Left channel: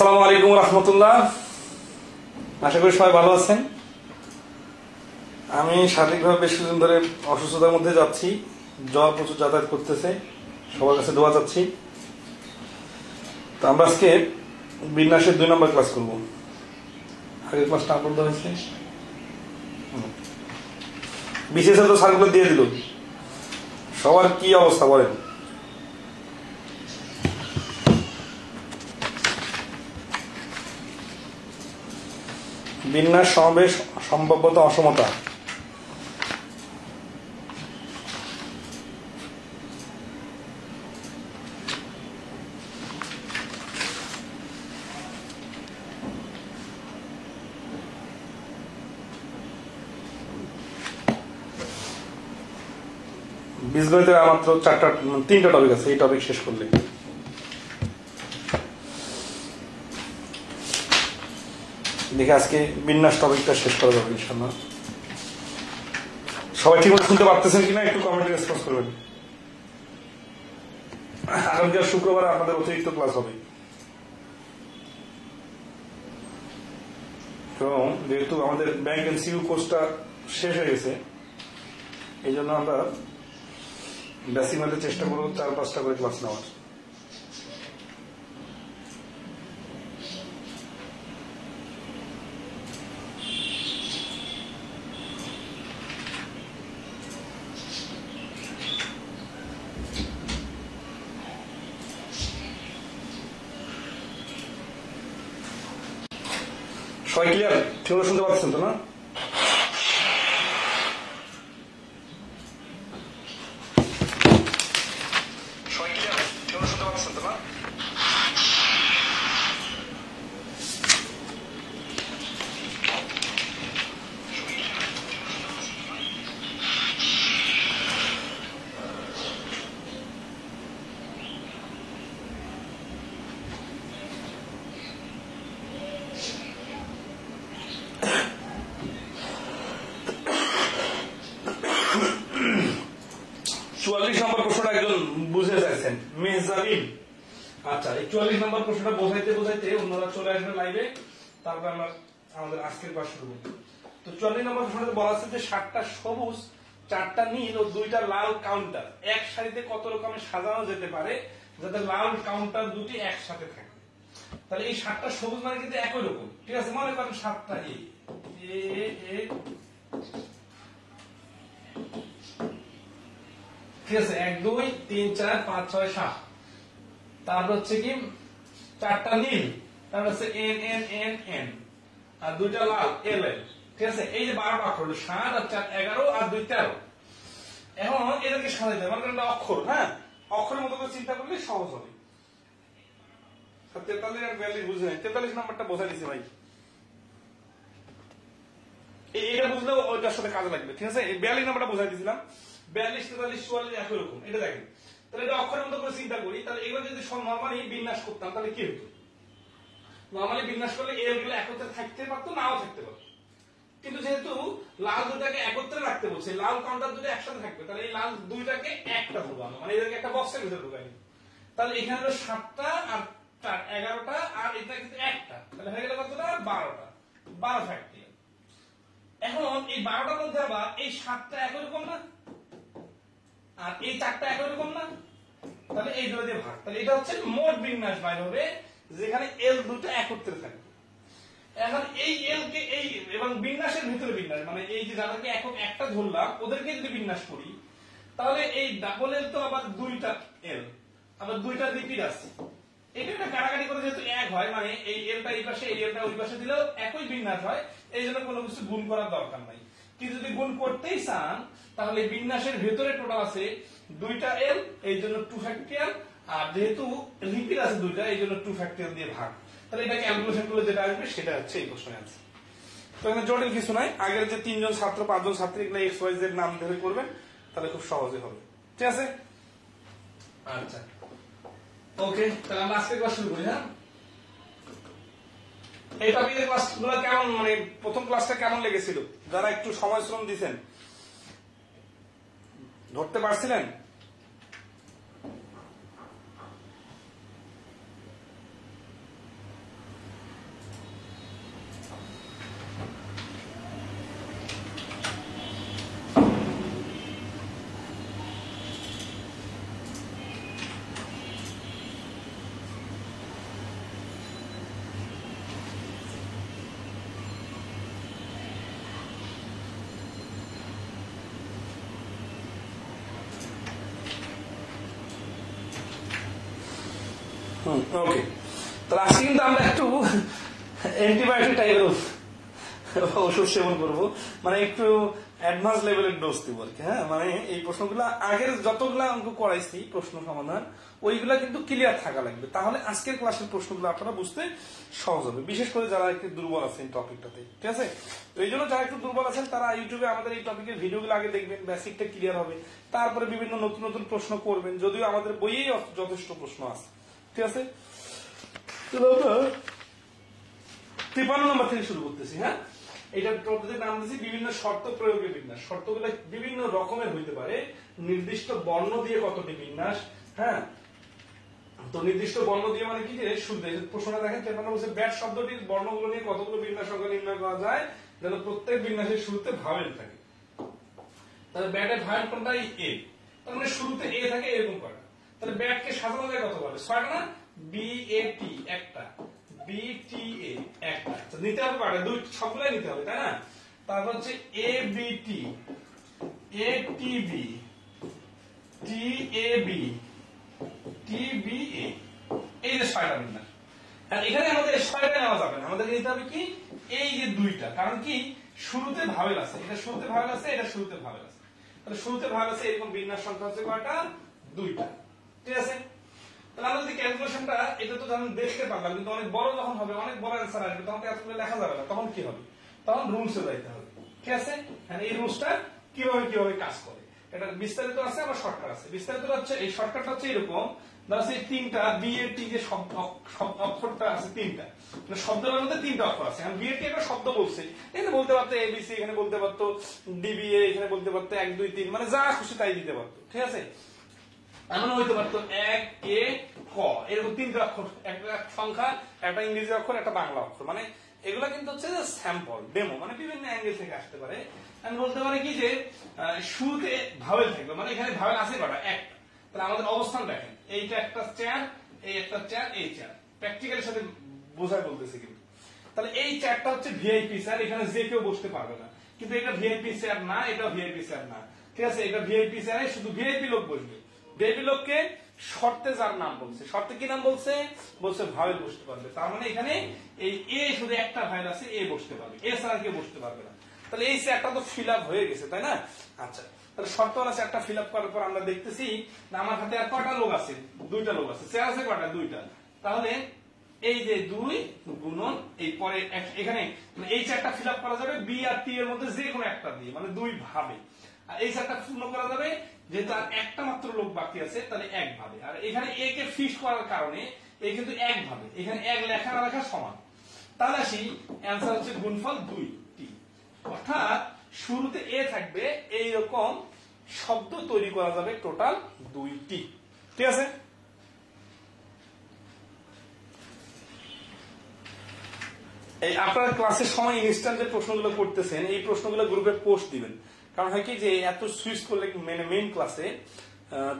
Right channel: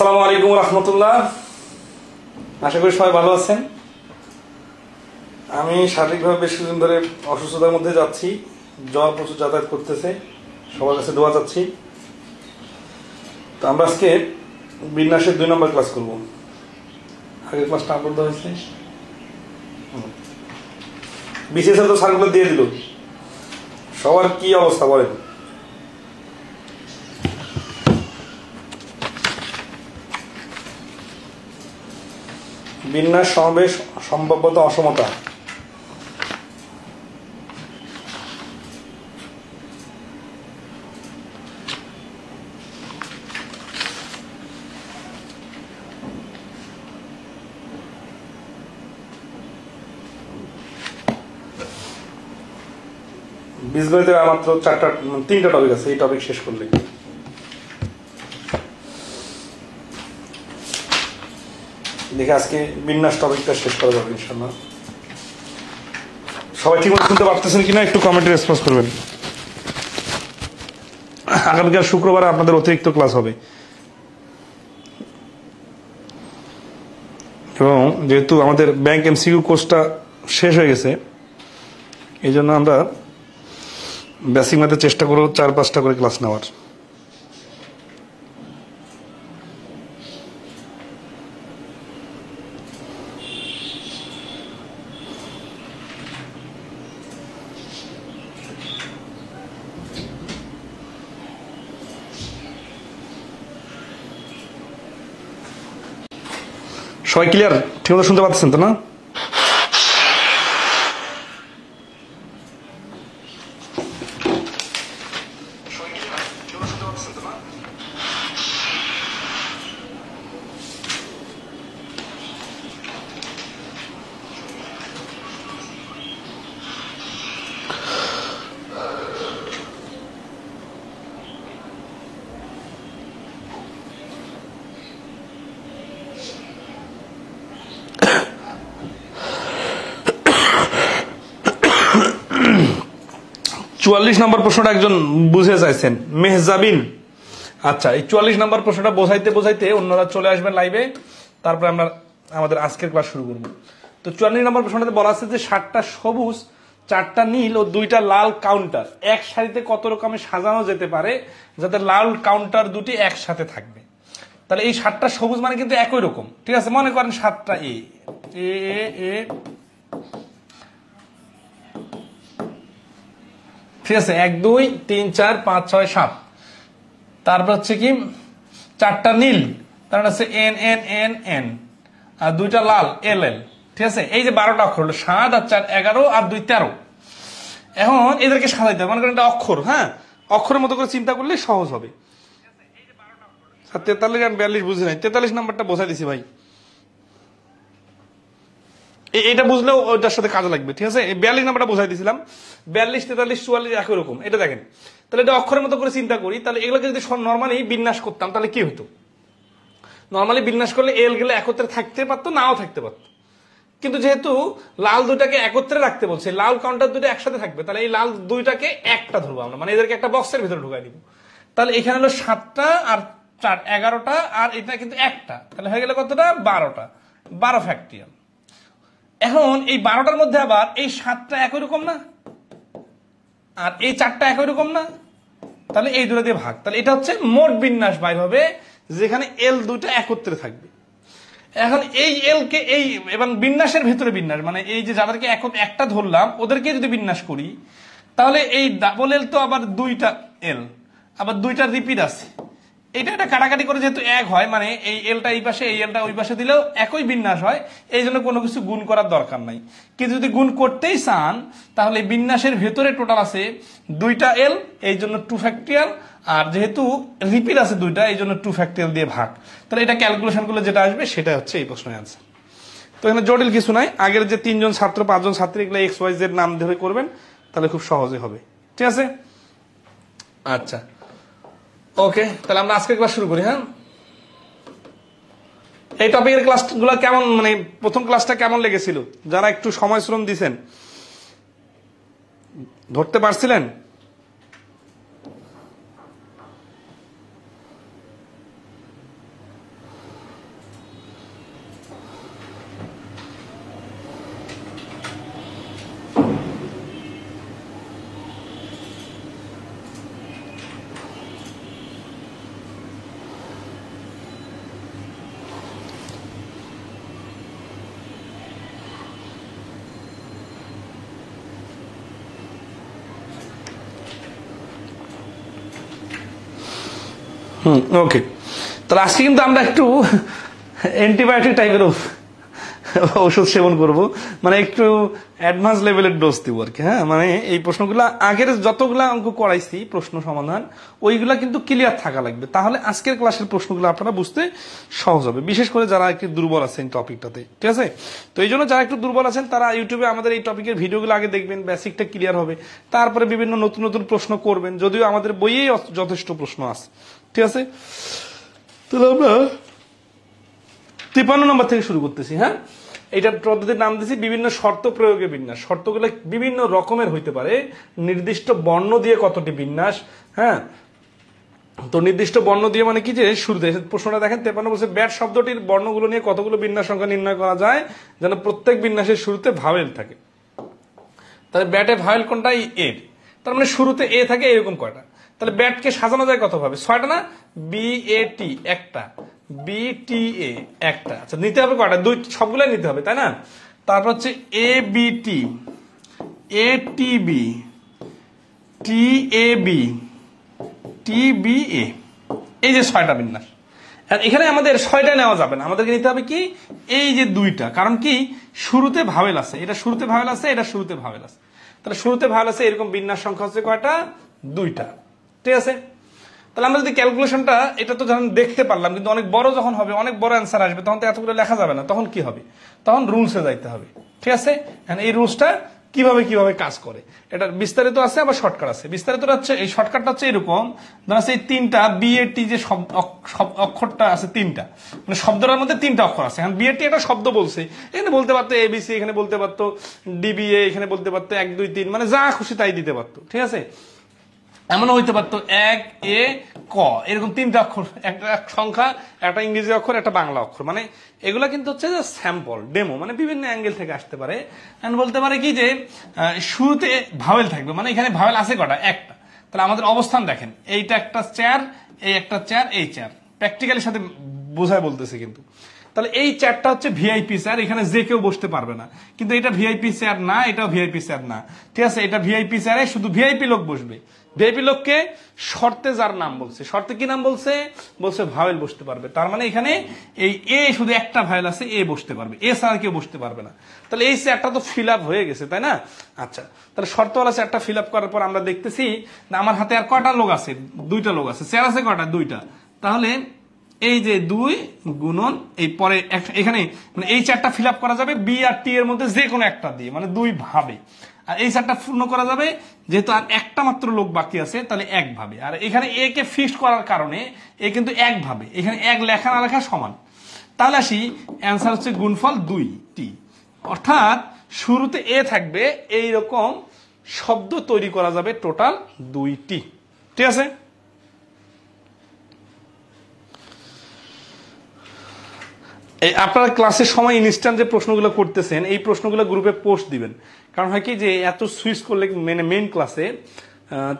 আসসালামু আলাইকুম রহমতুল্লাহ। আশা করি সবাই ভালো আছেন। আমি শারীরিকভাবে বেশ কিছুদিন ধরে অসুস্থতার মধ্যে যাচ্ছি, জ্বর প্রচুর যাতায়াত করতেছে, সবার কাছে দোয়া চাচ্ছি। তো আমরা আজকে বিন্যাসের 2 নম্বর ক্লাস করব। আগের ক্লাসটা আপলোড হয়েছে, বিশেষ তো স্যারগুলো দিয়ে দিল। সবার কি অবস্থা বলেন? বিন্যাস সমাবেশ সম্ভাব্যতা অসমতা। বীজগণিতের মাত্র 3টা টপিক আছে, এই টপিক শেষ করলে দেখে আজকে বিন্যাস টপিকটা শেষ করা যাবে ইনশাআল্লাহ। সবাই ঠিক মতো শুনতে পারতেছেন কিনা একটু কমেন্টে রেসপন্স করবেন। আগামীকাল শুক্রবার আপনাদের অতিরিক্ত ক্লাস হবে, এবং যেহেতু আমাদের ব্যাংক এমসিকিউ কোর্সটা শেষ হয়ে গেছে, এই জন্য আমরা বেসিক ম্যাথে চেষ্টা করব 4-5টা করে ক্লাস নেওয়ার। সবাই ক্লিয়ার? ঠিক মতো শুনতে পাচ্ছেন তো না? চুয়াল্লিশ নম্বর প্রশ্নটা একজন বুঝে চাইছেন, মেহজাবিন। আচ্ছা, এই 44 নম্বর প্রশ্নটা বোঝাইতে বোঝাইতে অন্যরা চলে আসবেন লাইভে, তারপরে আমরা আমাদের আজকের ক্লাস শুরু করব। তো 44 নম্বর প্রশ্নটাতে বলা আছে যে 7টা সবুজ, 4টা নীল ও 2টা লাল কাউন্টার এক সারিতে কত রকমে সাজানো যেতে পারে যাতে লাল কাউন্টার দুটি একসাথে থাকবে। তাহলে এই 7টা সবুজ মানে কিন্তু একই রকম, ঠিক আছে? মনে করেন 7টা এ ঠিক আছে, 1 2 3 4 5 6 7। তারপর হচ্ছে কি 4টা নীল, তার হচ্ছে এন এন এন এন, আর 2টা লাল এল এল। ঠিক আছে, এই যে 12টা অক্ষর হলো 7 আর 4 11 আর 2 13। এখন এদেরকে সাজাইতে হবে, মনে করেন এটা অক্ষর, হ্যাঁ, অক্ষরের মতো করে চিন্তা করলে সহজ হবে। 43 আর 42 বুঝে নাই, 43 নাম্বারটা বোঝাই দিছি ভাই, এটা বুঝলেও ওইটার সাথে কাজে লাগবে। ঠিক আছে, এই 42 নাম্বারটা বোঝাই দিছিলাম। 42 43 44 একই রকম। এটা দেখেন, তাহলে এটা অক্ষরের মতো করে চিন্তা করি, তাহলে এগুলোকে যদি নর্মালি বিন্যাস করতাম তাহলে কি হতো? নর্মালি বিন্যাস করলে এল গেলে একত্রে থাকতে পারতো, নাও থাকতে পারতো, কিন্তু যেহেতু লাল দুটাকে একত্রে রাখতে বলছে, লাল কাউন্টার দুটো একসাথে থাকবে, তাহলে এই লাল দুইটাকে একটা ধরবো আমরা, মানে এদেরকে একটা বক্সের ভিতরে ঢুকাই দিব। তাহলে এখানে হলো 7টা আর 4 11টা, আর এটা কিন্তু একটা, তাহলে হয়ে গেল কতটা? 12টা, 12 ফ্যাক্টরিয়াল। এখন এই 12টার মধ্যে আবার এই 7টা একই রকম না, আর এই 4টা একই রকম না, তাহলে এই দুটো দিয়ে ভাগ। তাহলে এটা হচ্ছে মোট বিন্যাস বাইর হবে, যেখানে এল দুটো একত্রে থাকবে। এখন এই এল কে এই এবং বিন্যাসের ভেতরে বিন্যাস, মানে এই যে যাদেরকে একটা ধরলাম ওদেরকে যদি বিন্যাস করি, তাহলে এই ডাবল এল তো আবার 2টা এল, আবার 2টা রিপিট আছে। এটা কাটাকাটি করে যেহেতু এক হয়, মানে এই এলটা এই পাশে এই এলটা ওই পাশে দিলেও একই বিন্যাস হয়, এই জন্য কোনো কিছু গুণ করার দরকার নাই। কিন্তু যদি গুণ করতেই চান, তাহলে বিন্যাসের ভেতরে টোটাল আছে 2টা এল, এই জন্য 2 ফ্যাক্টরিয়াল, আর যেহেতু রিপিট আছে 2টা, এই জন্য 2 ফ্যাক্টরিয়াল দিয়ে ভাগ। তাহলে এটা ক্যালকুলেশন করলে যেটা আসবে সেটা হচ্ছে এই প্রশ্নের অ্যান্সার। তো এখানে জটিল কিছু নাই, আগের যে 3 জন ছাত্র 5 জন ছাত্রী এগুলো এক্স ওয়াই জেড নাম ধরে করবেন, তাহলে খুব সহজে হবে। ঠিক আছে, আচ্ছা ওকে, তাহলে আমরা আজকে ক্লাস শুরু করি। হ্যাঁ, এই টপিকের ক্লাসগুলো কেমন, মানে প্রথম ক্লাসটা কেমন লেগেছিল? যারা একটু সময় শ্রম দিয়েছেন, ধরতে পারছিলেন? ওকে, তাহলে আজকে কিন্তু আমরা একটু অ্যান্টিবায়োটিক টাইপের ওষুধ সেবন করব, মানে একটু অ্যাডভান্স লেভেলের ডোজ দিব আর কি। হ্যাঁ, মানে এই প্রশ্নগুলো আগের যতগুলা অঙ্ক করাইছি প্রশ্ন সমাধান ওইগুলা কিন্তু ক্লিয়ার থাকা লাগবে, তাহলে আজকের ক্লাসের প্রশ্নগুলো আপনারা বুঝতে সহজ হবে, বিশেষ করে যারা একটু দুর্বল আছেন টপিকটাতে। ঠিক আছে, তো এই জন্য যারা একটু দুর্বল আছেন তারা ইউটিউবে আমাদের এই টপিকের ভিডিওগুলো আগে দেখবেন, বেসিকটা ক্লিয়ার হবে, তারপরে বিভিন্ন নতুন নতুন প্রশ্ন করবেন, যদিও আমাদের বইয়েই যথেষ্ট প্রশ্ন আছে। ঠিক আছে, তাহলে আমরা 53 নম্বর থেকে শুরু করতেছি। হ্যাঁ, এইটার পদ্ধতির নাম দিয়েছি বিভিন্ন শর্ত প্রয়োগে বিন্যাস। শর্তগুলো বিভিন্ন রকমের হইতে পারে, নির্দিষ্ট বর্ণ দিয়ে কতটি বিন্যাস। হ্যাঁ, তো নির্দিষ্ট বর্ণ দিয়ে মানে কি, যে শুরুতে প্রশ্নটা দেখেন 53 বলছে ব্যাট শব্দটির বর্ণগুলো নিয়ে কতগুলো বিন্যাস সংখ্যা নির্ণয় করা যায় যেন প্রত্যেক বিন্যাসের শুরুতে ভাওয়েল থাকে। তাহলে ব্যাটে ভাওয়েল কোনটা? এ। তার মানে শুরুতে এ থাকে এরকম কয়টা? তাহলে ব্যাটকে সাজানো যায় কত ভাবে? 6টা না? বি এ টি একটা, বি টি এ একটা। আচ্ছা, নিতে হবে কয়টা? দুই, সবগুলাই নিতে হবে, তাই না? তারপর হচ্ছে A B T, A T B, T A B, T B A, এই যে 6টা বিন্যাস। এখানে আমাদের 6টা নেওয়া যাবে না, আমাদেরকে নিতে হবে কি এই যে 2টা, কারণ কি শুরুতে ভাওয়েল আছে, এটা শুরুতে ভাওয়েল আছে, এটা শুরুতে ভাওয়েল আছে। তাহলে শুরুতে ভাওয়েল আছে এরকম বিন্যাস সংখ্যা হচ্ছে কয়টা? 2টা। ঠিক আছে, তাহলে আমরা যদি ক্যালকুলেশনটা, এটা তো যখন দেখতে পারলাম, কিন্তু অনেক বড় যখন হবে, অনেক বড় অ্যান্সার আসবে, তখন তো এতগুলো লেখা যাবে না, তখন কি হবে? তখন রুলসে যাইতে হবে। ঠিক আছে, এই রুলসটা কিভাবে কিভাবে কাজ করে এটা বিস্তারিত আছে, আবার শর্টকাট আছে। বিস্তারিত হচ্ছে, এই শর্টকাটটা হচ্ছে এরকম, ধরা এই 3টা বিএটি যে অক্ষরটা আছে 3টা, মানে শব্দটার মধ্যে 3টা অক্ষর আছে। এখন বিএটি একটা শব্দ বলছে, এখানে বলতে পারতো এবিসি, এখানে বলতে পারতো ডিবিএ, এখানে বলতে পারতো 1 2 3, মানে যা খুশি তাই দিতে পারতো। ঠিক আছে, এমনও হইতে পারতো 1 এ ক, এরকম 3টা অক্ষর, একটা সংখ্যা, একটা ইংরেজি অক্ষর, একটা বাংলা অক্ষর। মানে এগুলা কিন্তু হচ্ছে যে স্যাম্পল, ডেমো, মানে বিভিন্ন অ্যাঙ্গেল থেকে আসতে পারে। বলতে পারে কি যে শুরুতে ভাওয়েল থাকবে, মানে এখানে ভাওয়েল আছে কটা? একটা। তাহলে আমাদের অবস্থান দেখেন, এইটা একটা চেয়ার, এই একটা চেয়ার, এই চেয়ার, প্র্যাকটিক্যালের সাথে বোঝায় বলতেছে কিন্তু। তাহলে এই চেয়ারটা হচ্ছে ভিআইপি চেয়ার, এখানে যে কেউ বসতে পারবে না, কিন্তু এটা ভিআইপি চেয়ার না, এটাও ভিআইপি চেয়ার না। ঠিক আছে, এটা ভিআইপি চেয়ারে শুধু ভিআইপি লোক বসবে। ভিআইপি লোককে শর্তে যার নাম বলছে, শর্তে কি নাম বলছে? বলছে ভাওয়েল বসতে পারবে। তার মানে এখানে এই এ শুধু একটা ভাওয়েল আছে, এ বসতে পারবে, এ ছাড়া কেউ বসতে পারবে না। তাহলে এই চেয়ারটা তো ফিল আপ হয়ে গেছে, তাই না? আচ্ছা, তাহলে শর্তওয়ালা চেয়ারটা ফিল আপ করার পর আমরা দেখতেছি আমার হাতে আর কয়টা লোক আছে? 2টা লোক আছে। চেয়ার আছে কয়টা? 2টা। তাহলে এই যে 2 গুণন এই পরে এখানে, মানে এই চেয়ারটা ফিল আপ করা যাবে বি আর টি এর মধ্যে যে কোনো একটা দিয়ে, মানে 2 ভাবে। আর এই চেয়ারটা পূর্ণ করা যাবে যেহেতু আর একটা মাত্র লোক বাকি আছে, তাহলে 1 ভাবে। আর এখানে এ কে ফিক্সড করার কারণে এ কিন্তু 1 ভাবে, এখানে 1 লেখা না লেখা সমান। তাহলে আসি, অ্যান্সার হচ্ছে গুণফল 2টি, অর্থাৎ শুরুতে এ থাকবে, এইরকম শব্দ তৈরি করা যাবে টোটাল 2টি। ঠিক আছে, এই আপনারা ক্লাসের সময় ইনস্ট্যান্ট যে প্রশ্নগুলো করতেছেন, এই প্রশ্নগুলো গ্রুপে পোস্ট দিবেন। কারণ হয় কি যে এত সুইচ করলে মানে মেইন ক্লাসে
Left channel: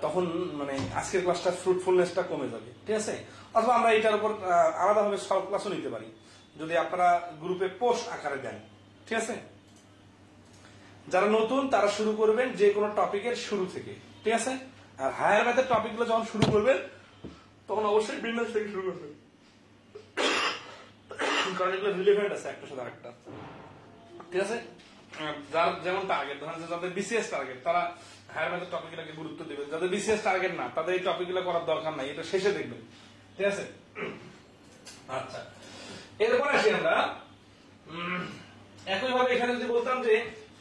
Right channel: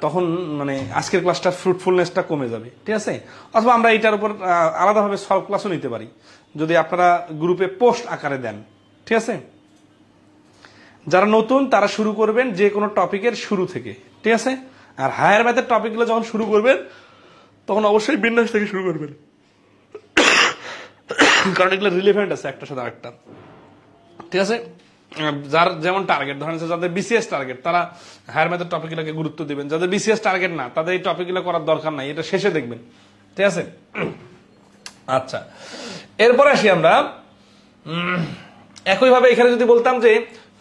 তখন মানে আজকের ক্লাসটার ফ্রুটফুলনেসটা কমে যাবে। ঠিক আছে, অথবা আমরা এটার উপর আলাদাভাবে সলভ ক্লাসও নিতে পারি যদি আপনারা গ্রুপে পোস্ট আকারে দেন। ঠিক আছে, যারা নতুন তারা শুরু করবেন যে কোনো টপিকের শুরু থেকে। ঠিক আছে, আর হায়ার ম্যাথের টপিকগুলো যখন শুরু করবেন তখন অবশ্যই বিন্যাস থেকে শুরু করবেন, কারণ এগুলো রিলেভেন্ট আছে একটার সাথে আরেকটা। ঠিক আছে, যার যেমন টার্গেট, ধরেন যাদের বিসিএস টার্গেট তারা হায়ার ম্যাথের টপিকগুলোকে গুরুত্ব দিবেন, যাদের বিসিএস টার্গেট না তাদের এই টপিকগুলো করার দরকার নাই, এটা শেষে দেখবেন। ঠিক আছে, আচ্ছা, এরপরে আসি আমরা একইভাবে এখানে যদি বলতাম যে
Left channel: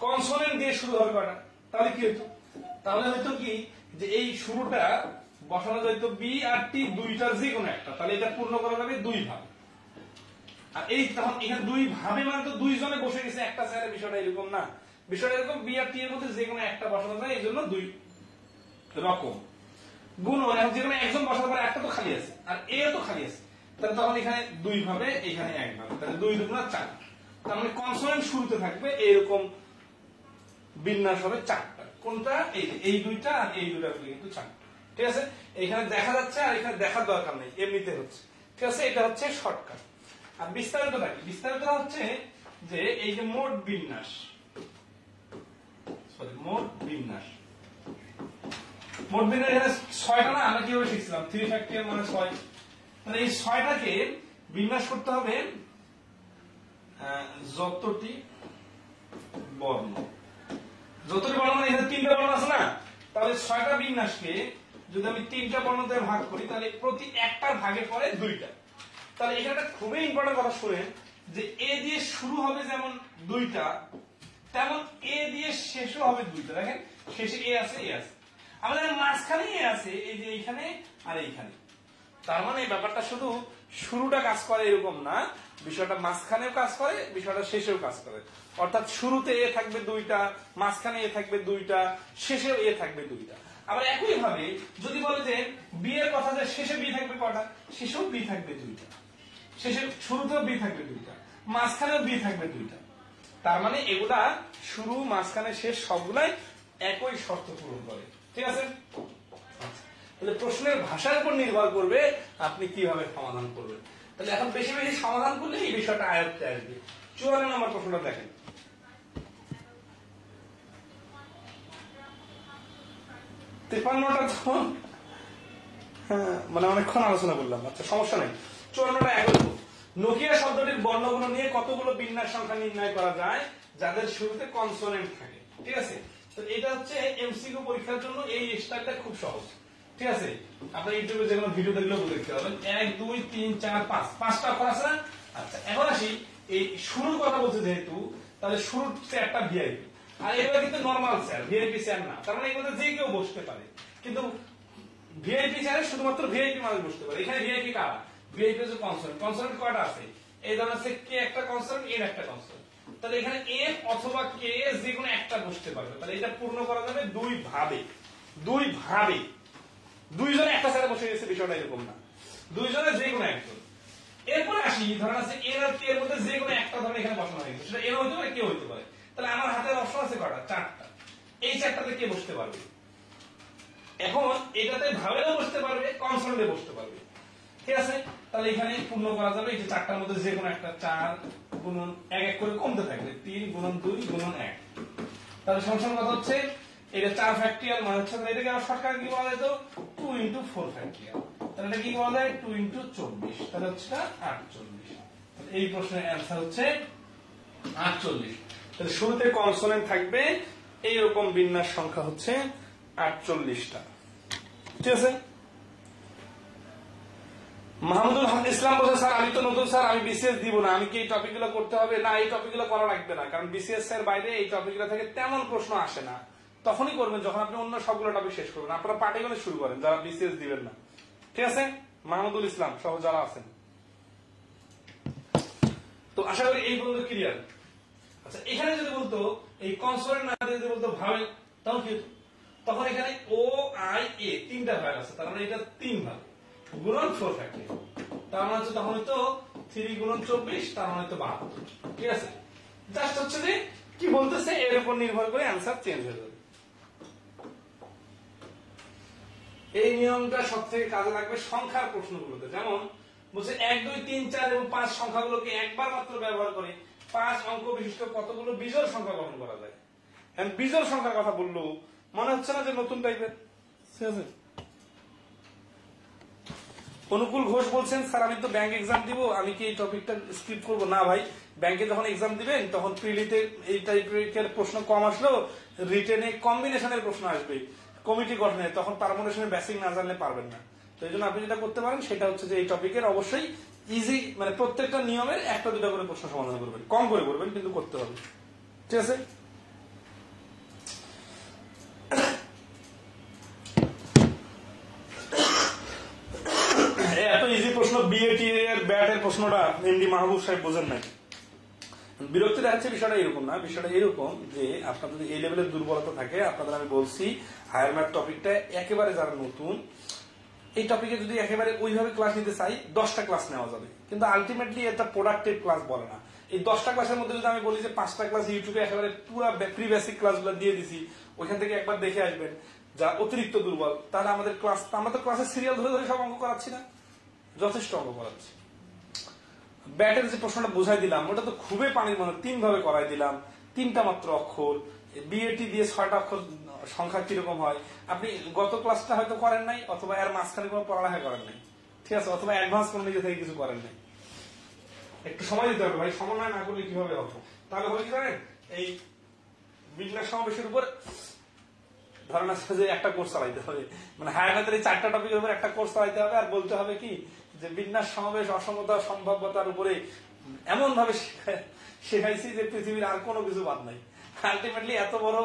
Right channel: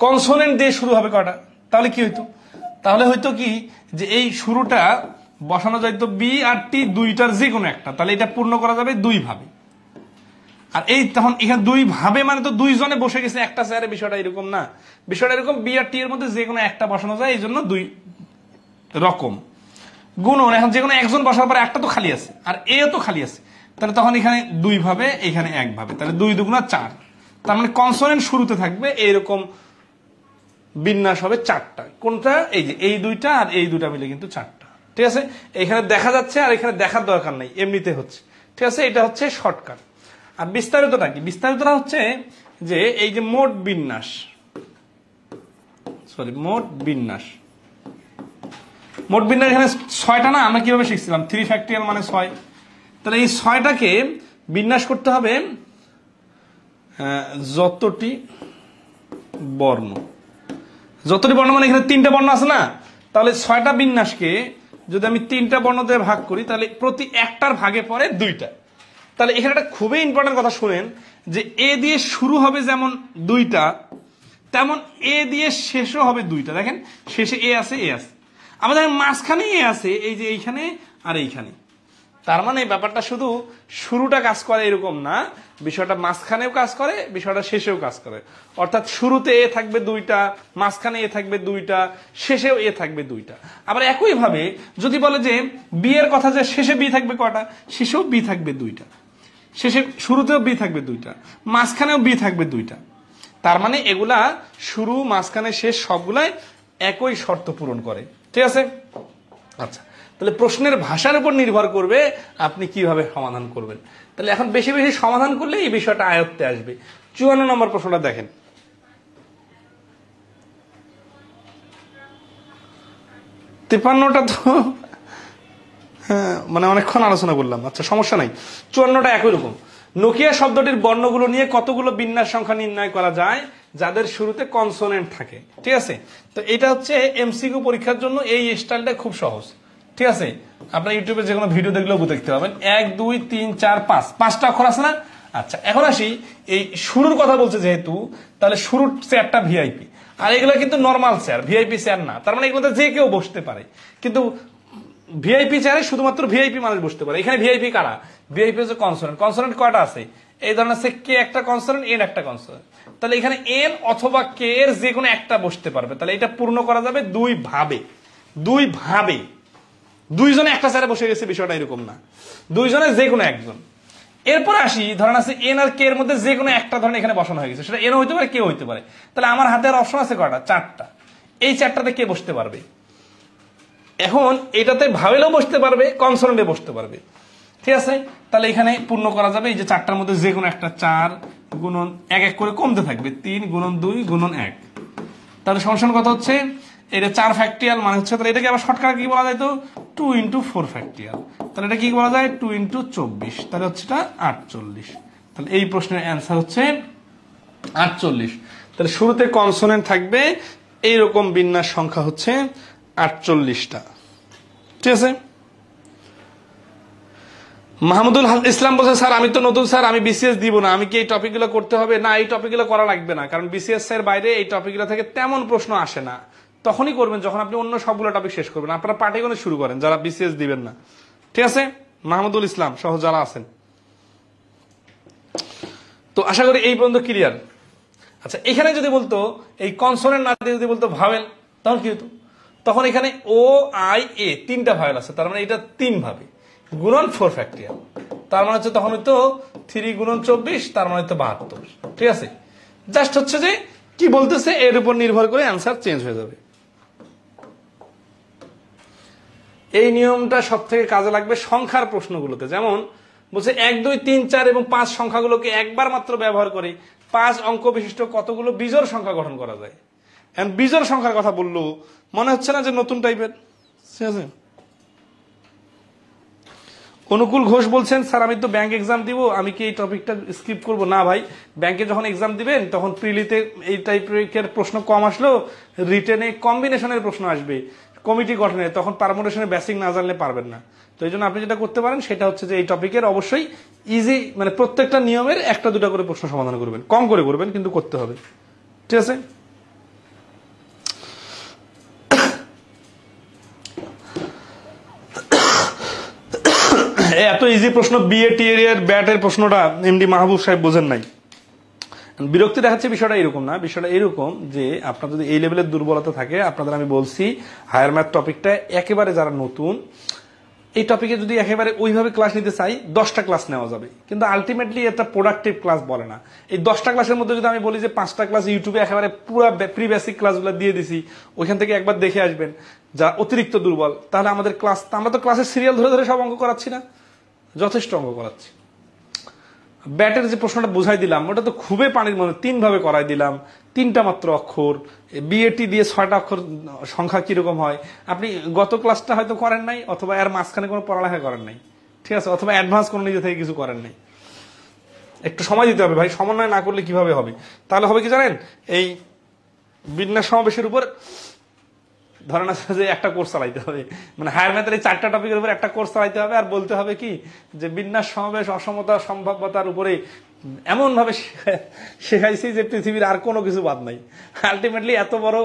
কনসোনেন্ট দিয়ে শুরু হবে কটা, তাহলে কি হইতো? তাহলে হইতো কি যে এই শুরুটা বসানো যাইতো বি আর টি 2টার যে কোনো একটা, তাহলে এটা পূর্ণ করা যাবে 2 ভাবে। আর এই তখন এখানে 2 ভাবে মানে তো 2 জনে বসে গেছে একটা চেয়ারে, বিষয়টা এরকম না, বিষয়টা এরকম বি আর টি এর মধ্যে যে কোনো একটা বসানো যায়, এই জন্য 2 রকম গুণন। এখন যে কোনো একজন বসার পরে একটা তো খালি আছে আর এ তো খালি আছে, তাহলে তখন এখানে 2 ভাবে, এখানে 1 ভাবে, তাহলে 2 দুগুণা 4। তার মানে কনসোনেন্ট শুরুতে থাকবে এইরকম বিন্যাস হবে 4টা। কোনটা? এই যে এই 2টা আর এই 2টা মিলে কিন্তু 4টা। ঠিক আছে, এখানে দেখা যাচ্ছে আর এখানে দেখার দরকার নাই, এমনিতে হচ্ছে। ঠিক আছে, এটা হচ্ছে শর্টকাট। আর বিস্তারিতটা কি? বিস্তারিতটা হচ্ছে যে এই যে মোট বিন্যাস, মোট বিন্যাস এখানে 6টা না? আমরা কিভাবে শিখছিলাম? 3 ফ্যাক্টরিয়াল মানে 6, তাহলে এই 6টাকে বিন্যাস করতে হবে যতটি বর্ণ, যতটি বর্ণ মানে এখানে 3টা বর্ণ আছে না, তাহলে 6টা বিন্যাসকে যদি আমি 3টা বর্ণ দিয়ে ভাগ করি তাহলে প্রতি একটার ভাগে পড়ে 2টা। তাহলে এখানে একটা খুবই ইম্পর্টেন্ট কথা শুনেন, যে এ দিয়ে শুরু হবে যেমন 2টা, তেমন এ দিয়ে শেষও হবে 2টা। দেখেন শেষে এ আছে, এ আছে, আমাদের মাঝখানে এ আছে, এই যে এইখানে আর এইখানে। তার মানে ব্যাপারটা শুধু শুরুটা কাজ করে এরকম না, বিষয়টা মাঝখানেও কাজ করে, বিষয়টা শেষেও কাজ করে। অর্থাৎ শুরুতে এ থাকবে 2টা, মাঝখানে এ থাকবে 2টা, শেষেও এ থাকবে 2টা। আবার একই ভাবে যদি বলে যে বি এর কথা, যে শেষে বি থাকবে কটা, শেষেও বি থাকবে 2টা, শেষে শুরুতেও বি থাকবে 2টা, মাঝখানেও বি থাকবে 2টা। তার মানে এগুলা শুরু, মাঝখানে, শেষ সবগুলাই একই শর্ত পূরণ করে। ঠিক আছে? আচ্ছা, তাহলে প্রশ্নের ভাষার উপর নির্ভর করবে আপনি কিভাবে সমাধান করবেন। তাহলে এখন বেশি বেশি সমাধান করলে এই বিষয়টা আয়ত্তে আসবে। 54 নম্বর প্রশ্নটা দেখেন। 53টা তো মানে অনেকক্ষণ আলোচনা করলাম। আচ্ছা, সমস্যা নাই, 54টা একই রকম। নোকিয়া শব্দটির বর্ণগুলো নিয়ে কতগুলো বিন্যাস সংখ্যা নির্ণয় করা যায় যাদের শুরুতে কনসোনেন্ট থাকে। ঠিক আছে? তো এটা হচ্ছে এমসিকিউ পরীক্ষার জন্য এই স্টাইলটা খুব সহজ। ঠিক আছে? আপনার ইউটিউবে যে কোনো ভিডিও দেখলেও দেখতে পাবেন। 1 2 3 4 5, 5টা অক্ষর আছে না? আচ্ছা, এখন আসি এই শুরুর কথা বলছে যেহেতু, তাহলে শুরুর চেয়ারটা ভিআইপি, আর এগুলো কিন্তু নর্মাল চেয়ার, ভিআইপি চেয়ার না। তার মানে এগুলোতে যে কেউ বসতে পারে, কিন্তু ভিআইপি চেয়ারে শুধুমাত্র ভিআইপি মানুষ বসতে পারে। এখানে ভিআইপি কারা? ভিআইপি হচ্ছে কনসোনেন্ট। কনসোনেন্ট কয়টা আছে? এই ধরনের আছে কে একটা কনসোনেন্ট, এন একটা কনসোনেন্ট। তাহলে এখানে এন অথবা কে এর যে কোনো একটা বসতে পারবে। তাহলে এটা পূর্ণ করা যাবে দুই ভাবে। দুইজনে একটা চেয়ারে বসে গেছে, বিষয়টা এরকম না, দুইজনে যে কোনো একজন। এরপর আসি, ধরেন আছে এন আর কে এর মধ্যে যে কোনো একটা ধরেন এখানে বসানো হয়ে গেছে, সেটা এন হইতে পারে, কে হইতে পারে। তাহলে আমার হাতের অপশন আছে কয়টা? 4টা। এই 4টাতে কে বসতে পারবে? এখন এটাতে ভাবেলেও বসতে পারবে, কনসোনেন্টে বসতে পারবে। ঠিক আছে? তাহলে এখানে পূর্ণ করা যাবে এই যে 4টার মধ্যে যে কোনো একটা। 4 গুণন 1 1 করে কমতে থাকবে, 3 গুণন 2 গুণন 1। তাহলে সমস্যা কত হচ্ছে? এটা 4 ফ্যাক্টরিয়াল মানে হচ্ছে, তাহলে এটাকে আবার শর্টকাট কি বলা যায়? তো 2 × 4 ফ্যাক্টরিয়াল। তাহলে এটা কি বলা যায়? 2 × 24। তাহলে হচ্ছে এটা 48। তাহলে এই প্রশ্নের অ্যান্সার হচ্ছে 48। তাহলে শুরুতে কনসোনেন্ট থাকবে, এইরকম বিন্যাস সংখ্যা হচ্ছে 48টা। ঠিক আছে? মাহমুদুল ইসলাম বলছে, স্যার আমি তো নতুন, স্যার আমি বিসিএস দিব না, আমি কি এই টপিকগুলো করতে হবে? না, এই টপিকগুলো করা লাগবে না, কারণ বিসিএস এর বাইরে এই টপিকগুলো থেকে তেমন প্রশ্ন আসে না। তখনই করবেন যখন আপনি অন্য সবগুলো টপিক শেষ করবেন। আপনারা পাটিগণিত শুরু করেন যারা বিসিএস দিবেন না। ঠিক আছে? মাহমুদুল ইসলাম সহ যারা আছেন, তো আশা করি এই পর্যন্ত ক্লিয়ার। আচ্ছা, এখানে যদি বলতো এই কনসোনেন্ট না দিয়ে যদি বলতো ভাওয়েল, তখন কি হতো? তখন এখানে ও আই এ 3টা ভাওয়েল আছে, তার মানে এটা 3 ভাবে গুণন 4 ফ্যাক্টরিয়াল। তার মানে হচ্ছে তখন হয়তো 3 গুণন 24, তার মানে হয়তো 72। ঠিক আছে? জাস্ট হচ্ছে যে কি বলতেছে এর উপর নির্ভর করে অ্যান্সার চেঞ্জ হয়ে যাবে। এই নিয়মটা সব থেকে কাজে লাগবে সংখ্যার প্রশ্নগুলোতে। যেমন বলছে 1 2 3 4 এবং 5 সংখ্যাগুলোকে একবার মাত্র ব্যবহার করে 5 অঙ্ক বিশিষ্ট কতগুলো বিজোড় সংখ্যা গঠন করা যায়। এখন বিজোড় সংখ্যার কথা বললো, মনে হচ্ছে না যে নতুন টাইপের? ঠিক আছে? অনুকূল ঘোষ বলছেন, স্যার আমি তো ব্যাংক এক্সাম দিব, আমি কি এই টপিকটা স্কিপ করব? না ভাই, ব্যাংকে যখন এক্সাম দিবেন তখন প্রিলিতে এই টাইপের প্রশ্ন কম আসলেও রিটেনে কম্বিনেশনের প্রশ্ন আসবে, কমিটি গঠনে, তখন পারমুটেশনের বেসিক না জানলে পারবেন না। তো এই জন্য আপনি যেটা করতে পারেন সেটা হচ্ছে যে এই টপিকের অবশ্যই ইজি, মানে প্রত্যেকটা নিয়মের 1টা 2টা করে প্রশ্ন সমাধান করবেন, কম করে করবেন, কিন্তু করতে হবে। ঠিক আছে? এত ইজি প্রশ্ন বিএ টিএর ব্যাটের প্রশ্নটা এমডি মাহবুব সাহেব বোঝেন নাই। বিরক্তি দেখাচ্ছে বিষয়টা এরকম না, বিষয়টা এরকম যে আপনার যদি এই লেভেলের দুর্বলতা থাকে, আপনাদের আমি বলছি হায়ার ম্যাথ টপিকটা একেবারে যারা নতুন, এই টপিকে যদি একেবারে ওইভাবে ক্লাস নিতে চাই 10টা ক্লাস নেওয়া যাবে, কিন্তু আলটিমেটলি এটা প্রোডাক্টিভ ক্লাস বলে না। এই 10টা ক্লাসের মধ্যে যদি আমি বলি যে 5টা ক্লাস ইউটিউবে একেবারে পুরো প্রি বেসিক ক্লাসগুলো দিয়ে দিছি, ওইখান থেকে একবার দেখে আসবেন, যা অতিরিক্ত দুর্বল, তাহলে আমাদের ক্লাস, আমরা তো ক্লাসের সিরিয়াল ধরে ধরে সব অঙ্ক করাচ্ছি না, যথেষ্ট অঙ্ক করাচ্ছি। ব্যাটের যে প্রশ্নটা বুঝাই দিলাম ওটা তো খুবই পানির মধ্যে, 3 ভাবে করাই দিলাম, 3টা মাত্র অক্ষর, বিএটি দিয়ে 6টা অক্ষর সংখ্যা কিরকম হয়, আপনি গত ক্লাসটা হয়তো করেন নাই, অথবা এর মাঝখানে কোনো পড়ালেখা করেন নাই। ঠিক আছে, অথবা অ্যাডভান্স কোনো নিজে থেকে কিছু করেন নাই। একটু সময় দিতে হবে ভাই, সমন্বয় না করলে কিভাবে হবে? তাহলে হবে কি জানেন, এই বিন্যাস সমাবেশের উপর ধরেন আছে যে একটা কোর্স চালাইতে হবে, মানে হায়ার ম্যাথের এই 4টা টপিকের উপর একটা কোর্স চালাইতে হবে, আর বলতে হবে কি যে বিন্যাস সমাবেশ অসমতা সম্ভাব্যতার উপরে এমন ভাবে শেখাইছি যে পৃথিবীর আর কোনো কিছু বাদ নাই। আলটিমেটলি এত বড়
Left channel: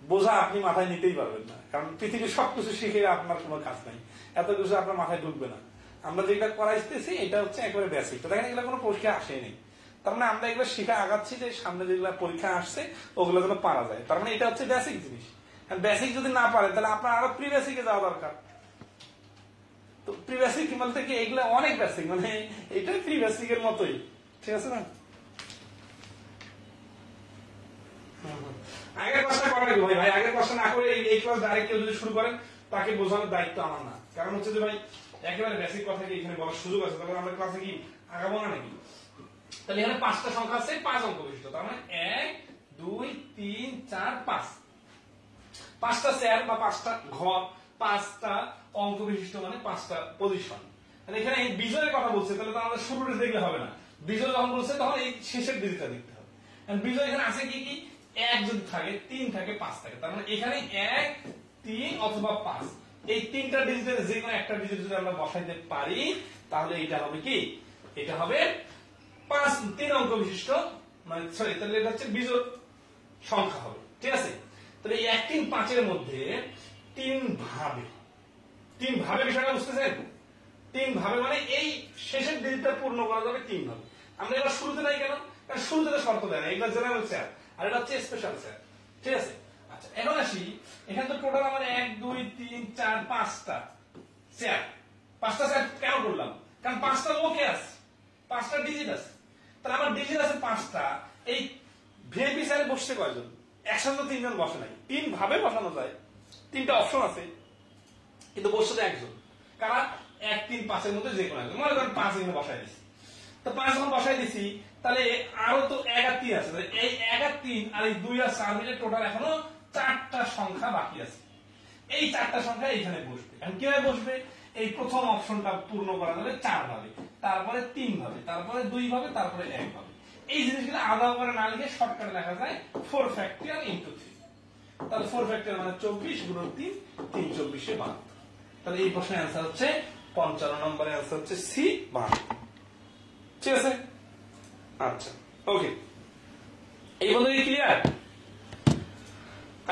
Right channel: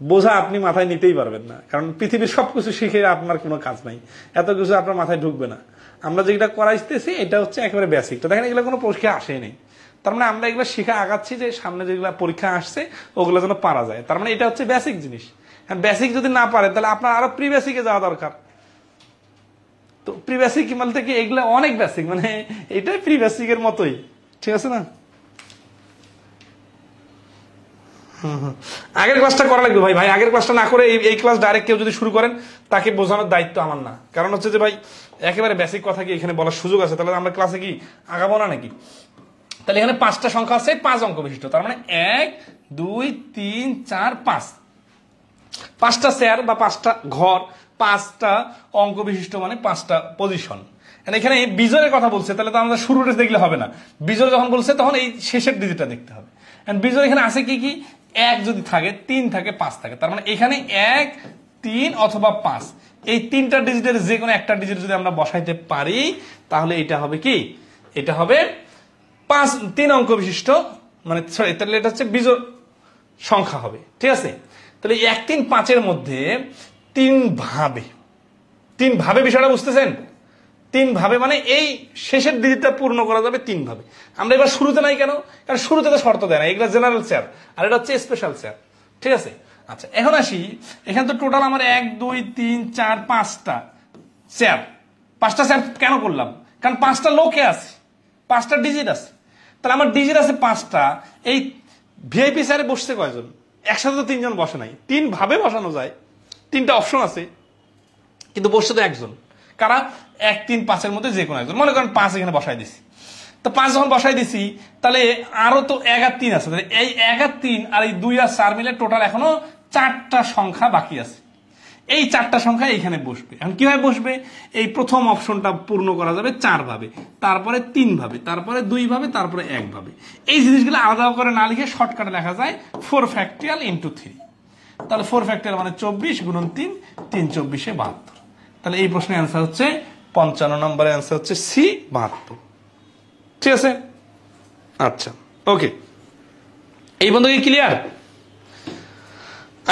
বোঝা আপনি মাথায় নিতেই পারবেন না, কারণ পৃথিবীর সবকিছু শিখে আপনার কোনো কাজ নাই, এত কিছু আপনার মাথায় ঢুকবে না। আমরা যেটা করাইতেছি এটা হচ্ছে একেবারে বেসিক। তো দেখেন এগুলো কোনো পরীক্ষা আসেই নেই, তার মানে আমরা এগুলো শিখে আগাচ্ছি যে সামনে যেগুলো পরীক্ষা আসছে ওগুলো যেন পারা যায়। তার মানে এটা হচ্ছে বেসিক জিনিস। বেসিক যদি না পারে তাহলে আপনার আরো প্রি বেসিকে যাওয়া দরকার। তো প্রি বেসিক বলতে কি এগুলো অনেক বেসিক, মানে এটাই প্রি বেসিকের মতোই, ঠিক আছে না? আগের ক্লাসটা করা লাগবে ভাই। আগের ক্লাসটা না করে এই ক্লাস ডাইরেক্ট কেউ যদি শুরু করেন তাকে বোঝানোর দায়িত্ব আমার না। কারণ হচ্ছে যে ভাই একেবারে বেসিক কথা কি এখানে বলার সুযোগ আছে, তাহলে আমরা ক্লাসে কি আগাবো না নাকি? তাহলে এখানে 5টা সংখ্যা আছে 5 অঙ্ক বিশিষ্ট, তার মানে 1 2 3 4 5, 5টা চেয়ার বা 5টা ঘর, 5টা অঙ্ক বিশিষ্ট, মানে 5টা পজিশন। এখানে বিজয়ের কথা বলছে, তাহলে তো আমাদের শুরুটা দেখলে হবে না। বিজয় যখন বলছে তখন এই শেষের ডিজিটটা দেখতে হবে। বিজয় এখানে আছে কি কি, 1 যদি থাকে, 3 থাকে, 5 থাকে, তার মানে এখানে 1 3 অথবা 5, এই 3টা ডিজিটের যে কোনো একটা ডিজিট যদি আমরা বসাইতে পারি তাহলে এটা হবে কি, এটা হবে 3 অঙ্ক বিশিষ্ট, মানে সরি তাহলে এটা হচ্ছে বিজোড় সংখ্যা হবে, ঠিক আছে? তাহলে 1 3 5 এর মধ্যে 3 ভাবে বিষয়টা বুঝতেছেন? 3 ভাবে মানে এই শেষের ডিজিটটা পূর্ণ করা যাবে 3 ভাবে। আমরা এবার শুরুতে নাই কেন? কারণ শুরুতে তো শর্ত দেয় না, এগুলো জেনারেল চেয়ার আর এটা হচ্ছে স্পেশাল চেয়ার, ঠিক আছে? আচ্ছা এখন আসি, এখানে তো টোটাল আমার 1 2 3 4 5টা চেয়ার। 5টা চেয়ার কেন করলাম? কারণ 5টা লোকে আছে, 5টা ডিজিট আছে, তাহলে আমার ডিজিট আছে 5টা। এই ভিআইপি চেয়ারে বসছে কয়জন? একসাথে তো 3 জন বসে নাই, 3 ভাবে বসানো যায়, 3টা অপশন আছে, কিন্তু বসছে তো একজন। কারা? 1 3 5 এর মধ্যে যে কোনো একজন। মনে করেন 5 এখানে বসাই দিছি, তো 5 যখন বসাই দিছি তাহলে আরো তো 1 আর 3 আছে, এই 1 আর 3 আর এই 2 আর 4 মিলে টোটাল এখনো 4টা সংখ্যা বাকি আছে। এই 4টা সংখ্যা এখানে বসবে। এখন কিভাবে বসবে? এই প্রথম অপশনটা পূর্ণ করা যাবে 4 ভাবে, তারপরে 3 ভাবে, তারপরে 2 ভাবে, তারপরে 1 ভাবে। এই জিনিসগুলো আলাদা করে না লিখে শর্টকাটে লেখা যায় 4 ফ্যাক্টরিয়াল ইন্টু 3। তাহলে 4 ফ্যাক্টরিয়াল মানে 24 গুণন 3, 3 24 72। তাহলে এই প্রশ্নের অ্যান্সার হচ্ছে 55 নম্বরের অ্যান্সার হচ্ছে সি 72, ঠিক আছে? আচ্ছা ওকে, এই বন্ধু কি ক্লিয়ার?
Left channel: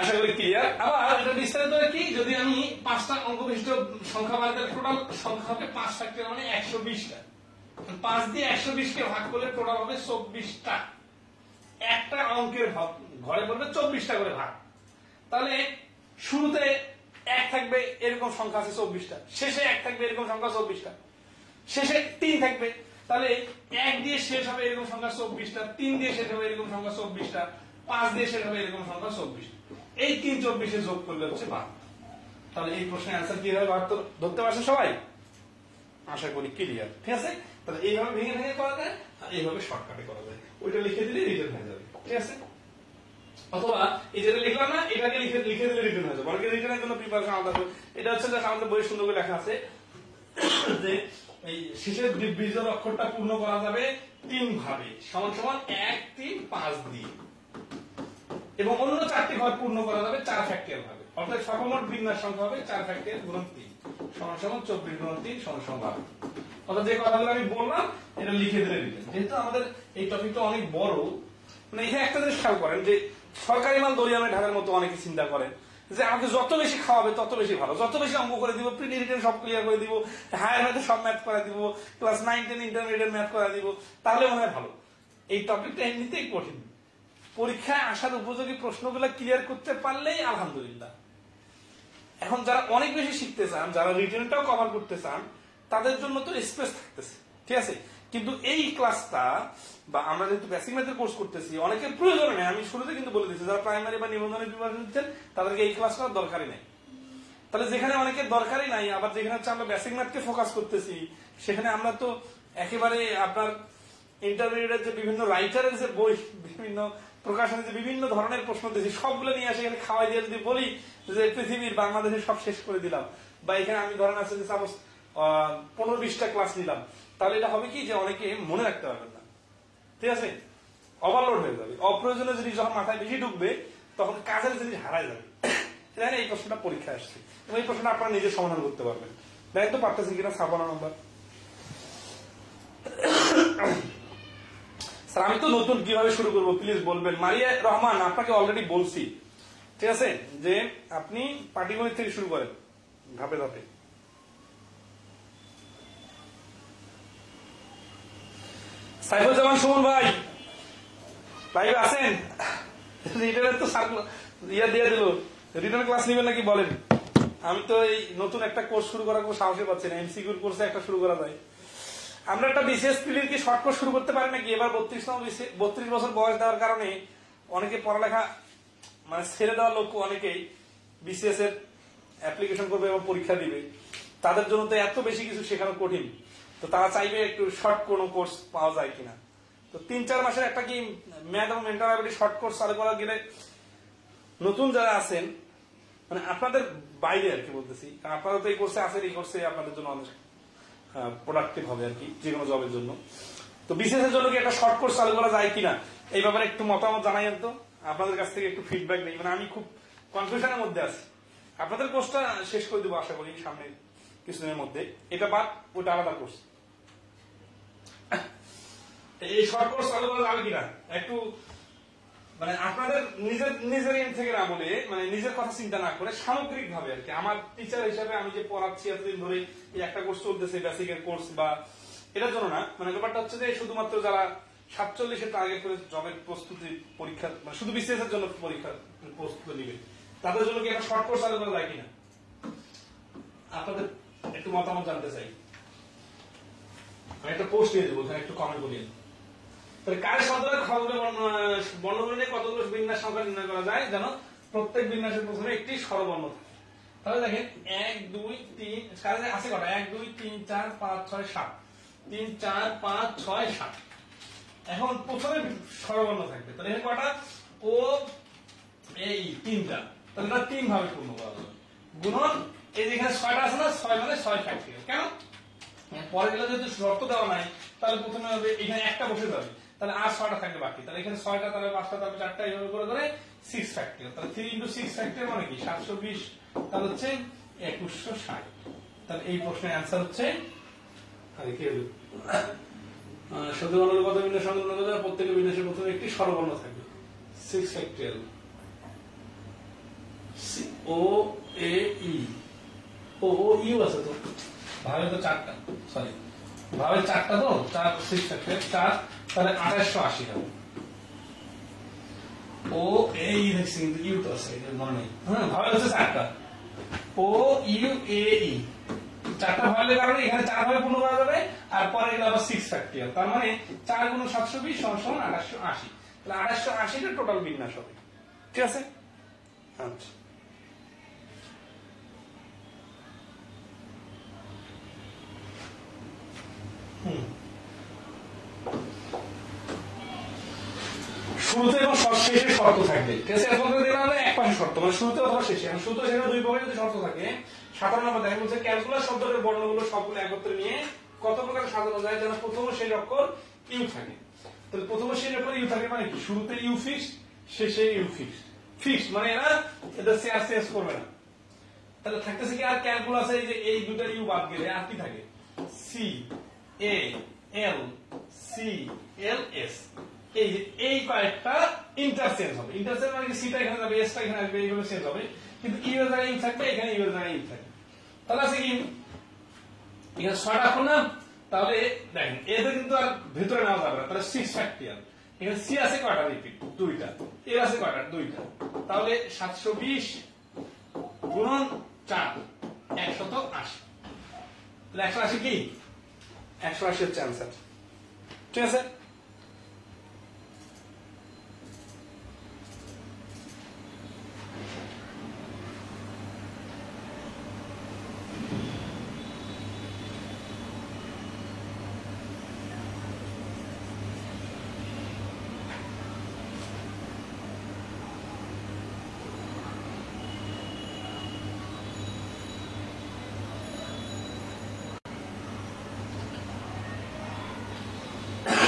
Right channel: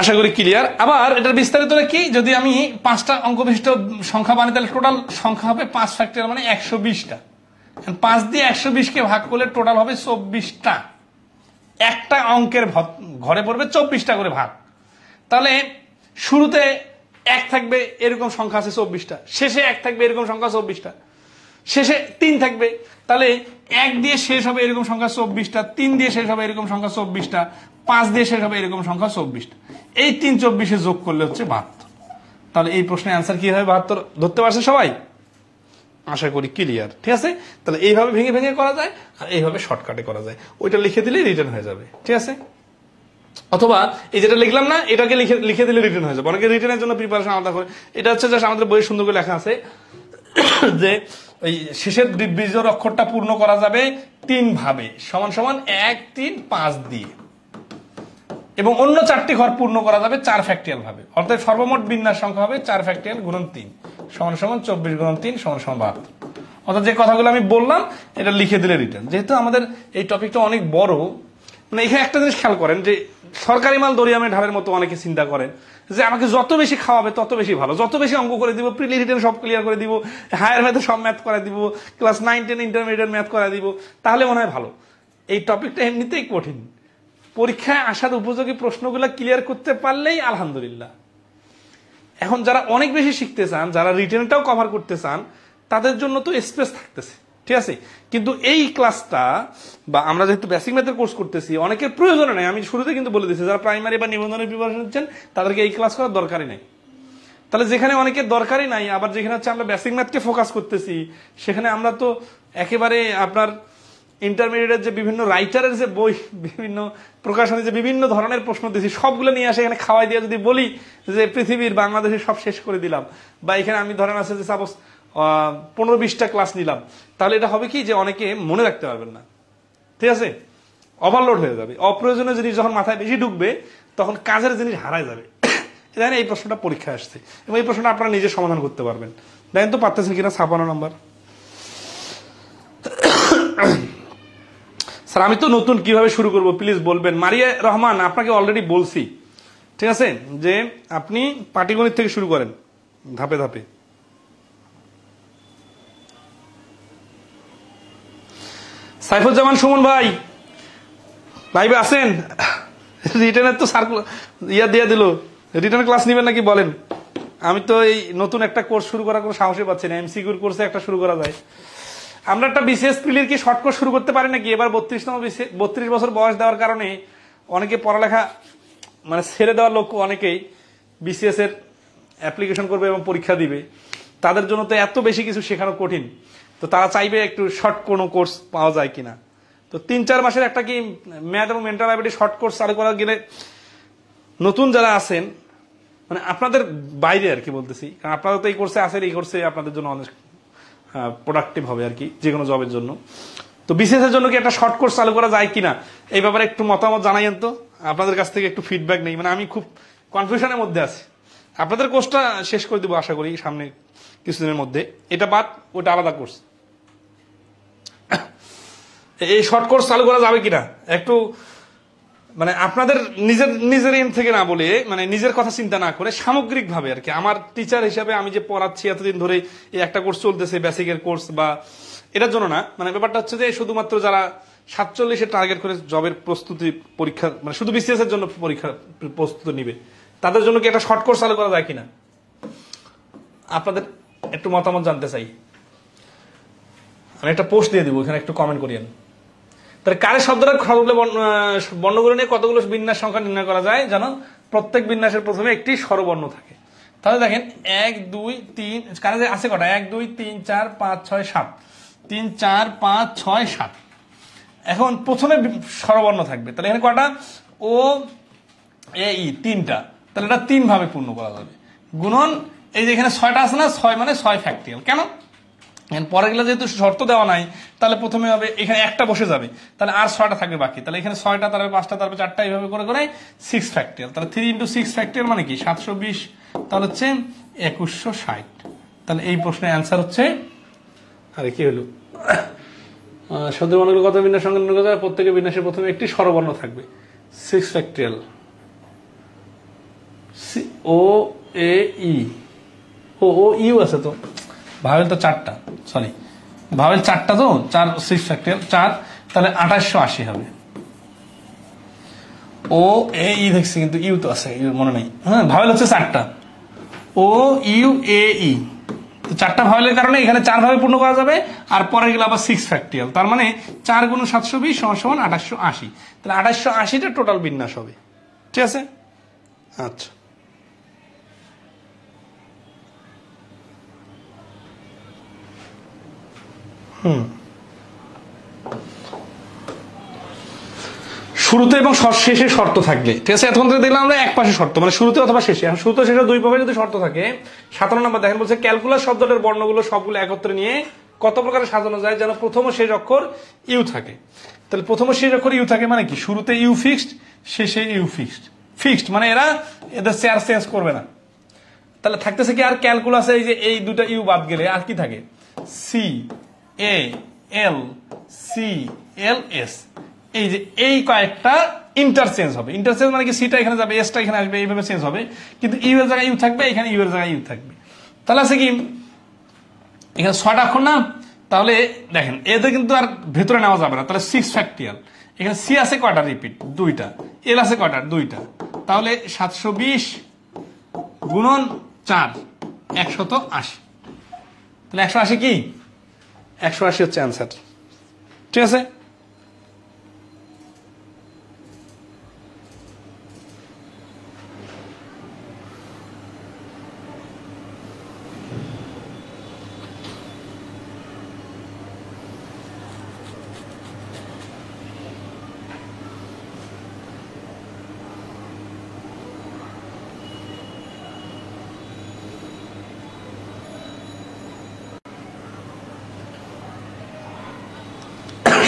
আশা করি ক্লিয়ার। আবার এটার বিস্তারিত কি, যদি আমি 5টা অঙ্ক বিশিষ্ট সংখ্যা বানাই তাহলে টোটাল সংখ্যা হবে 5 ফ্যাক্টরিয়াল মানে 120টা। 5 দিয়ে 120কে ভাগ করলে টোটাল হবে 24টা। একটা অঙ্কের ঘরে পড়বে 24টা করে ভাগ। তাহলে শুরুতে 1 থাকবে এরকম সংখ্যা আছে 24টা, শেষে 1 থাকবে এরকম সংখ্যা 24টা, শেষে 3 থাকবে। তাহলে 1 দিয়ে শেষ হবে এরকম সংখ্যা 24টা, 3 দিয়ে শেষ হবে এরকম সংখ্যা 24টা, 5 দিয়ে শেষ হবে এরকম সংখ্যা 24টা। এই 3 24 যোগ করলে হচ্ছে 72। তাহলে এই প্রশ্নের অ্যান্সার কি হবে? 72 ধরতে পারছে সবাই? আশা করি ক্লিয়ার, ঠিক আছে? তাহলে এইভাবে ভেঙে ভেঙে করা যায় আর এইভাবে শর্টকাটে করা যায়, ওইটা লিখে দিলে রিটার্ন হয়ে যাবে, ঠিক আছে? অথবা এই যেটা লিখলাম না, এটাকে লিখে দিলে রিটার্ন হয়ে যাবে। অনেকে রিটার্নের জন্য প্রিপারেশন আলাদা করে, এটা হচ্ছে জাস্ট আমাদের বইয়ে সুন্দর করে লেখা আছে যে ওই শেষের বিজোড় অক্ষরটা পূর্ণ করা যাবে 3 ভাবে, সমান সমান 1 3 5 দিয়ে, এবং অন্য 4টি ঘর পূর্ণ করা যাবে 4 ফ্যাক্টরিয়াল ভাবে। অর্থাৎ সর্বমোট বিন্যাস সংখ্যা হবে 4 ফ্যাক্টরিয়াল গুণন 3 সমান সমান 24 গুণন 3 সমান সমান 72। অর্থাৎ যে কথাগুলো আমি বললাম এটা লিখে দিলে রিটার্ন। যেহেতু আমাদের এই টপিকটা অনেক বড়, মানে এখানে একটা জিনিস খেয়াল করেন যে সরকারি মাল দরিয়ামে ঢালের মতো অনেকে চিন্তা করেন যে আমাকে যত বেশি খাওয়াবে তত বেশি ভালো, যত বেশি অঙ্ক করে দিব, প্রিলি রিটেন সব ক্লিয়ার করে দিব, হায়ার ম্যাথে সব ম্যাথ করে দিব, ক্লাস 9 10 ইন্টারমিডিয়েট ম্যাথ করে দিব, তাহলে মনে হয় ভালো। এই টপিকটা এমনিতেই কঠিন, পরীক্ষায় আসার উপযোগী প্রশ্নগুলো ক্লিয়ার করতে পারলেই আলহামদুলিল্লাহ। এখন যারা অনেক বেশি শিখতে চান, যারা রিটেনটাও কভার করতে চান, তাদের জন্য তো স্পেস থাকতেছে, ঠিক আছে? কিন্তু এই ক্লাসটা বা আমরা যেহেতু বেসিক ম্যাথের কোর্স করতেছি, অনেকের প্রয়োজন নেই। আমি শুরুতে কিন্তু বলে দিচ্ছি, যারা প্রাইমারি বা নিবন্ধনের প্রিপারেশন নিচ্ছেন তাদেরকে এই ক্লাস করার দরকারই নেই। তাহলে যেখানে অনেকের দরকারই নাই, আবার যেখানে হচ্ছে আমরা বেসিক ম্যাথকে ফোকাস করতেছি, সেখানে আমরা তো একেবারে আপনার ইন্টারমিডিয়েটের যে বিভিন্ন রাইটারের যে বই, বিভিন্ন প্রকাশনে যে বিভিন্ন ধরনের প্রশ্ন দিয়েছি সবগুলো নিয়ে আসে এখানে খাওয়াই দিয়ে যদি বলি যে পৃথিবীর বাংলাদেশের সব শেষ করে দিলাম, বা এখানে আমি ধরেন আছে যে সাপোজ 15-20টা ক্লাস নিলাম, তাহলে এটা হবে কি যে অনেকে মনে রাখতে পারবেন না, ঠিক আছে, ওভারলোড হয়ে যাবে। অপ্রয়োজনীয় জিনিস যখন মাথায় বেশি ঢুকবে তখন কাজের জিনিস হারায় যাবে। দেখেন এই প্রশ্নটা পরীক্ষায় আসছে এবং এই প্রশ্নটা আপনারা নিজে সমাধান করতে পারবেন। দেখেন তো পারতেছেন কিনা। 56 নম্বর। স্যার আমি তো নতুন, কিভাবে শুরু করব প্লিজ বলবেন। মারিয়া রহমান, আপনাকে অলরেডি বলছি, ঠিক আছে, যে আপনি পাটিগণিত থেকে শুরু করেন ধাপে ধাপে। সাইফুজ্জামান সুমন ভাই লাইভে আছেন? রিটার্নের তো সার্কুলার ইয়া দিয়ে দিল, রিটার্ন ক্লাস নেবেন নাকি বলেন? আমি তো এই নতুন একটা কোর্স শুরু করার কোনো সাহসই পাচ্ছি না। এমসিকিউর কোর্সে একটা শুরু করা যায়। আমরা একটা বিসিএস প্রিলির কি শর্ট কোর্স শুরু করতে পারি নাকি? এবার 32 বছর বয়স দেওয়ার কারণে অনেকে পড়ালেখা মানে ছেড়ে দেওয়ার লোক অনেকেই বিসিএস এর অ্যাপ্লিকেশন করবে এবং পরীক্ষা দিবে। তাদের জন্য তো এত বেশি কিছু শেখানো কঠিন, তো তারা চাইবে একটু শর্ট কোনো কোর্স পাওয়া যায় কিনা। তো 3-4 মাসের একটা কি ম্যাথ এবং মেন্টাল অ্যাবিলিটি শর্ট কোর্স চালু করা গেলে নতুন যারা আছেন, মানে আপনাদের বাইরে আর কি বলতেছি, কারণ আপনারা তো এই কোর্সে আছেন, এই কোর্সে আপনাদের জন্য অনেক প্রোডাক্টিভ হবে আর কি যে কোনো জবের জন্য। তো বিসিএস এর জন্য কি একটা শর্ট কোর্স চালু করা যায় কিনা এই ব্যাপারে একটু মতামত জানাইয়েন তো, আপনাদের কাছ থেকে একটু ফিডব্যাক নেই। মানে আমি খুব কনফিউশনের মধ্যে আছি। আপনাদের কোর্সটা শেষ করে দেবো আশা করি সামনে কিছুদিনের মধ্যে, এটা বাদ ওটা আলাদা কোর্স। এই শর্ট কোর্স চালু করা যাবে কিনা একটু মানে আপনাদের নিজের এন্ড থেকে না বলে, মানে নিজের কথা চিন্তা না করে সামগ্রিক ভাবে আর কি, আমার টিচার হিসাবে আমি যে পড়াচ্ছি এতদিন ধরে এই একটা কোর্স চলতেছে বেসিকের কোর্স, বা এটার জন্য না, মানে ব্যাপারটা হচ্ছে যে শুধুমাত্র যারা 47-এর টার্গেট করে জবের প্রস্তুতি পরীক্ষা, মানে শুধু বিসিএস এর জন্য পরীক্ষা প্রস্তুতি নিবে, তাদের জন্য কি একটা শর্ট কোর্স চালু করা যায় কিনা আপনাদের একটু মতামত জানতে চাই। আমি একটা পোস্ট দিয়ে দিব, এখানে একটু কমেন্ট করিয়েন। তাহলে কারের শব্দটা বর্ণগুলো নিয়ে কতগুলো বিন্যাস সংখ্যা নির্ণয় করা যায় জানো? প্রত্যেক বিন্যাসের প্রথমে একটি স্বরবর্ণ থাকে। তাহলে দেখেন 1 2 3 কারে আছে কটা? 1 2 3 4 5 6 7, 3 4 5 6 7। এখন প্রথমে স্বরবর্ণ থাকবে, তাহলে এখানে কটা? ও এ ই 3টা, তাহলে এটা 3 ভাবে পূর্ণ করা যাবে। গুণন এই যে এখানে 6টা আছে না, 6 মানে 6 ফ্যাক্টরিয়াল। কেন? পরে গেলে যেহেতু শর্ত দেওয়া নাই, তাহলে প্রথমে হবে এখানে একটা বসে যাবে, তাহলে আর 6টা থাকবে বাকি, তাহলে এখানে 6টা, তারপরে 5টা, তারপরে 4টা, এইভাবে করে করে 6 ফ্যাক্টরিয়াল। তাহলে 3 × 6 ফ্যাক্টরিয়াল মানে কি 720, তাহলে হচ্ছে 2160। তাহলে এই প্রশ্নের অ্যান্সার হচ্ছে, আরে কি হলো, শব্দ বর্ণগুলো কত বিন্যাস সংখ্যা নির্ণয় করা যায়? প্রত্যেকের বিন্যাসের প্রথমে একটি স্বরবর্ণ থাকবে। 6 factorial O A E, O you আছে তো, ভাবেল তো 4টা, সরি ভাবেল 4টা, তো 4 6 ফ্যাক্টরিয়াল 4, তাহলে 2880 হবে। ও এ ই দেখছি কিন্তু ইউ তো আছে, মনে নাই। হ্যাঁ, ভাবেল হচ্ছে 4টা, ও ইউ এ ই, 4টা ভাবেলের কারণে এখানে 4 ভাবে পূর্ণ করা যাবে, আর পরে গেলে আবার 6 ফ্যাক্টরিয়াল, তার মানে 4 × 720 = 2880। তাহলে 2880টা টোটাল বিন্যাস হবে। ঠিক আছে, আচ্ছা। শুরুতে এবং শেষে শর্ত থাকবে। ঠিক আছে, এখন দেখলাম আমরা এক পাশে শর্ত, মানে শুরুতে অথবা শেষে। শুরুতে শেষে দুই পাশে যদি শর্ত থাকে। 57 নম্বর দেখেন, বলছে ক্যালকুলাস শব্দটার বর্ণগুলো সবগুলো একত্রে নিয়ে কত প্রকারে সাজানো যায় যেন প্রথম ও শেষ অক্ষর ইউ থাকে। তাহলে প্রথম ও শেষ অক্ষর ইউ থাকে মানে কি? শুরুতে ইউ ফিক্সড, শেষে ইউ ফিক্সড। ফিক্সড মানে এরা এদের চেয়ার চেঞ্জ করবে না। তাহলে থাকতেছে কি আর ক্যালকুলাসে এই যে এই দুটা ইউ বাদ গেলে আর কি থাকে? সি এ এল, সি এল এস, এই যে এই কয়েকটা ইন্টারচেঞ্জ হবে। ইন্টারচেঞ্জ মানে কি সিটা এখানে যাবে, এসটা এখানে আসবে, এইভাবে চেঞ্জ হবে, কিন্তু ইউ এর জায়গায় ইউ থাকবে, এখানে ইউ এর জায়গায় ইউ থাকবে। তাহলে আছে কি এখানে 6টা অক্ষর না, তাহলে দেখেন এদের কিন্তু আর ভেতরে নেওয়া যাবে না। তাহলে 6 ফ্যাক্টরিয়াল, এখানে সি আছে কয়টা? রিপিট 2টা, এল আছে কয়টা? 2টা। তাহলে 720 গুণন 4 180। তাহলে 180 কি? 180 হচ্ছে অ্যান্সার। ঠিক আছে,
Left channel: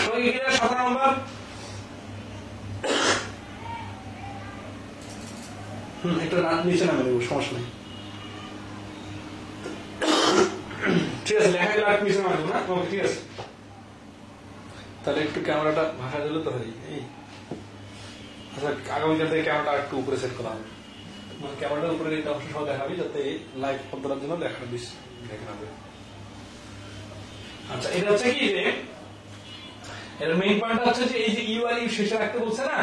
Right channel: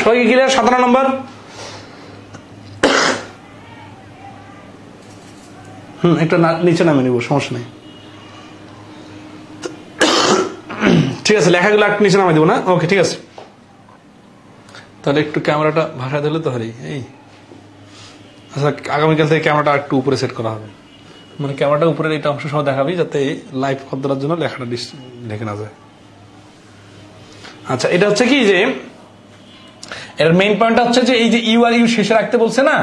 সবাই কি ক্লিয়ার? 17 নম্বর। একটা নিচে নামে নিব, সমস্যা নেই। ঠিক আছে, লেখাগুলো একটু নিচে নামে দিব না? ওকে, ঠিক আছে। তাহলে একটু ক্যামেরাটা ভাষা দিলে তো হরি। এই আচ্ছা, আগামীকাল থেকে ক্যামেরাটা একটু উপরে সেট করা হবে, মানে ক্যামেরাটা উপরের এটা অংশ সহ দেখাবি, যাতে লাইভ করার জন্য লেখাটা দেখে না যায়। আচ্ছা, এটা হচ্ছে কি যে এর মেইন পয়েন্টটা হচ্ছে যে এই যে ইউ আর ইউ শেষে রাখতে বলছে না,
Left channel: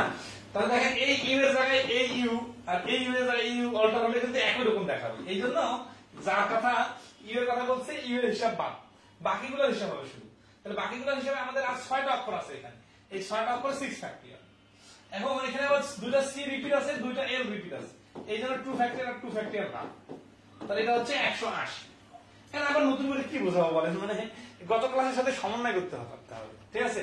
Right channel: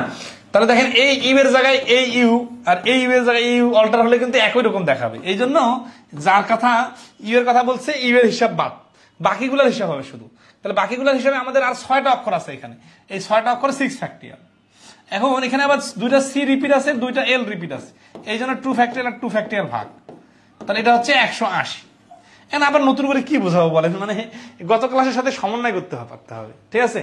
তাহলে দেখেন এই ইউ এর জায়গায় এই ইউ আর এই ইউ এর জায়গায় এই ইউ অল্টার হলে কিন্তু একই রকম দেখাবে। এই জন্য যার কথা ইউ এর কথা বলছে ইউ এর হিসাব বাদ, বাকিগুলোর হিসাব হবে শুধু। তাহলে বাকিগুলোর হিসাবে আমাদের আর 6টা অক্ষর আছে এখানে, এই 6টা অক্ষর 6 ফ্যাক্টরিয়াল। এখন এখানে আবার 2টা সি রিপিট আছে, 2টা এল রিপিট আছে, এই জন্য 2 ফ্যাক্টরিয়াল আর 2 ফ্যাক্টরিয়াল ভাগ। তাহলে এটা হচ্ছে 180। এখন আবার নতুন করে কি বোঝাবো বলেন, মানে গত ক্লাসের সাথে সমন্বয় করতে পারতে হবে। ঠিক আছে,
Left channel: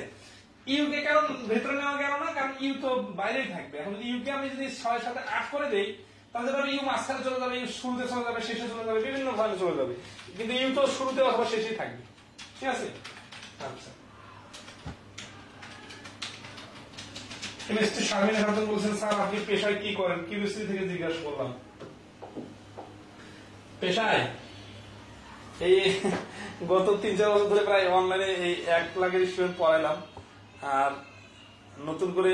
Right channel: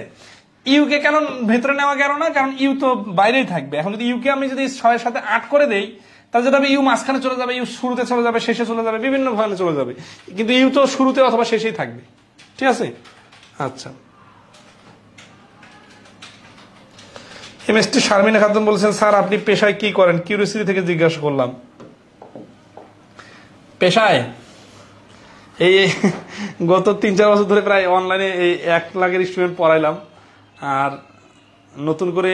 ইউকে কেন ভেতরে নেওয়া গেল না, কারণ ইউ তো বাইরেই থাকবে। এখন যদি ইউকে আমি যদি 6 সাথে 8 করে দেই, তাহলে যেটা হবে ইউ মাঝখানে চলে যাবে, ইউ শুরুতে চলে যাবে, শেষে চলে যাবে, বিভিন্ন ভাবে চলে যাবে, কিন্তু ইউ তো শুরুতে অথবা শেষেই থাকবে। ঠিক আছে, আচ্ছা। এমএসটি শারমিনা খাতুন বলছেন, স্যার আপনি পেশায় কি করেন? কিউরিওসিটি থেকে জিজ্ঞাসা করলাম। পেশায় এই গত 3-4 বছর ধরে প্রায় অনলাইনে এই 1 লাখের স্টুডেন্ট পড়াইলাম, আর নতুন করে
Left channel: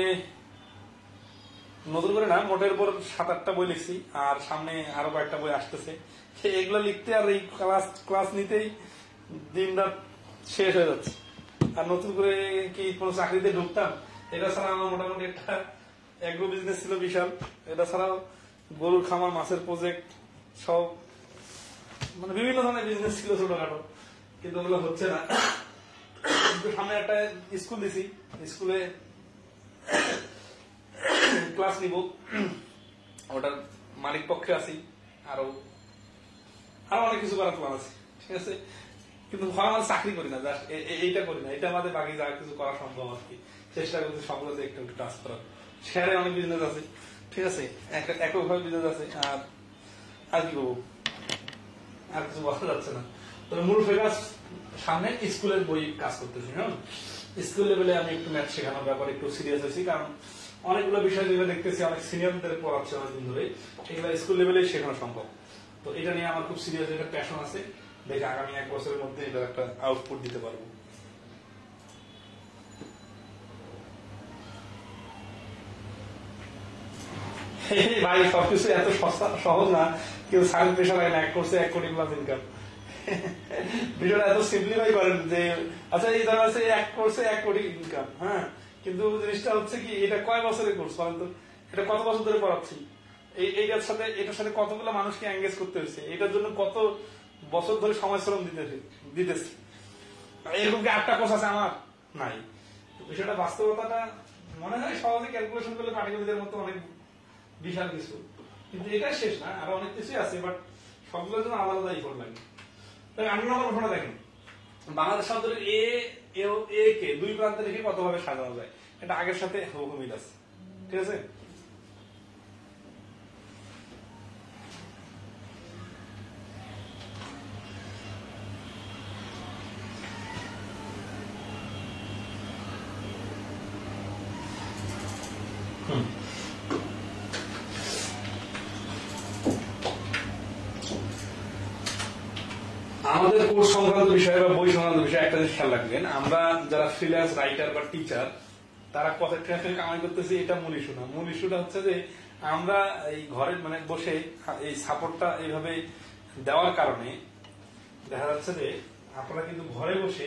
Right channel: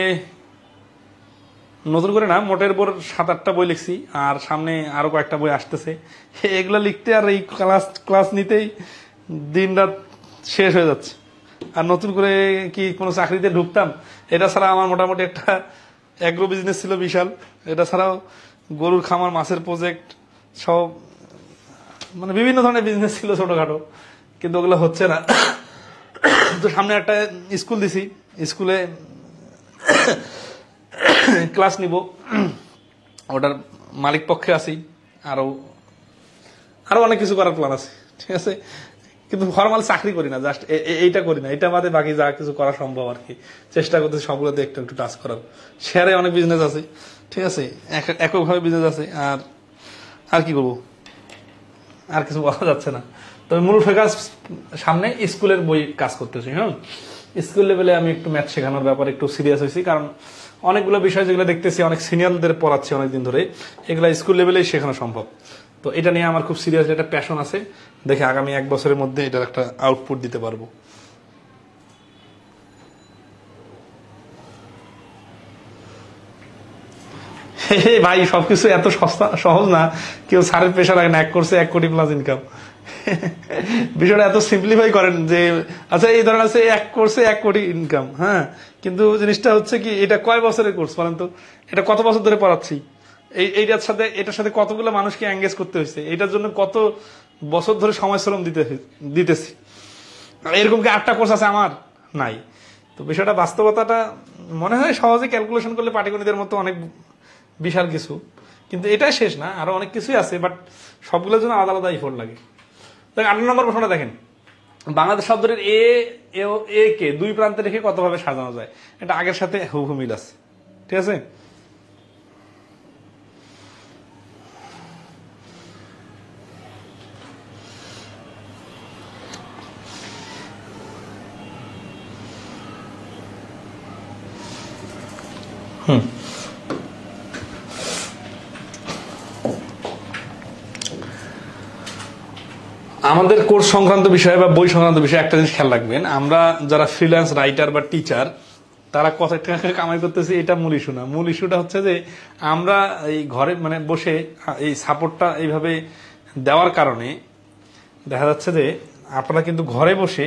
না, মোটের উপর 7-8টা বই লিখছি, আর সামনে আরো কয়েকটা বই আসতেছে। এগুলো লিখতে আর এই ক্লাস নিতেই দিন রাত শেষ হয়ে যাচ্ছে। আর নতুন করে কি কোনো চাকরিতে ঢুকতাম? এটা ছাড়া আমার মোটামুটি একটা অ্যাগ্রো বিজনেস ছিল বিশাল, এটা ছাড়াও গরুর খামার, মাছের প্রজেক্ট সব, মানে বিভিন্ন ধরনের বিজনেস ছিল ছোটখাটো, কিন্তু ওগুলো হচ্ছে না। তো সামনে একটা স্কুল দিছি, স্কুলে ক্লাস নিব, ওটার মালিক পক্ষে আছি, আরো অনেক কিছু করার প্ল্যান আছে। ঠিক আছে, কিন্তু ফর্মাল চাকরি করি না, জাস্ট এইটা করি না, এটা বাদে বাকি যা কিছু করা সম্ভব আর কি চেষ্টা করতেছি সবগুলোতে একটু একটু টাচ করার। শেয়ারে অনেক বিজনেস আছে, ঠিক আছে, এককভাবে বিজনেস আছে, আর কি করবো, আর কিছু বলা যাচ্ছে না। তবে মূল ফোকাস সামনে স্কুলের বই কাজ করতেছি। হ্যাঁ, স্কুল লেভেলে আমি একটু ম্যাথ শেখানোর ব্যাপারে একটু সিরিয়াস হয়েছি, কারণ অনেকগুলো বিষয় যেগুলো দেখতেছি অনেক সিনিয়রদের পড়াচ্ছি অনেকদিন ধরে, এগুলো স্কুল লেভেলেই শেখানো সম্ভব। তো এটা নিয়ে আমার খুব সিরিয়াস একটা প্যাশন আছে, দেখে আগামী 1 বছরের মধ্যে এটার একটা আউটপুট দিতে পারবো। ভাই সবকিছু এত সহজ না, কেউ স্যারের পেশার আগে 1 করছে 1 কোটি প্লাস ইনকাম। বিষয়টা এত সিম্পলিফাই করেন যে আচ্ছা এই ধরনের আছে 1 কোর্সে 1 কোটি ইনকাম, হ্যাঁ, কিন্তু জিনিসটা হচ্ছে কি, এটা কয় বছরের কোর্স বলেন তো? এটা কত বছর ধরে পড়াচ্ছি, এটার সাথে কতগুলো মানুষকে এঙ্গেজ করতে হয়েছে, এটার জন্য কত বছর ধরে সময় শ্রম দিতেছি। এরকম কি 8টা কোর্স আছে আমার? নাই। তো বিষয়টা বাস্তবতাটা মনে হয় সহজে ক্যালকুলেশন করলে পাটিগণিতের মতো অনেক বিশাল কিছু, কিন্তু এটাই শেষ না, আরো অনেক কিছুই আছে, বাট সবগুলোর জন্য আলাদা আলাদা এফোর্ট লাগে। 8 নম্বর প্রশ্নটা দেখেন, বাংলাদেশ শব্দের এ কে 2 প্রান্তে রেখে কতভাবে সাজানো যায়? এটা আগের সাথে হুবহু মিল আছে। ঠিক আছে, আমাদের কোর্স সংক্রান্ত বিষয়ে বা বই সংক্রান্ত বিষয়ে একটা জিনিস খেয়াল রাখবেন, আমরা যারা ফ্রিল্যান্স রাইটার বা টিচার, তারা কত টাকা কামাই করতেছি এটা মূল ইস্যু না। মূল ইস্যুটা হচ্ছে যে আমরা এই ঘরে মানে বসে এই সাপোর্টটা এইভাবে দেওয়ার কারণে দেখা যাচ্ছে যে আপনারা কিন্তু ঘরে বসে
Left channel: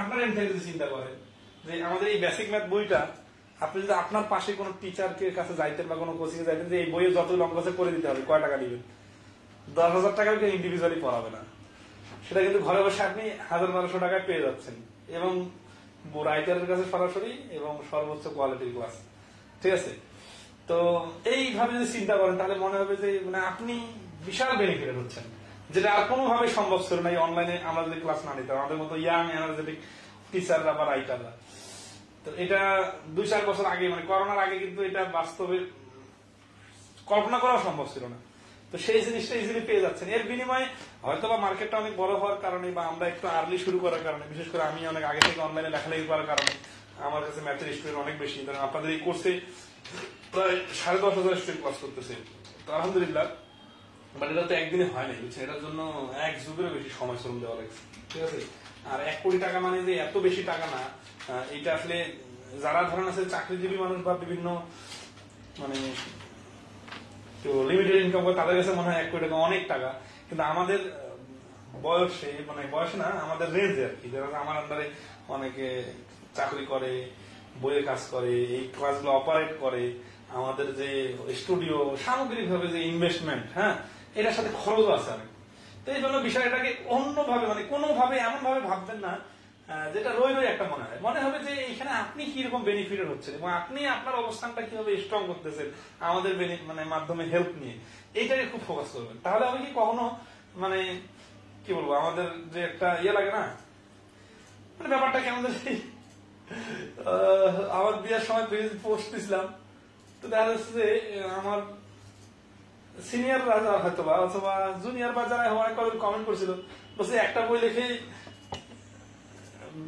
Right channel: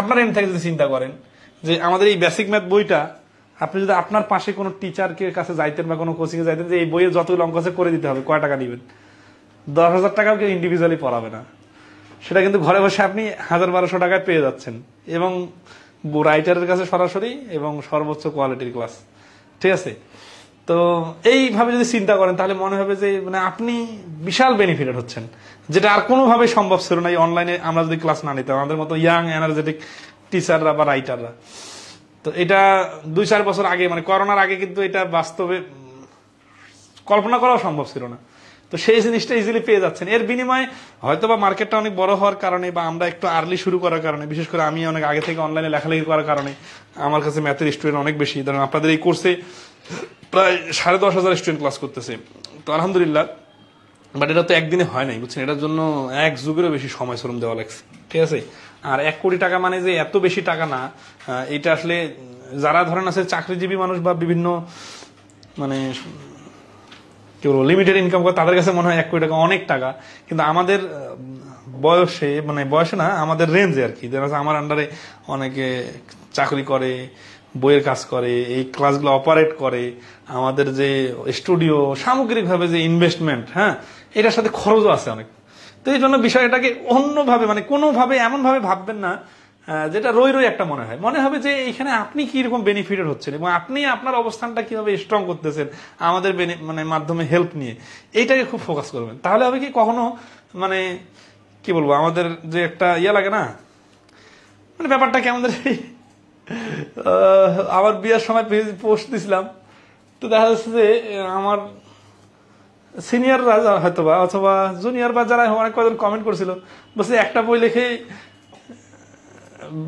আপনার এম থেকে যদি চিন্তা করেন যে আমাদের এই বেসিক ম্যাথ বইটা আপনি যদি আপনার পাশে কোনো টিচারকে কাছে যাইতেন বা কোনো কোচিং এ যাইতেন যে এই বইয়ের যতগুলো অঙ্ক আছে করে দিতে হবে, কয় টাকা দিবেন? 10,000 টাকাও কেউ ইন্ডিভিজুয়ালি পড়াবে না, সেটা কিন্তু ঘরে বসে আপনি 1,000-1,200 টাকায় পেয়ে যাচ্ছেন, এবং রাইটারের কাছে সরাসরি এবং সর্বোচ্চ কোয়ালিটির ক্লাস। ঠিক আছে, তো এইভাবে যদি চিন্তা করেন তাহলে মনে হবে যে মানে আপনি বিশাল বেনিফিটেড হচ্ছেন, যেটা আর কোনোভাবে সম্ভব ছিল না এই অনলাইনে আমরা যদি ক্লাস না নিতাম, আমাদের মতো ইয়াং এনার্জেটিক টিচাররা বা রাইটাররা। তো এটা 2-4 বছর আগে মানে করোনার আগে কিন্তু এটা বাস্তবে কল্পনা করাও সম্ভব ছিল না। তো তো সেই জিনিসটা ইজিলি পেয়ে যাচ্ছেন। এর বিনিময়ে হয়তো বা মার্কেটটা অনেক বড় হওয়ার কারণে বা আমরা একটু আর্লি শুরু করার কারণে, বিশেষ করে আমি অনেক আগে থেকে অনলাইনে লেখালেখি করার কারণে আমার কাছে ম্যাথের স্টুডেন্ট অনেক বেশি। ধরেন আপনাদের এই কোর্সে প্রায় 10,500 স্টুডেন্ট ক্লাস করতেছে, তো আলহামদুলিল্লাহ। বাট এটা তো একদিনে হয় নাই, বুঝছেন, এটার জন্য এক যুগেরও বেশি সময় শ্রম দেওয়া লাগছে, ঠিক আছে। আর 1 কোটি টাকা মানে যে এত বেশি টাকা না, এটা আসলে যারা ধরেন আছে চাকরিজীবী মানুষ বা বিভিন্ন মানে কি বলবো লিমিটেড ইনকাম করে, তাদের কাছে মনে হয় 1 কোটি টাকা অনেক টাকা। কিন্তু আমাদের বয়সে, মানে বয়সে না, আমাদের রেঞ্জে আর কি, আমার আন্ডারে অনেকে চাকরি করে, বইয়ের কাজ করে, এই ক্লাসগুলো অপারেট করে, আমাদের যে স্টুডিও, সামগ্রিকভাবে যে ইনভেস্টমেন্ট, হ্যাঁ, এটার সাথে খরচও আছে অনেক। তো এই জন্য বিষয়টাকে অন্যভাবে, মানে কোনোভাবে এমন ভাবে ভাববেন না যেটা রই রই একটা মনে হবে যে এখানে আপনি কি রকম বেনিফিটেড হচ্ছেন এবং আপনি আপনার অবস্থানটা কিভাবে স্ট্রং করতেছেন আমাদের মানে মাধ্যমে হেল্প নিয়ে, এইটাকে খুব ফোকাস করবেন। তাহলে হবে কি, কখনো মানে কি বলবো, আমাদের যে একটা লাগে না, মানে ব্যাপারটা কি, আমাদের আমার বিয়ের সময় পোস্ট দিছিলাম, তো দেখা যাচ্ছে যে আমার সিনিয়ররা হয়তো বা অথবা জুনিয়র বা যারা অনেক কজন কমেন্ট করছিল, বলছে একটা বই লিখে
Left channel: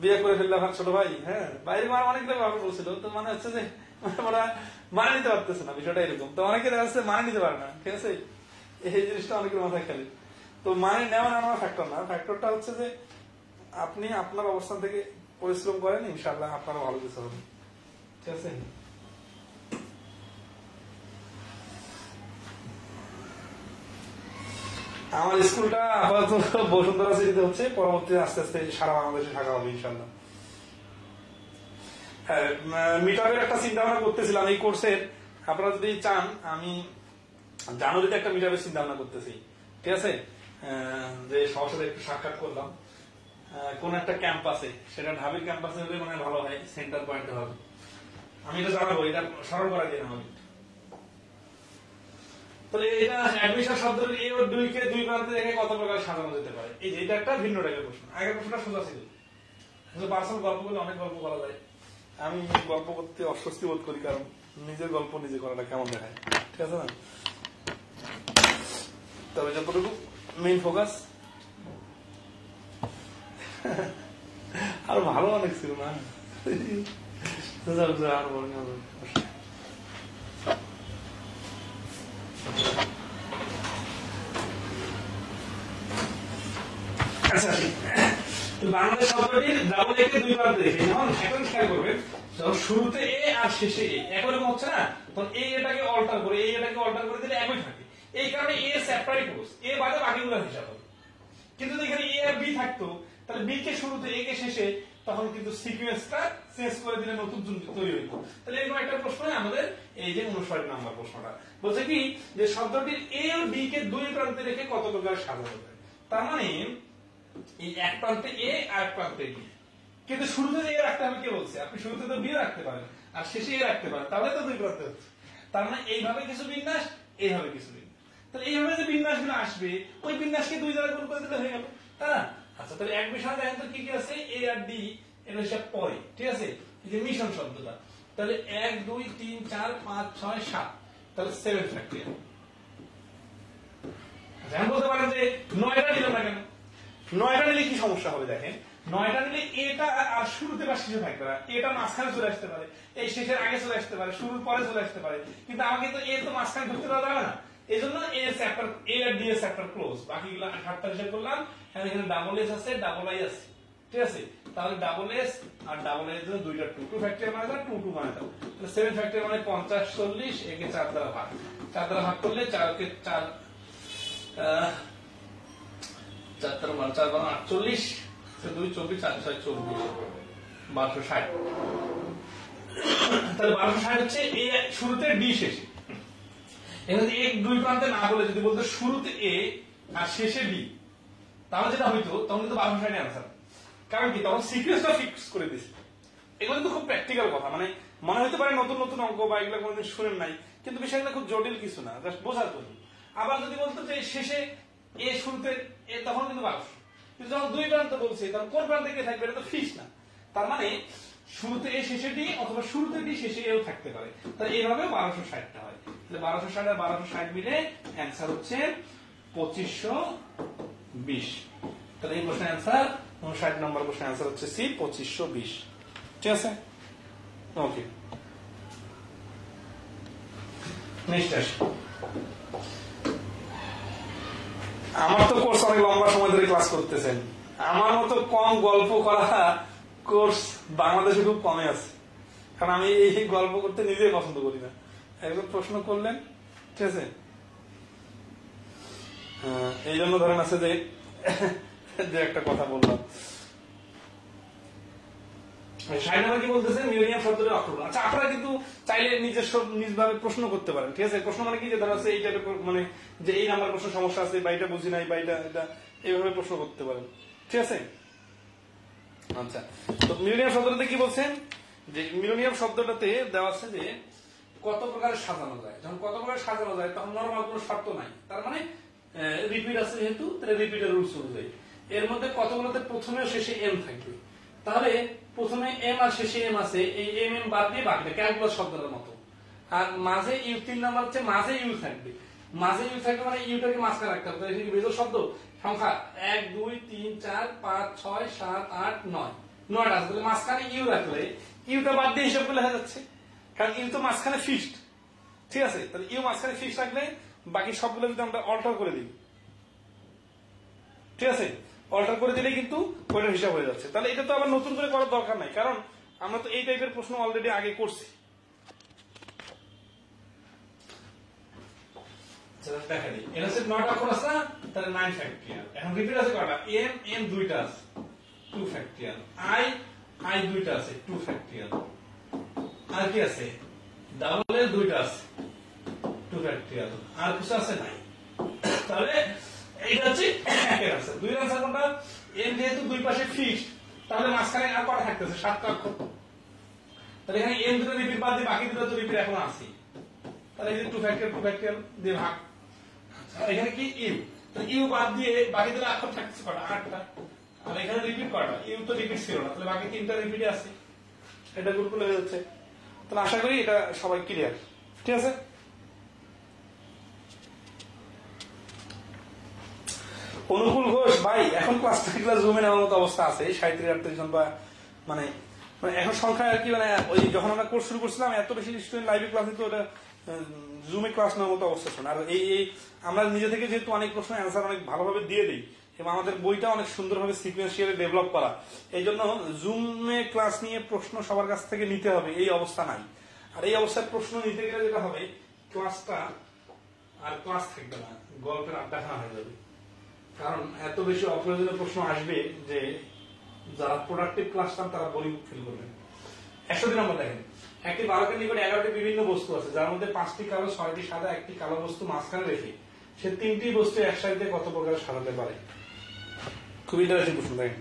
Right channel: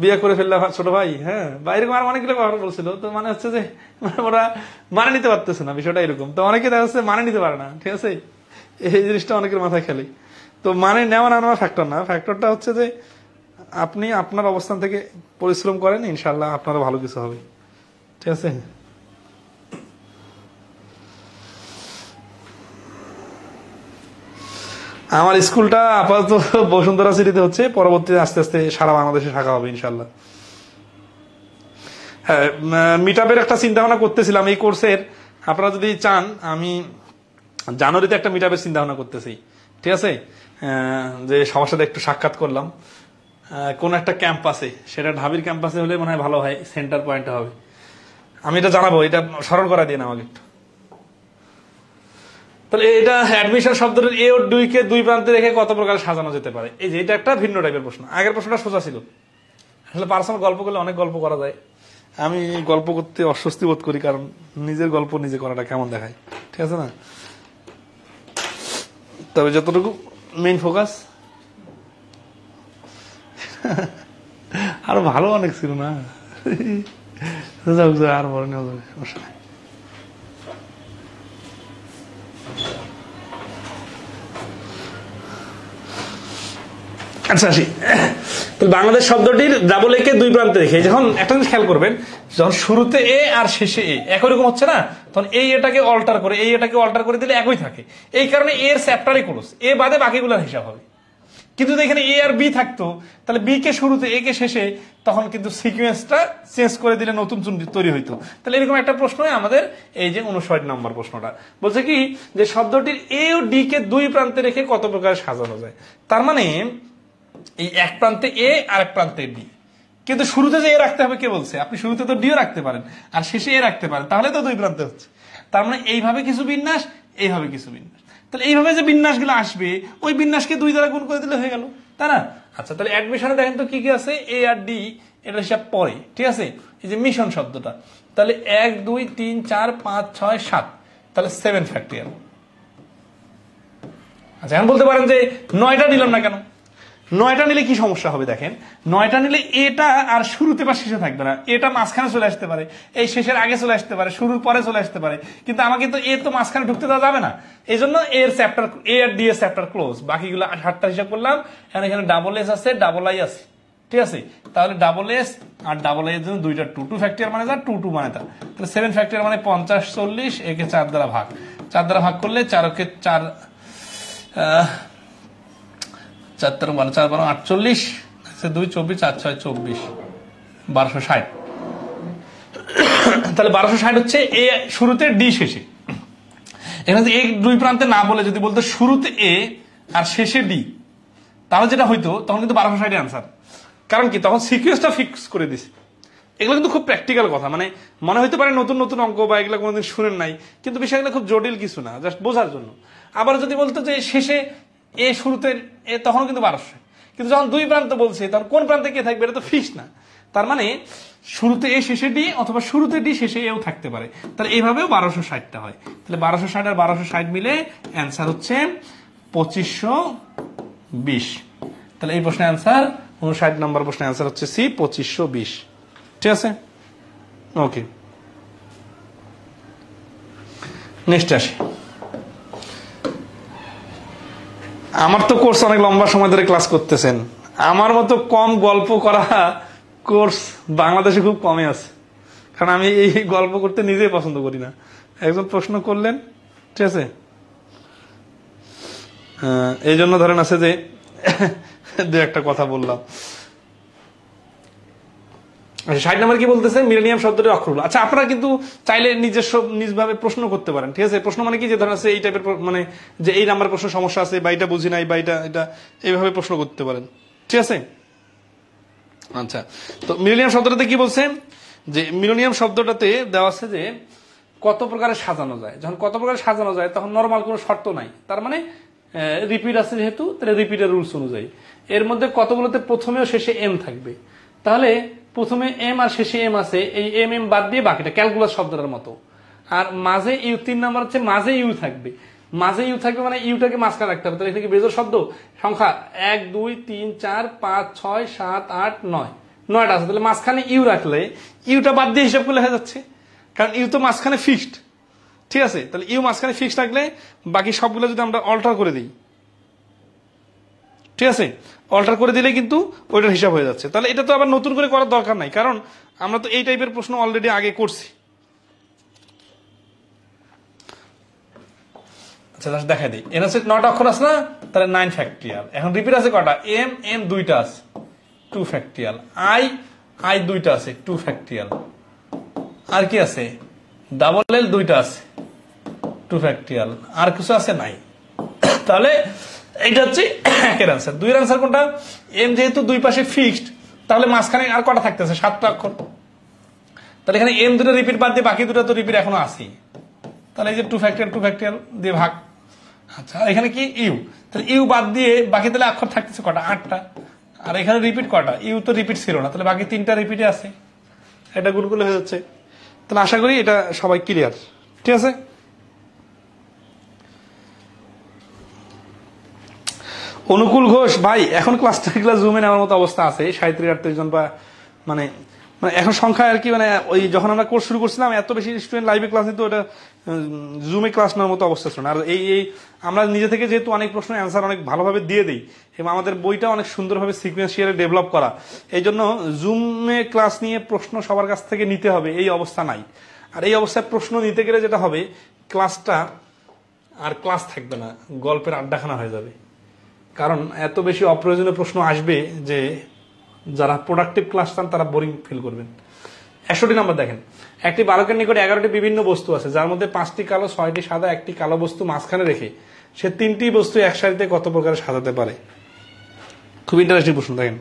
বিয়ে করে ফেললাম ছোট ভাই, হ্যাঁ, বা এরকম আর অনেকগুলো কথা বলছিল। তো মানে হচ্ছে যে ওরা মানে নিতে পারতেছে না বিষয়টা এরকম। তো অনেকে দেখা যাচ্ছে মানে নিতে পারে না, ঠিক আছে, এই জিনিসটা অনেকের মাথায় খেলে। তো মানে নেওয়া না নেওয়া ফ্যাক্টর না, ফ্যাক্টরটা হচ্ছে যে আপনি আপনার অবস্থান থেকে পরিশ্রম করেন, ইনশাল্লাহ আপনারও ভালো কিছু হবে, ঠিক আছে। আমার স্কুলটা আপাতত বসুন্ধরা সিটিতে হচ্ছে, পরবর্তীতে আস্তে আস্তে সারা বাংলাদেশে শাখা হবে ইনশাল্লাহ। হ্যাঁ, মিটআপের একটা চিন্তা ভাবনা করতেছিলাম এই কোর্সের। আপনারা যদি চান, আমি জানুয়ারিতে একটা মিটআপের চিন্তা ভাবনা করতেছি, ঠিক আছে, যে সবার সাথে একটু সাক্ষাৎ করলাম কোন একটা ক্যাম্পাসে, সেটা ঢাবির ক্যাম্পাসে হলে মনে হয় ভালো হয়, সেন্টার পয়েন্ট হবে। আমি এটা জানাবো, এটা স্মরণ করা দিয়ে না আমাকে একটু। তাহলে এটা অ্যাডমিশন শব্দটির এ ও দুইকে দুই প্রান্তে রেখে কত প্রকার সাজানো যেতে পারে, এই যে এটা একটা ভিন্ন টাইপের প্রশ্ন। আগের প্রশ্নটা সোজা ছিল, আসলে পার্সোনাল গল্প করলে অনেক গল্প করা যায়। আমি গল্প করতে অস্বস্তি বোধ করি, কারণ নিজের গল্প নিজে করাটা কেমন দেখায়, ঠিক আছে না। তবে যতটুকু মেইন ফোকাস, আরো ভালো অনেক ছিল না, আর বড় নেওয়া যাবে অবশ্যই। আচ্ছা আসি, তো বাংলাদেশ শব্দটির ডাবল এ কে দুই প্রান্তে রেখে, যখন একটা জিনিস খেয়াল করবেন, যখন শুরুতে এ আর শেষে এ একই রকম হচ্ছে না, তখন এই এটাকে অল্টার করে এই এটাকে অল্টার করে দিলে একই থাকে। এই কারণে এর চ্যাপ্টারই ক্লোজ, এ বাদে বাকিগুলোর হিসাব হবে। কিন্তু এখানে এ আর বি থাকতো, তাহলে বি কে শুরুতে এ কে শেষে, তখন কিন্তু সিকুয়েন্সটা চেঞ্জ করে দিলে নতুন তৈরি হইতো। তাহলে এরকম একটা প্রশ্ন আমাদের এই যে 59 নম্বর প্রশ্নটা বলছে কি, যে শব্দটির এ ও ডি কে দুই প্রান্তে রেখে কত প্রকার সাজানো যায়। তার মানে এই এক প্রান্তে এ আর এক প্রান্তে ডি, কিন্তু শুরুতে যে এ রাখতে হবে কে বলছে? আপনি শুরুতে তো ডিও রাখতে পারেন আর শেষে এ রাখতে পারেন, তাহলে তো দুই প্রান্তে হচ্ছে। তার মানে এইভাবে কিছু বিন্যাস, এইভাবে কিছু বিন্যাস। তাহলে এইভাবে যে বিন্যাসগুলো আসবে, ওই বিন্যাসকে দুই দ্বারা গুণ করে দিলে হয়ে গেল, তাই না? আচ্ছা, তাহলে অ্যাডমিশনে দেখেন তো কি কি আছে, এ আর ডি, এটা হিসাব পরে, ঠিক আছে। এই যে মিশন শব্দটা, তাহলে 1 2 3 4 5 6 7, তাহলে 7 ফ্যাক্টরিয়াল। আচ্ছা, এখন বলতে পারেন যে 9টা নিলাম না কেন? 9টা নিলে কি সমস্যা হবে দেখেন, 9টা নিলে এটা আর শুরুতে বা শেষে থাকবে না, এটা মাঝখানে চলে আসতে পারে, এই শেষের আগে চলে আসতে পারে, শুরুর পরে চলে আসতে পারে, কিন্তু আমাকে তো এ তো মাঝখানে ঢুকতে দেওয়া যাবে না। এই জন্য এর চ্যাপ্টার, এ আর ডি এর চ্যাপ্টার ক্লোজ। বাকিগুলো 8টা হিসাব করলাম, এখানে ডাবল এস আছে, ডাবল আই আছে, ঠিক আছে। তাহলে ডাবল এস আর ডাবল আই এর জন্য দুইটা 2 ফ্যাক্টরিয়াল মানে যা 2 মানে তা, তাহলে 7 ফ্যাক্টরিয়াল মানে 50 40, একে 4 দ্বারা ভাগ, 4 দ্বারা ভাগ করলে 4 কে 4 4 4 48, 2 24 4 6 24, 1260। তাহলে 1260 হচ্ছে এ শুরুতে ডি শেষে। এখানে এ দুই প্রান্তে না বলে যদি বলতো শুরুতে এ আর শেষে ডি, তাহলে যেটা হইতো তখন কিন্তু 1260 আনসার। কারণ কি, তখন সিকুয়েন্সটা ফিক্স করে দিছে। এগুলো কিন্তু খুব প্র্যাকটিক্যাল কথা, মানে মনে হইতে পারে নতুন নতুন অঙ্ক বা এগুলো কোনোদিন শুনেন নাই, কিন্তু বিষয়গুলো খুব জটিল কিছু না, জাস্ট বোঝার জন্য। আবার যদি বলতো যে শেষে এ শুরুতে এ, তখন কিন্তু 1200। কিন্তু যখন দুই প্রান্ত বলছে, তখন কোন প্রান্তে কে থাকবে এটা তো ফিক্স না। তার মানে শুরুতে এ শেষে ডি, অথবা শুরুতে ডি শেষে এও থাকতে পারে। তাহলে এইভাবেও 1260টা হয়। তাহলে 1260 আর 1260 মিলে অ্যান্সার হচ্ছে 2520। তাহলে এই প্রশ্নের অ্যান্সার 59 নম্বর প্রশ্নের অ্যান্সার হচ্ছে সি, 2520। ঠিক আছে, ওকে। নেক্সট আসি। আমার তো কোর্স অনেক লম্বা সময় ধরে ক্লাস করতেছেন, আমার মতো কম গল্প করা কোর্স বাংলাদেশে খুব কমে আছে, কারণ আমি এই গল্প করতে নিজেই পছন্দ করি না। একজন প্রশ্ন করলেন, ঠিক আছে, এই জন্য ধরেন আছে যে দু একটা কথা বললাম। 60 নম্বর কি বলতেছে, মিলেনিয়াম শব্দটি অক্ষরগুলো। আচ্ছা, আপনারা কিন্তু চাইলে নিজস্ব নিজভাবে প্রশ্ন করতে পারেন, ঠিক আছে। প্রশ্ন মানে কি, যে ধরেন আছে এই টাইপের, মানে যে এই নাম্বার প্রশ্ন সমস্যা আছে, বা এটা বুঝি নাই, বা এটা এইভাবে প্রশ্ন করতে পারেন, ঠিক আছে। আচ্ছা, তো মিলেনিয়াম শব্দটাতে কি বলছে, যে মিলেনিয়াম শব্দটাতে দেওয়া আছে যে কত প্রকারে সাজানো যায়। যখন কত প্রকারে সাজানো যায় তখন নরমাল কোনো শর্ত নাই, তার মানে রিপিট আছে যেহেতু, তাহলে রিপিটের রুলস অনুযায়ী এর মধ্যে কতগুলোতে প্রথমে ও শেষে এম থাকবে। তাহলে প্রথমে এম আর শেষে এম আছে, এই এম এম বাদ দিয়ে বাকিটা ক্যালকুলাস শব্দটার মতো। আর মাঝে ইউ, 3 নাম্বার হচ্ছে মাঝে ইউ থাকবে। মাঝে ইউ থাকবে মানে ইউটাকে মাঝখানে রাখতে হবে। তাহলে এটা কি বেজোড় শব্দ? সংখ্যা 1 2 3 4 5 6 7 8 9, 9টা আছে। তাহলে মাঝখানে ইউ রাখলে ইউটা বাদ দিয়ে হিসাব করলে হয়ে যাচ্ছে, কারণ ইউ তো মাঝখানে ফিক্সড, ঠিক আছে। তাহলে ইউ মাঝখানে ফিক্সড রাখলে বাকি সবগুলো যদি আমরা অল্টার করে দিই, ঠিক আছে, অল্টার করে দিলে কিন্তু ওইটার হিসাব হয়ে যাচ্ছে। তাহলে এটা তো আবার নতুন করে করার দরকার নাই, কারণ আমরা তো এই টাইপের প্রশ্ন অলরেডি আগে করছি। আচ্ছা, দেখা দিই। এর হচ্ছে 9টা অক্ষর আছে না, তাহলে 9 ফ্যাক্টরিয়াল। এখন রিপিট আছে কটা, এম এম 2টা আছে 2 ফ্যাক্টরিয়াল, আই আই 2টা আছে 2 ফ্যাক্টরিয়াল, আর কি আছে, ডাবল এল 2টা আছে 2 ফ্যাক্টরিয়াল, আর কিছু আছে নাই। তাহলে এইটা হচ্ছে একের আনসার। 2 এর আনসার কোনটা, এম যেহেতু দুই পাশে ফিক্সড, তাহলে মাঝখানে আর কটা থাকতেছে, 7টা অক্ষর। তাহলে এখানে এম দুটো রিপিট বাদ দিয়ে বাকি দুটো তো রিপিট এখনো আছে, তাহলে এই যে 2 ফ্যাক্টরিয়াল দিয়ে ভাগ। আচ্ছা, এখানে কি ইউ, তাহলে ইউ বাদ দিয়ে বাকি তাহলে অক্ষর থাকতেছে কটা, 8টা। আর এখানে রিপিট কটা, ইউ তো রিপিট ছিল না, তাহলে বাকি 3টা রিপিটে আছে, এটা গুলগুলো হয়ে যাচ্ছে। তাহলে আশা করি এটা সবাই ক্লিয়ার, ঠিক আছে। অনুকূল ঘোষ ভাই, এখন ক্লাস জুমে নেওয়ার মতো অবস্থা আছে, 37-38 জন, বা মানে এখন সংখ্যা আর কি, মানে ওই যখন আমরা কোর্স শুরু করছিলাম এত বেশি স্টুডেন্ট লাইভে ক্লাস নিত, ওটা জুমে ক্লাস নেওয়ার মতো অবস্থা ছিল না। আর এই আমরা নিজে থেকে যেহেতু অনেক প্রশ্নের অ্যান্সার অনেক ভালোভাবে দিয়ে দিই, এবং আমাদের বইটা অনেক সুন্দরভাবে সিকুয়েন্সিয়ালি ডেভেলপ করা, এই জন্য জুমে ক্লাস নিয়ে প্রশ্ন সবার কাছ থেকে নিতে হবে এই অবস্থা নাই। আর এই অবস্থায় প্রশ্ন নিতে গেলে যেটা হবে, ক্লাসটা আর ক্লাস থাকবে না, গল্পের আড্ডাখানা হয়ে যাবে। কারণ এত বেশি অপ্রয়োজনীয় প্রশ্ন আসবে যে যারা প্রোডাক্টিভ ক্লাস চান তারা বোরিং ফিল করবেন। 61 নাম্বার দেখেন, একটি বালকের নিকট 11টি বিভিন্ন বস্তু আছে, যার মধ্যে 5টি কালো, 6টি সাদা, একটি কালো বস্তু মাঝখানে রেখে সে 3টি বস্তু এক সারিতে কত প্রকারে সাজাতে পারে। খুব ইন্টারেস্টিং প্রশ্ন, দেখেন।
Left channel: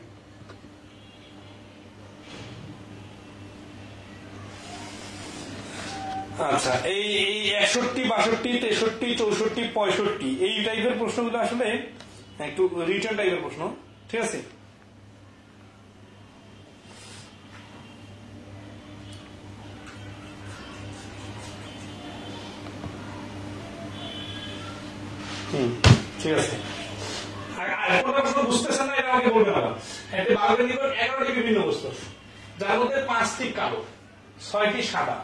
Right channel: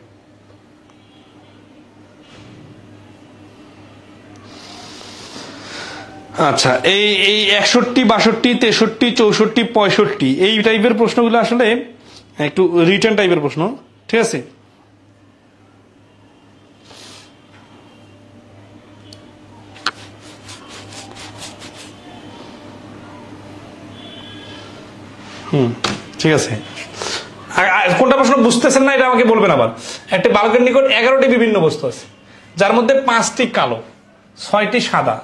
আচ্ছা, এই 61, 62, 63, 64, 65 এই টাইপের প্রশ্নগুলো আসলে একটু রিটার্ন টাইপের প্রশ্ন, ঠিক আছে। ঠিক আছে, কোনটা প্রশ্ন বুঝতেছেন না এটা আমাকে বলবেন আবার। একটা বালকের নিকট 11টি বিভিন্ন বস্তু আছে, যার মধ্যে 5টি কালো, 6টি সাদা,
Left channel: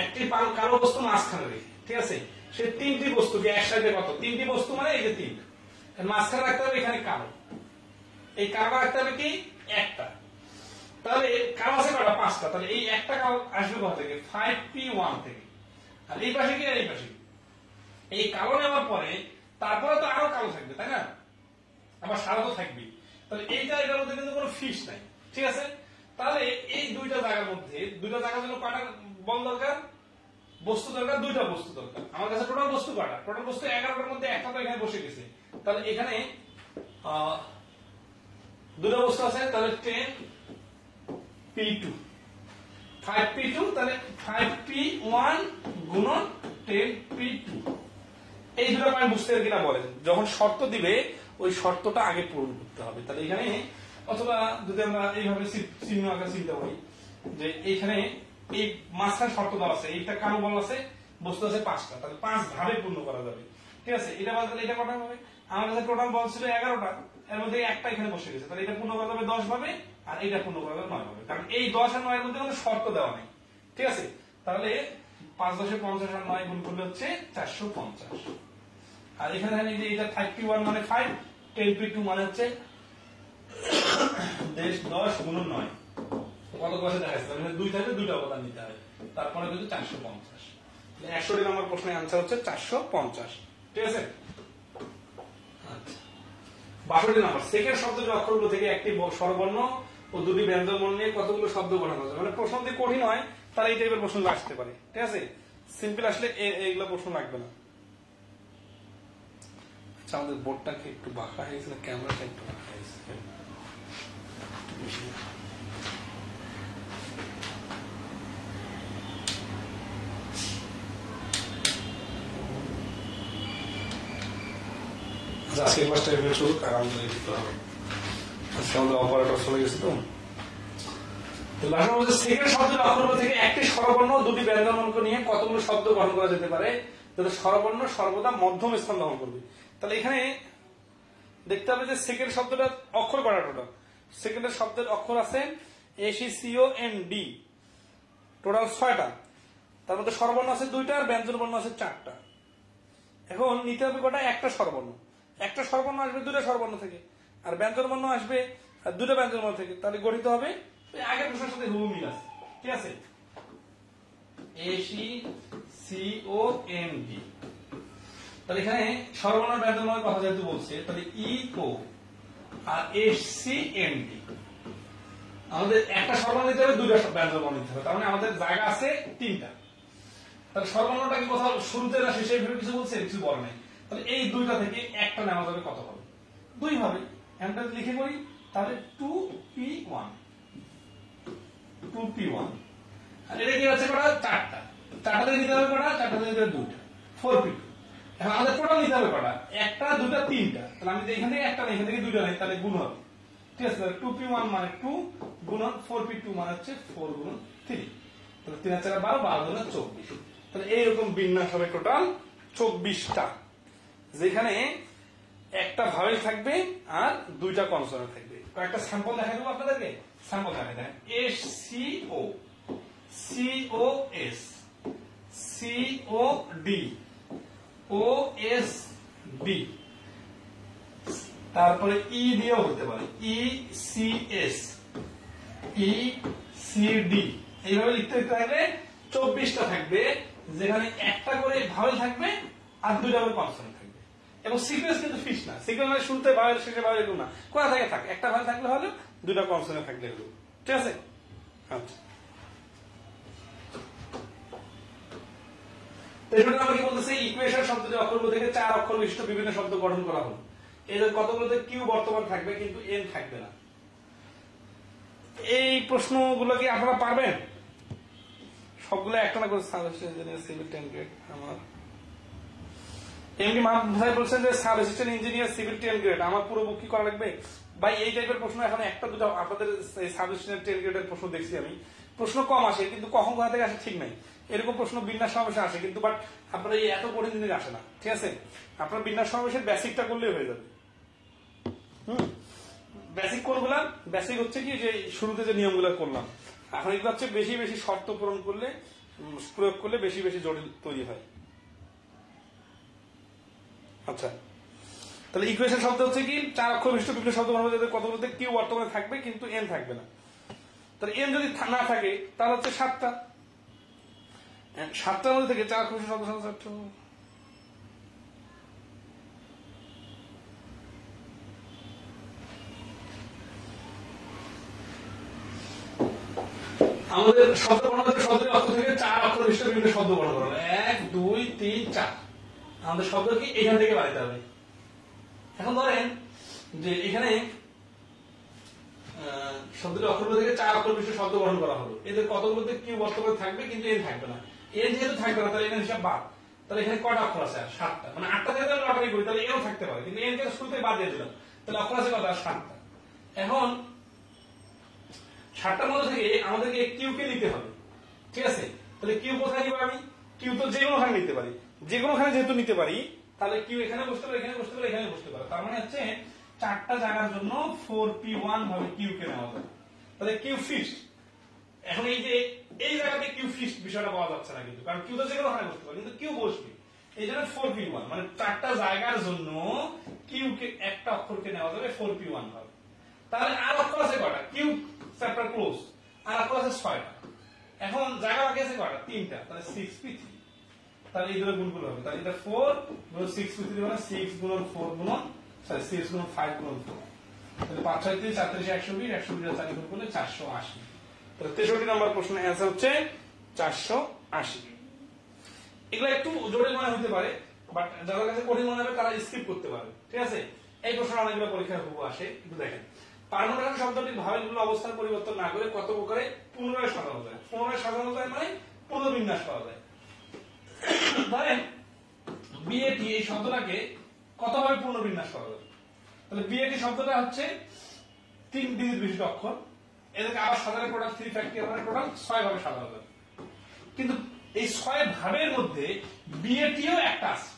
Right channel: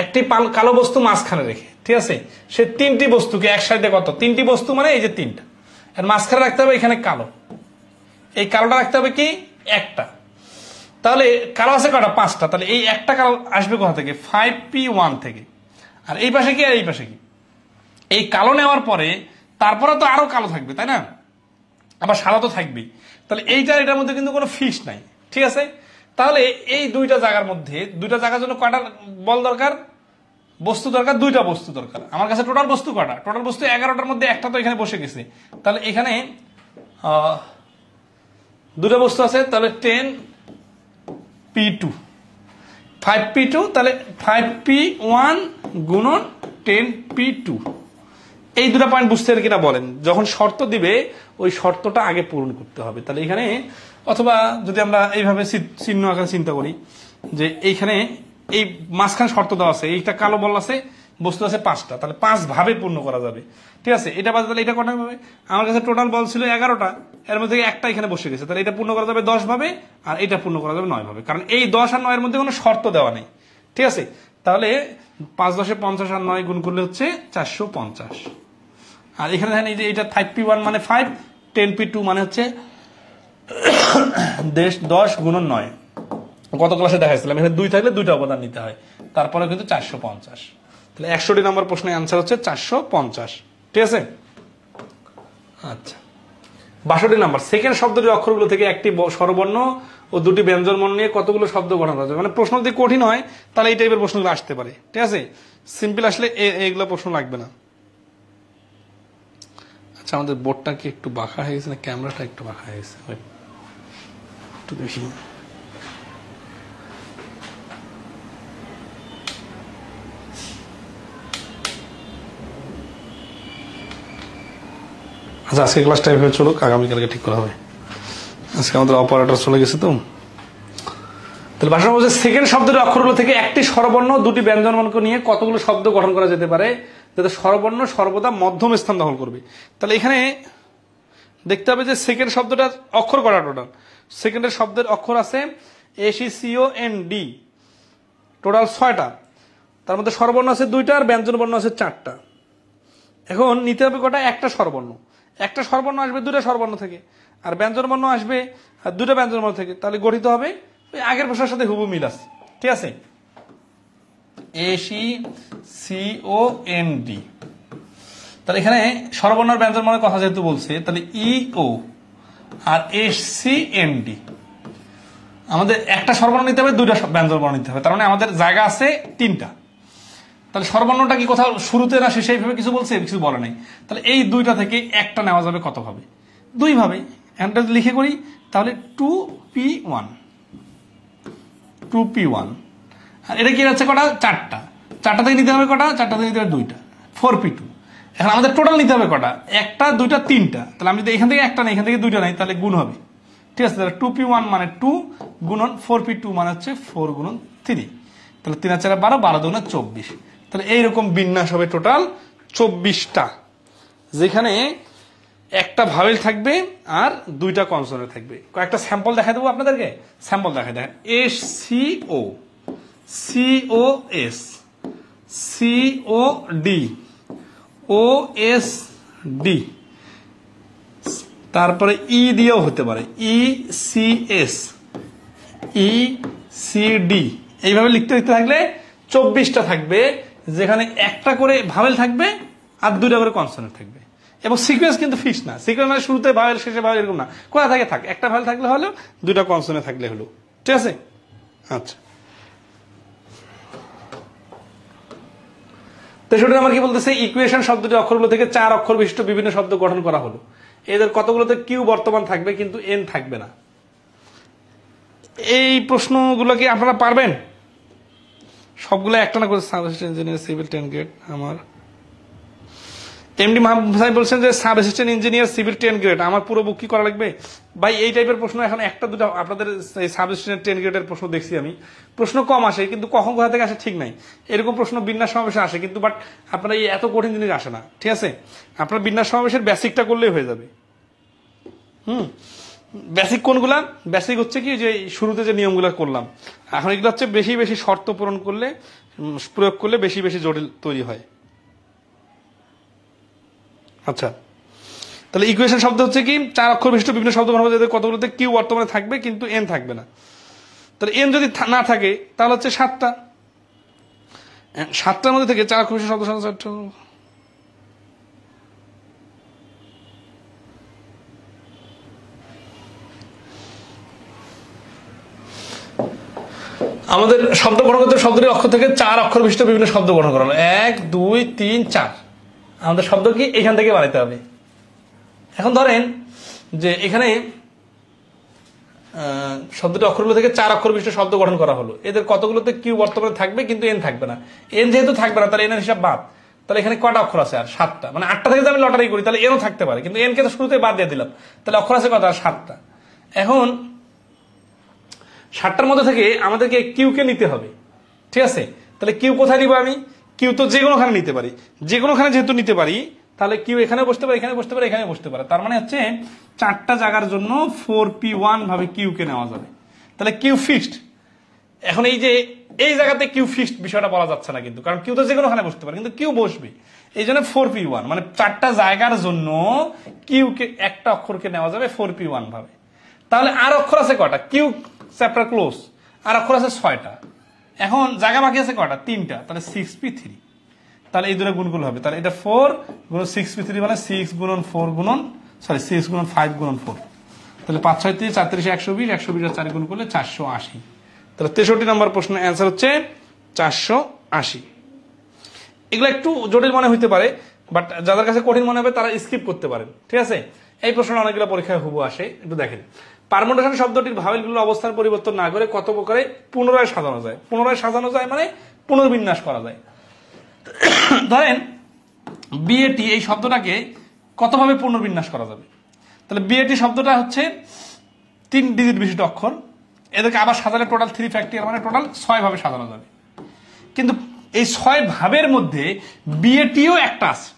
একটি কালো বস্তু মাঝখানে রেখে, ঠিক আছে, সে 3টি বস্তুকে এক সাইডে কত, 3টি বস্তু মানে এই যে 3টা, আর মাঝখানে রাখতে হবে এখানে কালো, এই কালোটা রাখতে হবে কি একটা। তাহলে কালো আছে কটা, 5টা। তাহলে এই একটা কালো আসবে কোথা থেকে, 5p1 থেকে। আর এই পাশে কি আর এই পাশে কি, এই কালো নেওয়ার পরে তারপরে তো আরো কালো থাকবে, তাই না, আবার সাদা তো থাকবেই। তাহলে এটার মধ্যে কিন্তু কোনো ফিক্স নাই, ঠিক আছে। তাহলে এই দুইটা জায়গার মধ্যে, দুইটা জায়গার জন্য কয়টা বল দরকার, বস্তু দরকার, 2টা বস্তু দরকার। আমার কাছে টোটাল বস্তু কটা, টোটাল বস্তু 11টার মধ্যে একটা তো এখানে বসে গেছে। তাহলে এখানে 2টা বস্তু আছে, তাহলে 10p2, 5p2, তাহলে 5p1 গুণন 10p2। এই 2টা পয়েন্ট বুঝতে পারে কিনা বলেন। যখন শর্ত দিবে ওই শর্তটা আগে পূরণ করতে হবে। তাহলে এখানে, অথবা যদি আমরা এইভাবে চিহ্ন আকারে চিন্তা করি, যে এইখানে এই মাঝখানে শর্ত দেওয়া আছে, এইটা কালো বল আছে, বস্তু আছে 5টা, তাহলে 5 ভাবে পূর্ণ করা যাবে। ঠিক আছে, এটা বাদে তাহলে এটা কটা হবে? আমার কাছে টোটাল বল ছিল 11টা, এর মধ্যে একটা এখানে বসে গেছে, তাহলে এটা পূর্ণ করা যাবে 10 ভাবে, আর এটা পূর্ণ করা যাবে 9 ভাবে, কারণ এই 10 আর 9 এর মধ্যে কোনো শর্ত দেওয়া নেই। ঠিক আছে, তাহলে 5 10 50 আর 9 গুণ করলে হচ্ছে 450। আর এখানে দেখেন এই যে এটা 5p1 মানে 5, 10p2 মানে হচ্ছে 10 গুণন 9। গত ক্লাসে দেখাইছিলাম এখানে 2 থাকলে 2টা অবদান নিতে হয়, তারপরে কিন্তু 450। তাহলে 100টি নম্বর প্রশ্নের আনসার হচ্ছে 450। ঠিক আছে, আচ্ছা 62 নম্বর, সেকেন্ড শব্দটির অক্ষরগুলো থেকে একটি স্বরবর্ণ ও দুটি ব্যঞ্জন বর্ণ নিয়ে কতগুলো শব্দ গঠন করা যায়। মানে প্রশ্ন যদি কঠিন হয় তাহলে এই টাইপের প্রশ্নগুলো আসতে পারে। ঠিক আছে, সিম্পল আসলে এইগুলো প্রশ্ন লাগবে না। আচ্ছা আমাদের বোর্ডটা কি একটু বাঁকা হয়ে গেছে না ক্যামেরাটা একটু বাঁকা হয়ে গেছে? একটু দেখি। আচ্ছা আজকে ক্লাসটা এভাবে চলুক, আগামীকালকে ঠিক করা হবে। আজকে আমাদের অপারেটর চলে গেছে তো। তাহলে ভাষা বলছে সেকেন্ড শব্দের অক্ষরগুলো থেকে একটি স্বরবর্ণ দুটি ব্যঞ্জনবর্ণকে নিয়ে কতগুলো শব্দ গঠন করা যেতে পারে যাতে স্বরবর্ণ সর্বদা মধ্যম স্থান দখল করবে। তাহলে এখানে দেখতে হবে যে সেকেন্ড শব্দটা অক্ষর করা টোটাল, সেকেন্ডের শব্দের অক্ষর আছে SECOND, টোটাল 6টা, তার মধ্যে স্বরবর্ণ আছে 2টা আর ব্যঞ্জনবর্ণ আছে 4টা। এখন নিতে হবে কটা? একটা স্বরবর্ণ, একটা স্বরবর্ণ আসবে 2টা স্বরবর্ণ থেকে, আর ব্যঞ্জনবর্ণ আসবে 2টা ব্যঞ্জনবর্ণ থেকে, তাহলে গঠিত হবে আগের ভাষার সাথে হুবহু মিল আছে। ঠিক আছে, SECOND। তাহলে এখানে স্বরবর্ণ ব্যঞ্জনবর্ণের কথা যেহেতু বলছে, তাহলে EO আর SCND, আমাদের একটা স্বরবর্ণ নিতে হবে 2টা ব্যঞ্জনবর্ণ নিতে হবে, তার মানে আমাদের জায়গা আছে 3টা। তাহলে স্বরবর্ণটা কি কোথাও শুরুতে না শেষে এইভাবে কিছু বলছে? কিছু বলে নাই। তাহলে এই 2টা থেকে একটা নেওয়া যাবে কত ভাবে? 2 ভাবে। এখানটা লিখে করি তাহলে 2p1, 2p1। আর এটা কি যাচ্ছে কটা? 4টা, 4টা থেকে নিতে হবে কটা? 4টা থেকে নিতে হবে 2টা, 4p2। এখন আমাদের টোটাল নিতে হবে কটা? 1টা 2টা 3টা, তাহলে আমি যদি এখান থেকে একটা নেই এখান থেকে 2টা নাই তাহলে গুণ হবে। ঠিক আছে, তাহলে 2p1 মানে 2 গুণন 4p2 মানে হচ্ছে 4 গুণন 3, তাহলে 3 আর 4 12, 12 দুগুণে 24। তাহলে এইরকম বিন্যাস হবে টোটাল 24টা, যেখানে একটা ভাওয়েল থাকবে আর 2টা কনসোনেন্ট থাকবে। কয়েকটা স্যাম্পল দেখা দেবো আপনাদেরকে, স্যাম্পল দেখা দেয়। SCO, COS, COD, OSD, তারপরে ই দিয়েও হতে পারে, ECS, ECD। এইভাবে লিখতে লিখতে থাকলে 24টা থাকবে, যেখানে একটা করে ভাওয়েল থাকবে আর 2টা করে কনসোনেন্ট থাকবে। এবং সিকোয়েন্স কিন্তু ফিক্স না, সিকোয়েন্স মানে শুরুতে ভাওয়েল শেষে ভাওয়েল এরকম না, কোথা থেকে থাক, একটা ভাওয়েল থাকলে হলো, 2টা কনসোনেন্ট থাকলে হলো। ঠিক আছে, আচ্ছা 63 আমার কি বলতেছে? ইকুয়েশন শব্দটি অক্ষরগুলো থেকে 4 অক্ষর বিশিষ্ট বিভিন্ন শব্দ গঠন করা হলো। এদের কতগুলোতে কিউ বর্তমান থাকবে কিন্তু এন থাকবে না। এই প্রশ্নগুলো কি আপনারা পারবেন? সবগুলো একটা না করে sub assistant engineer civil 10 grade. আমার এমডি মাহবুব সাহেব বলছেন যে sub assistant engineer civil 10 grade, আমার পুরো বুক কি করা লাগবে? ভাই এই টাইপের প্রশ্ন এখন একটা দুটো আপনাদের সাব অ্যাসিস্ট্যান্ট 10 গ্রেডের প্রশ্ন দেখছি আমি, প্রশ্ন কম আসে কিন্তু কখন কোথা থেকে আসে ঠিক নাই। এরকম প্রশ্ন বিন্যাস সমাবেশে আসে কিন্তু, বাট আপনারা এই এত কঠিন জিনিস আসে না। ঠিক আছে, আপনার বিন্যাস সমাবেশের বেসিকটা করলেই হয়ে যাবে। বেসিক কোনগুলা? বেসিক হচ্ছে কি যে শুরুতে যে নিয়মগুলো করলাম, এখন এগুলো হচ্ছে বেশি বেশি শর্ত পূরণ করলে, প্রয়োগ করলে বেশি বেশি জটিল তৈরি হয়। আচ্ছা, তাহলে ইকুয়েশন শব্দ হচ্ছে কি 4 অক্ষর বিশিষ্ট বিভিন্ন শব্দ বানাবো যাদের কতগুলোতে কিউ বর্তমানে থাকবে কিন্তু এন থাকবে না। তাহলে এন যদি না থাকে তাহলে হচ্ছে 7টা, 7টার মধ্যে থেকে 4 অক্ষর বিশিষ্ট শব্দ আমাদের শব্দ গঠন করতে শব্দটি অক্ষর থেকে 4 অক্ষর বিশিষ্ট বিভিন্ন শব্দ গঠন করা হলো। 1 2 3 4, আমাদের শব্দ কি এখান থেকে বানাইতে হবে। এখন ধরেন যে এখানে শব্দটি অক্ষরগুলো থেকে 4 অক্ষর বিশিষ্ট শব্দ গঠন করা হলো, এদের কতগুলোতে কিউ বর্তমানে থাকবে কিন্তু এন থাকবে না। এন যেহেতু থাকবে না তাহলে এনের হিসাব বাদ। তাহলে এখানে কয়টা অক্ষর আছে? আর 7টা, মানে 8টা থেকে যদি আমি লটারি করি তাহলে এনও থাকতে পারে, কিন্তু এনকে তো শুরুতে বাদ দিয়ে দিলাম, তাহলে অক্ষর আছে কত? আর 7টা। এখন 7টার মধ্যে থেকে আমাদেরকে কিউ কে নিতে হবে, ঠিক আছে? তাহলে কিউ কোথায় নিব আমি? কিউ তো যে কোনোখানে নিতে পারি, যে কোনোখানে যেহেতু নিতে পারি তাহলে কিউ এখানে বসতে পারে, এখানে বসতে পারে, এখানে বসতে পারে। তার মানে হচ্ছে 4টা জায়গার জন্য 4p1 ভাবে কিউ কে নেওয়া যাবে। তাহলে কিউ ফিক্সড। এখন এই যে এই জায়গাতে কিউ ফিক্সড বিষয়টা বলা যাচ্ছে না কিন্তু, কারণ কিউ তো যে কোনোখানে বসতে পারে, কিন্তু কিউ বসবে। এই জন্য 4p1 মানে 4টা জায়গার জন্য কিউ কে একটা অক্ষরকে নেওয়া যাবে 4p1 ভাবে। তাহলে আর অক্ষর আছে কয়টা? কিউ চ্যাপ্টার ক্লোজ, আর অক্ষর আছে 6টা। এখন জায়গা বাকি আছে কয়টা? 3টা। তাহলে 6p3। তাহলে এই দুটো গুণগুলো হবে, তাহলে এটা 4 গুণ 6p3 মানে 6 গুণন 4 গুণন 6 গুণন 5 গুণন 4। তাহলে 5 6 3 4 3 120, 120 আর 4 গুণ করলে 480। তাহলে 63 নম্বর প্রশ্নের অ্যান্সার হচ্ছে 480। এগুলো একটু জটিল মনে হইতে পারে, বাট যাদের কাছে কঠিন মনে হবে তারা স্কিপ করতে পারেন, ঠিক আছে? এই প্রশ্নটা অনেকগুলো পরীক্ষায় হুবহু আসে, একটু দেখেন। পারমুটেশন শব্দটির ভাওয়েলগুলোর অবস্থান পরিবর্তন না করে কত প্রকারে পুনরায় সাজানো যায়? পুনরায় সাজানো যায় মানে পুনর্বিন্যাস করা যায়। ধরেন বিএটি এই শব্দটাকে কতভাবে পুনর্বিন্যাস করা যাবে? তাহলে বিএটি শব্দটা হচ্ছে 3 ডিজিট বিশিষ্ট অক্ষর, এদেরকে আবার সাজালে টোটাল 3 ফ্যাক্টরিয়াল মানে টোটাল 6 ভাবে সাজানো যাবে। কিন্তু এই 6 ভাবের মধ্যে বিএটিও একটা আছে।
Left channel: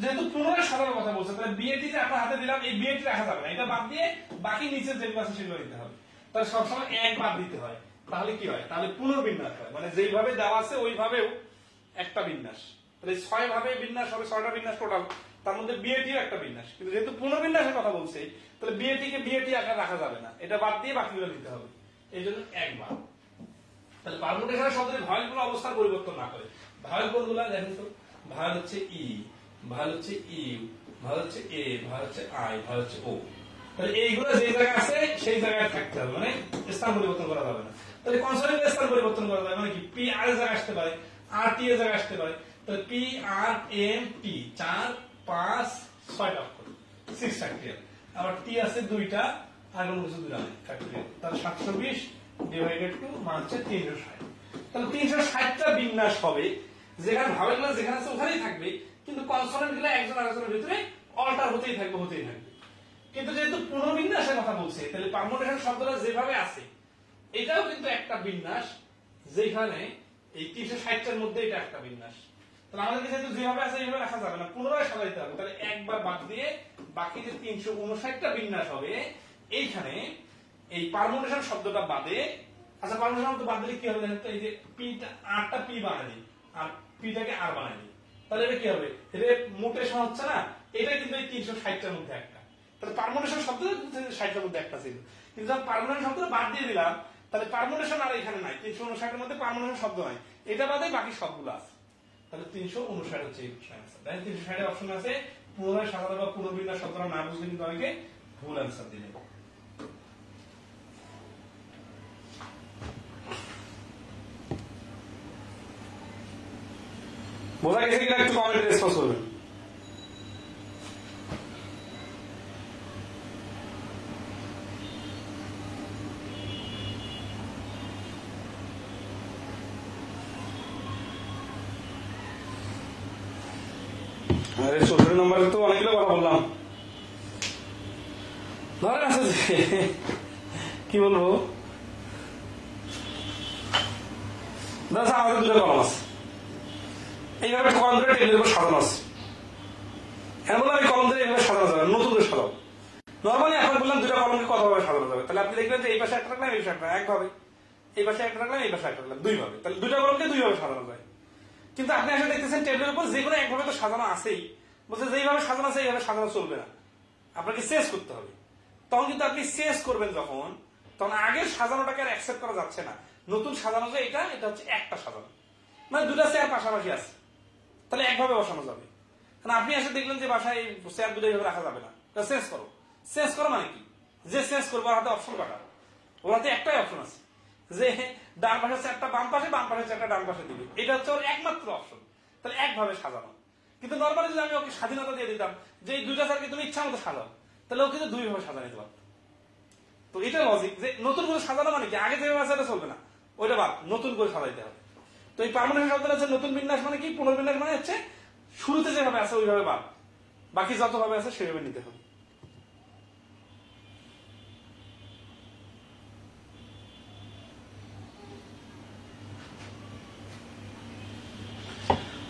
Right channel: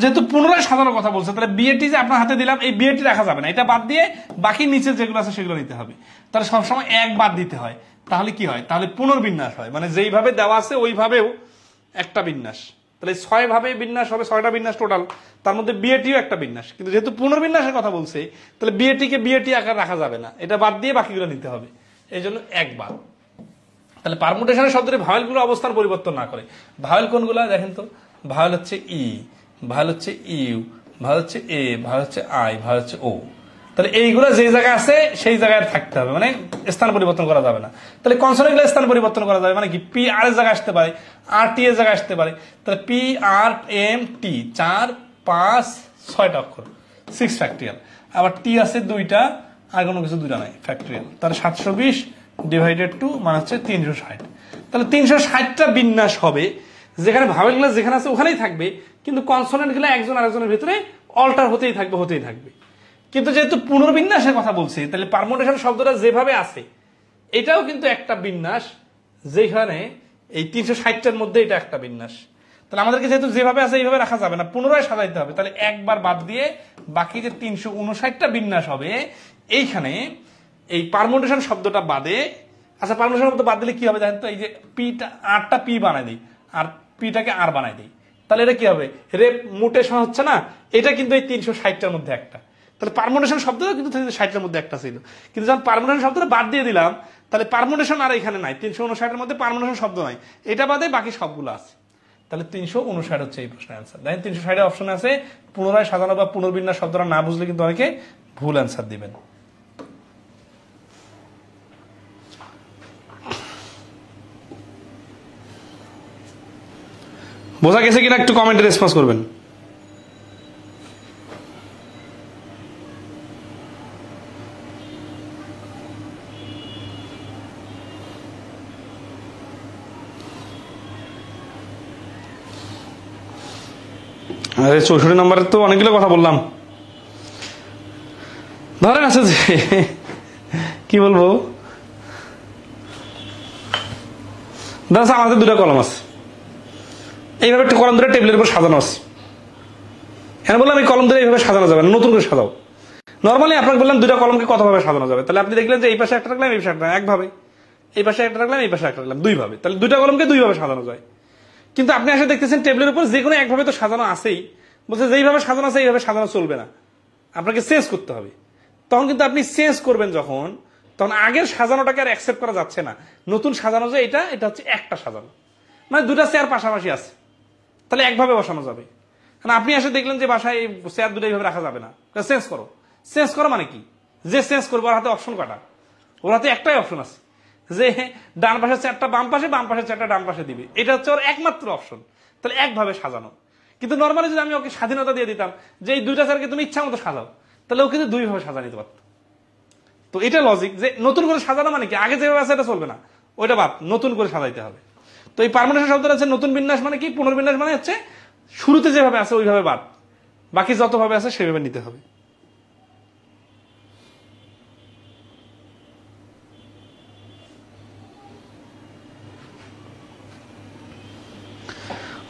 যেহেতু পুনরায় সাজানোর কথা বলছে, তাহলে বিএটি যে আপনার হাতে দিলাম, এই বিএটি রাখা যাবে না, এটা বাদ দিয়ে বাকি নিচে যেগুলো আছে সেগুলো নিতে হবে। তাহলে সবসময় এক বাদ দিতে হয়। তাহলে কি হয়? তাহলে পুনর্বিন্যাস হয়, মানে যেইভাবে দেওয়া আছে ওইভাবেও একটা বিন্যাস। তাহলে 6 ভাবে বিন্যাস হবে, 6টা বিন্যাস টোটাল, তার মধ্যে বিএটিও একটা বিন্যাস। কিন্তু যেহেতু পুনর্বিন্যাসের কথা বলছে, তাহলে বিএটিকে বিএটি আকার রাখা যাবে না, এটা বাদ দিয়ে বাকিগুলো নিতে হবে। এই জন্য একবার। তাহলে পারমুটেশনের শব্দটি ভাওয়েলগুলো অবস্থান পরিবর্তন না করে। ভাওয়েল কোনগুলো দেখেন তো? ভাওয়েল হচ্ছে ই, ভাওয়েল হচ্ছে ইউ, ভাওয়েল হচ্ছে এ, ভাওয়েল হচ্ছে আই, ভাওয়েল হচ্ছে ও। তাহলে এইগুলো যে জায়গায় আছে সেই জায়গায় থাকতে হবে, মানে স্থান পরিবর্তন করা যাবে না। তাহলে কনসোনেন্টগুলো স্থান পরিবর্তন করা যাবে, মানে কি পি আর এর জায়গায় আসতে পারে, আর টি এর জায়গায় আসতে পারে। তাহলে পি আর এম টি 4 5 6টা অক্ষর, 6 ফ্যাক্টরিয়াল। আবার টি আছে 2টা, আর কোনো কিছু 2টা নাই, ফ্যাক্টরিয়াল। তাহলে 720 ডিভাইডেড 2 মানে হচ্ছে 360। তাহলে 360টা বিন্যাস হবে, যেখানে ভাওয়েলগুলো যেখানে আছে ওখানেই থাকবে, কিন্তু কনসোনেন্টগুলো একজন আরেকজনের ভিতরে অল্টার হতেই থাকবে, হতেই থাকবে। কিন্তু যেহেতু পুনর্বিন্যাসের কথা বলছি, তাহলে পারমুটেশন শব্দটা যেভাবে আছে এটাও কিন্তু একটা বিন্যাস, যেখানে এই 360টার মধ্যে এটা একটা বিন্যাস। তাহলে আমাদেরকে যেহেতু যেভাবে আছে এইভাবে রাখা যাবে না, পুনরায় সাজাইতে হবে। তাহলে একবার বাদ দিয়ে বাকি যে 359টা বিন্যাস হবে, এইখানে এই পারমুটেশন শব্দটা বাদে, আচ্ছা পারমুটেশন শব্দ বাদ দিলে কি হবে জানেন তো? এই যে পিটা আরটা পি বানাই দিই, আর পিটাকে আর বানাই দিই, তাহলে এটা কি হবে? রেমুটেশন হচ্ছে না? এটা কিন্তু এই 360টার মধ্যে একটা। তাহলে পারমুটেশন শব্দটা কিন্তু 60টার মধ্যে একটা ছিল, কিন্তু যখন পারমুটেশন শব্দটা বাদ দিয়ে দিলাম, তাহলে পারমুটেশন আর এখানে নাই, 359-এর মধ্যে পারমুটেশন শব্দ নাই, এটা বাদে বাকি সবগুলো আছে। তাহলে 359 হচ্ছে এই প্রশ্নের অ্যান্সার। দেখেন 360 অপশন আছে, পুনরায় সাজানো বা পুনর্বিন্যাস শব্দটা না বুঝলে কিন্তু অনেকে ভুল অ্যান্সার দিবেন। বোঝা গেছে কিনা একটু কমেন্টে রেসপন্স করবেন। আরে 64 নম্বরের তো অনেকগুলো কথা বললাম। ধরেন আছে যে কি বলবো, ধরেন আমাদের 2টা কলম আছে, এইভাবে একটা কলম ধরে টেবিলের উপর সাজানো আছে। এখন বললাম এই কলম ধরে এইভাবে সাজানো যাবে না, নতুন করে সাজাও। নর্মালি আপনাকে বললাম 2টা কলমকে কতভাবে সাজানো যাবে, তাহলে আপনি দেখলেন যে এই পাশে একটা রাখলাম, এই পাশে একটা একভাবে, এই পাশে একটা রাখলাম, এই পাশে একটা রাখলাম 2 ভাবে, তাহলে 2টা কলমকে 2 ভাবে সাজানো যায়। কিন্তু আপনি এসে দেখতেছেন টেবিলের উপর যে কোনো একভাবে তো সাজানো আছেই, বলছে যেইভাবে সাজানো আছে এইভাবে সাজানো চলবে না, আপনাকে চেঞ্জ করতে হবে। তখন কিন্তু আপনি চেঞ্জ করবেন যখন, তখন আগের সাজানোটাকে আর অ্যাকসেপ্ট করা যাচ্ছে না। নতুন সাজানো যে এটা হচ্ছে একটা সাজানো, মানে 2টা চেয়ার পাশাপাশি আছে, তাহলে একভাবে বসানো যাবে। কারণ আপনি এসে দেখলেন যে বাসায় এই চেয়ার 2টা এইভাবে রাখা যাবে না, চেঞ্জ করো। চেঞ্জ করো মানে কি? যে চেঞ্জ করবো ওর হাতে অপশন কাটা, ওর হাতে একটাই অপশন আছে, যে ডান পাশের চেয়ারটা বাম পাশে, বাম পাশের চেয়ারটা ডান পাশে দিবে, এটা হচ্ছে ওর একমাত্র অপশন। তাহলে একভাবে সাজানো। কিন্তু নর্মালি যদি আমি ওকে স্বাধীনতা দিয়ে দিতাম যে এই 2টা চেয়ারকে তুমি ইচ্ছা মতো সাজাও, তাহলে ও কিন্তু 2 ভাবে সাজা নিতে পারত। তো এটা লজিক যে নতুন করে সাজানো মানে কি, আগে যেভাবে আছে এটা চলবে না, ওইটা বাদ, নতুন করে সাজাইতে হবে। তো এই পারমুটেশন শব্দটা হচ্ছে নতুন বিন্যাস, মানে কি পুনর্বিন্যাস, মানে হচ্ছে শুরুতে যেভাবে আছে ওইভাবে বাদ, বাকি যতভাবে আছে সেভাবে নিতে হবে।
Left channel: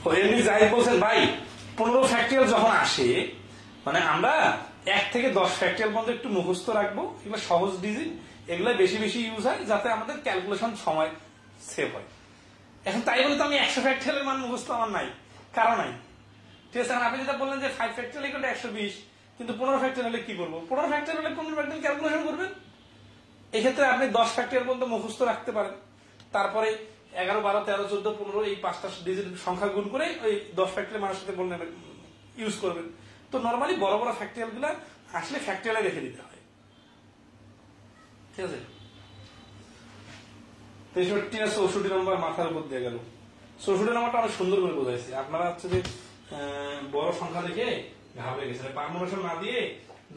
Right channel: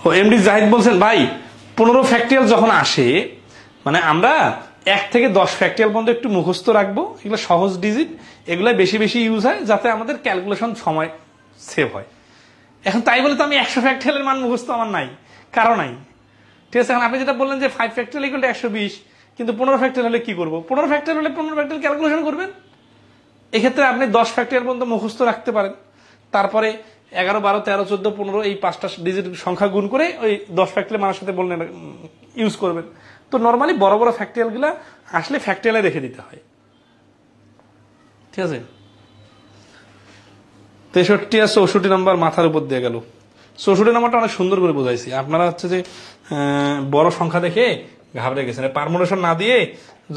ও এমডি জাহিদ বলছেন ভাই 15 ফ্যাক্টরিয়াল যখন আসে মানে আমরা 1 থেকে 10 ফ্যাক্টরিয়াল পর্যন্ত একটু মুখস্থ রাখবো, এগুলো সহজ ডিজিট, এগুলো বেশি বেশি ইউজ হয় যাতে আমাদের ক্যালকুলেশন সময় সেভ হয়। এখন তাই বলে তো আমি 100 ফ্যাক্টরিয়ালের মান মুখস্থ আমার নাই, কারো নাই, ঠিক আছে। এখন আপনি যেটা বললেন যে 5 ফ্যাক্টরিয়াল ইকুয়াল টু 120, কিন্তু 15 ফ্যাক্টরিয়াল হলে কি করবো? 15 ফ্যাক্টরিয়াল হলে 15 ফ্যাক্টরিয়াল ক্যালকুলেশন করবেন। এক্ষেত্রে আপনি 10 ফ্যাক্টরিয়াল পর্যন্ত মুখস্থ রাখতে পারেন, তারপরে 11, 12, 13, 14, 15 এই 5টা ডিজিট সংখ্যা গুণ করে ওই 10 ফ্যাক্টরিয়াল মানের সাথে বললেন ইউজ করবেন। তো নর্মালি বড় বড় ফ্যাক্টরিয়াল গুলা আসলে ফ্যাক্টরিয়ালে রেখে দিতে হয়, ঠিক আছে। 63 আর 64 নম্বর মাথার উপর দিয়ে গেল। 64 নম্বরটা অনেক সুন্দর করে বোঝাইছি, আপনারা হচ্ছে যে বড় সংখ্যা দেখে ঘাবড়ে গেছেন। পারমুটেশন না দিয়ে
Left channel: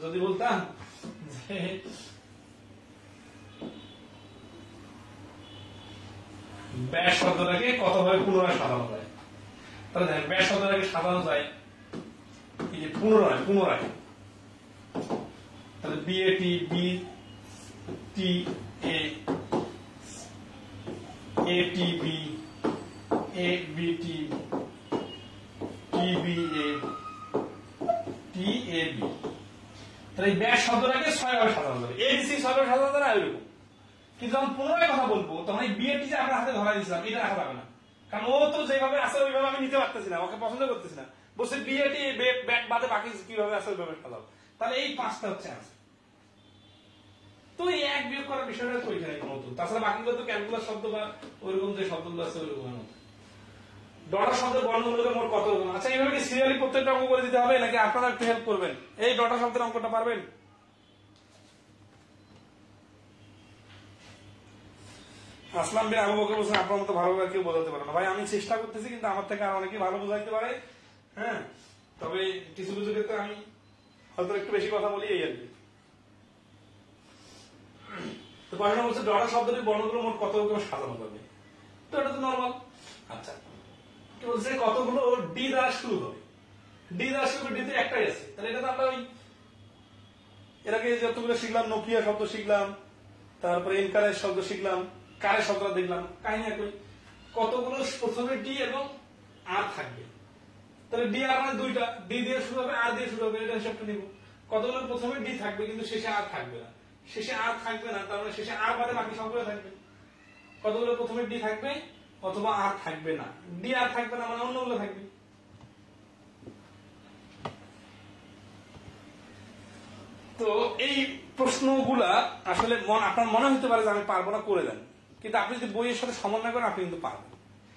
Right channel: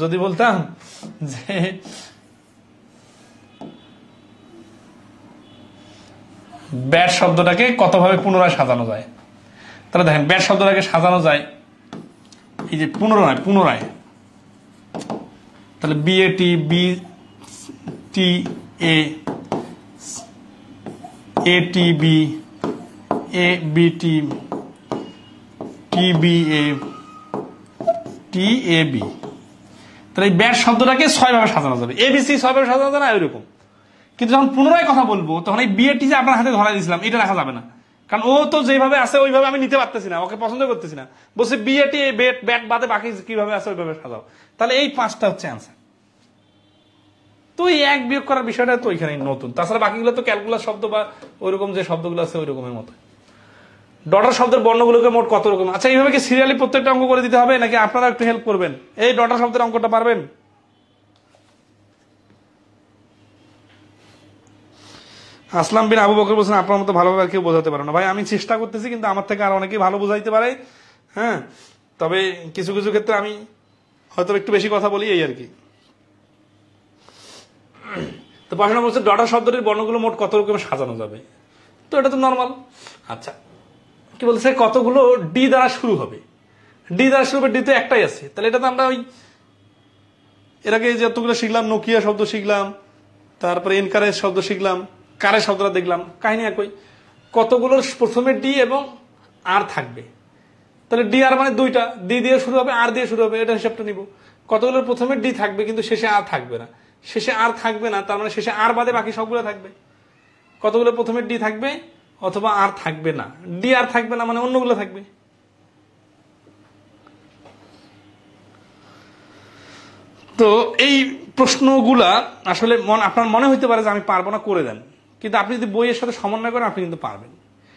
যদি বলতাম যে ব্যাট শব্দটাকে কতভাবে পুনরায় সাজানো যায়, তাহলে দেখেন ব্যাট শব্দটাকে সাজানো যায় এই যে পুনরায়, তাহলে বিএটি, বি টি এ, এটি B, A B T, T B A, T A B. তাহলে এই ব্যাট শব্দটাকে 6 ভাবে সাজানো যাবে, এবিসি 6 ভাবে সাজানো যাবে এরকম। কিন্তু যখন পুনরায় কথা বলবো তখন এই বিএটি যে আপনার হাতে ধরা দিয়েছিলাম এটা রাখা যাবে না, কারণ ও তো যেভাবে আছে ওইভাবে আমি নিতে পারতেছি না, ওকে পছন্দ করতেছি না, বলছে বিএটি ব্যাট বাদে বাকি কিভাবে আছে ওইভাবে সাজাও। তাহলে এই 5টা হচ্ছে অ্যান্সার। তো এই এক বিয়োগ করার বিষয়টা তো এখানে নতুন, তাছাড়া বাকিগুলো তো ক্যালকুলাস শব্দ বা ওইরকম যে শব্দগুলো আছে ওই রকমের মতো। ডটার শব্দের বর্ণগুলোকে মোট কত রকম? আচ্ছা এইভাবে কি সিরিয়ালি প্রত্যেকটা অঙ্ক করে দিতে হবে নাকি আপনারা একটু হেল্প করবেন? এই ডটার শব্দের অঙ্কটা পারবেন? আসলাম বিন আবু বকর বলছেন আপনার মতো ভালোভাবে আর কেউ বোঝাতে পারে না। ভাই আমি চেষ্টা করতেছি, কিন্তু আমার থেকে আর অনেকেই ভালো বোঝাইতে পারে, হ্যাঁ। তবে কিছু কিছু ক্ষেত্রে আমি হয়তো একটু বেশি কথা বলি, এই আর কি। তো পড়াশোনা বলছে ডটার শব্দটির বর্ণগুলো মোট কত রকম সাজানো যাবে, তো এটা তো নর্মাল। আচ্ছা কি বলছে কতগুলো ডি দ্বারা শুরু হবে, ডি দ্বারা শুরু হবে, ডি তো একটাই আছে, তাহলে এটা তো আমরা ওই এর আগে যতগুলো শিখলাম, নোকিয়া শব্দ শিখলাম, তারপরে এনকারেজ শব্দ শিখলাম, কারের শব্দটা দেখলাম, কাহিনী একই। কতগুলোর প্রথমে ডি এবং আর থাকবে, তাহলে ডি আর মানে 2টা, ডি দিয়ে শুরু হবে আর দিয়ে শুরু হবে, এটা হিসাবটা নিব। কতগুলোর প্রথমে ডি থাকবে কিন্তু শেষে আর থাকবে না, শেষে আর থাকবে না তার মানে শেষে আর বাদে বাকি সবগুলো থাকবে। কতগুলো প্রথমে ডি থাকবে অথবা আর থাকবে না, ডি আর থাকবে না মানে অন্যগুলো থাকবে। তো এই প্রশ্নগুলা আসলে আপনার মনে হইতে পারে যে আমি পারবো না, করে দেন, কিন্তু আপনি যদি বইয়ের সাথে সমন্বয় করেন আপনি কিন্তু পারবেন।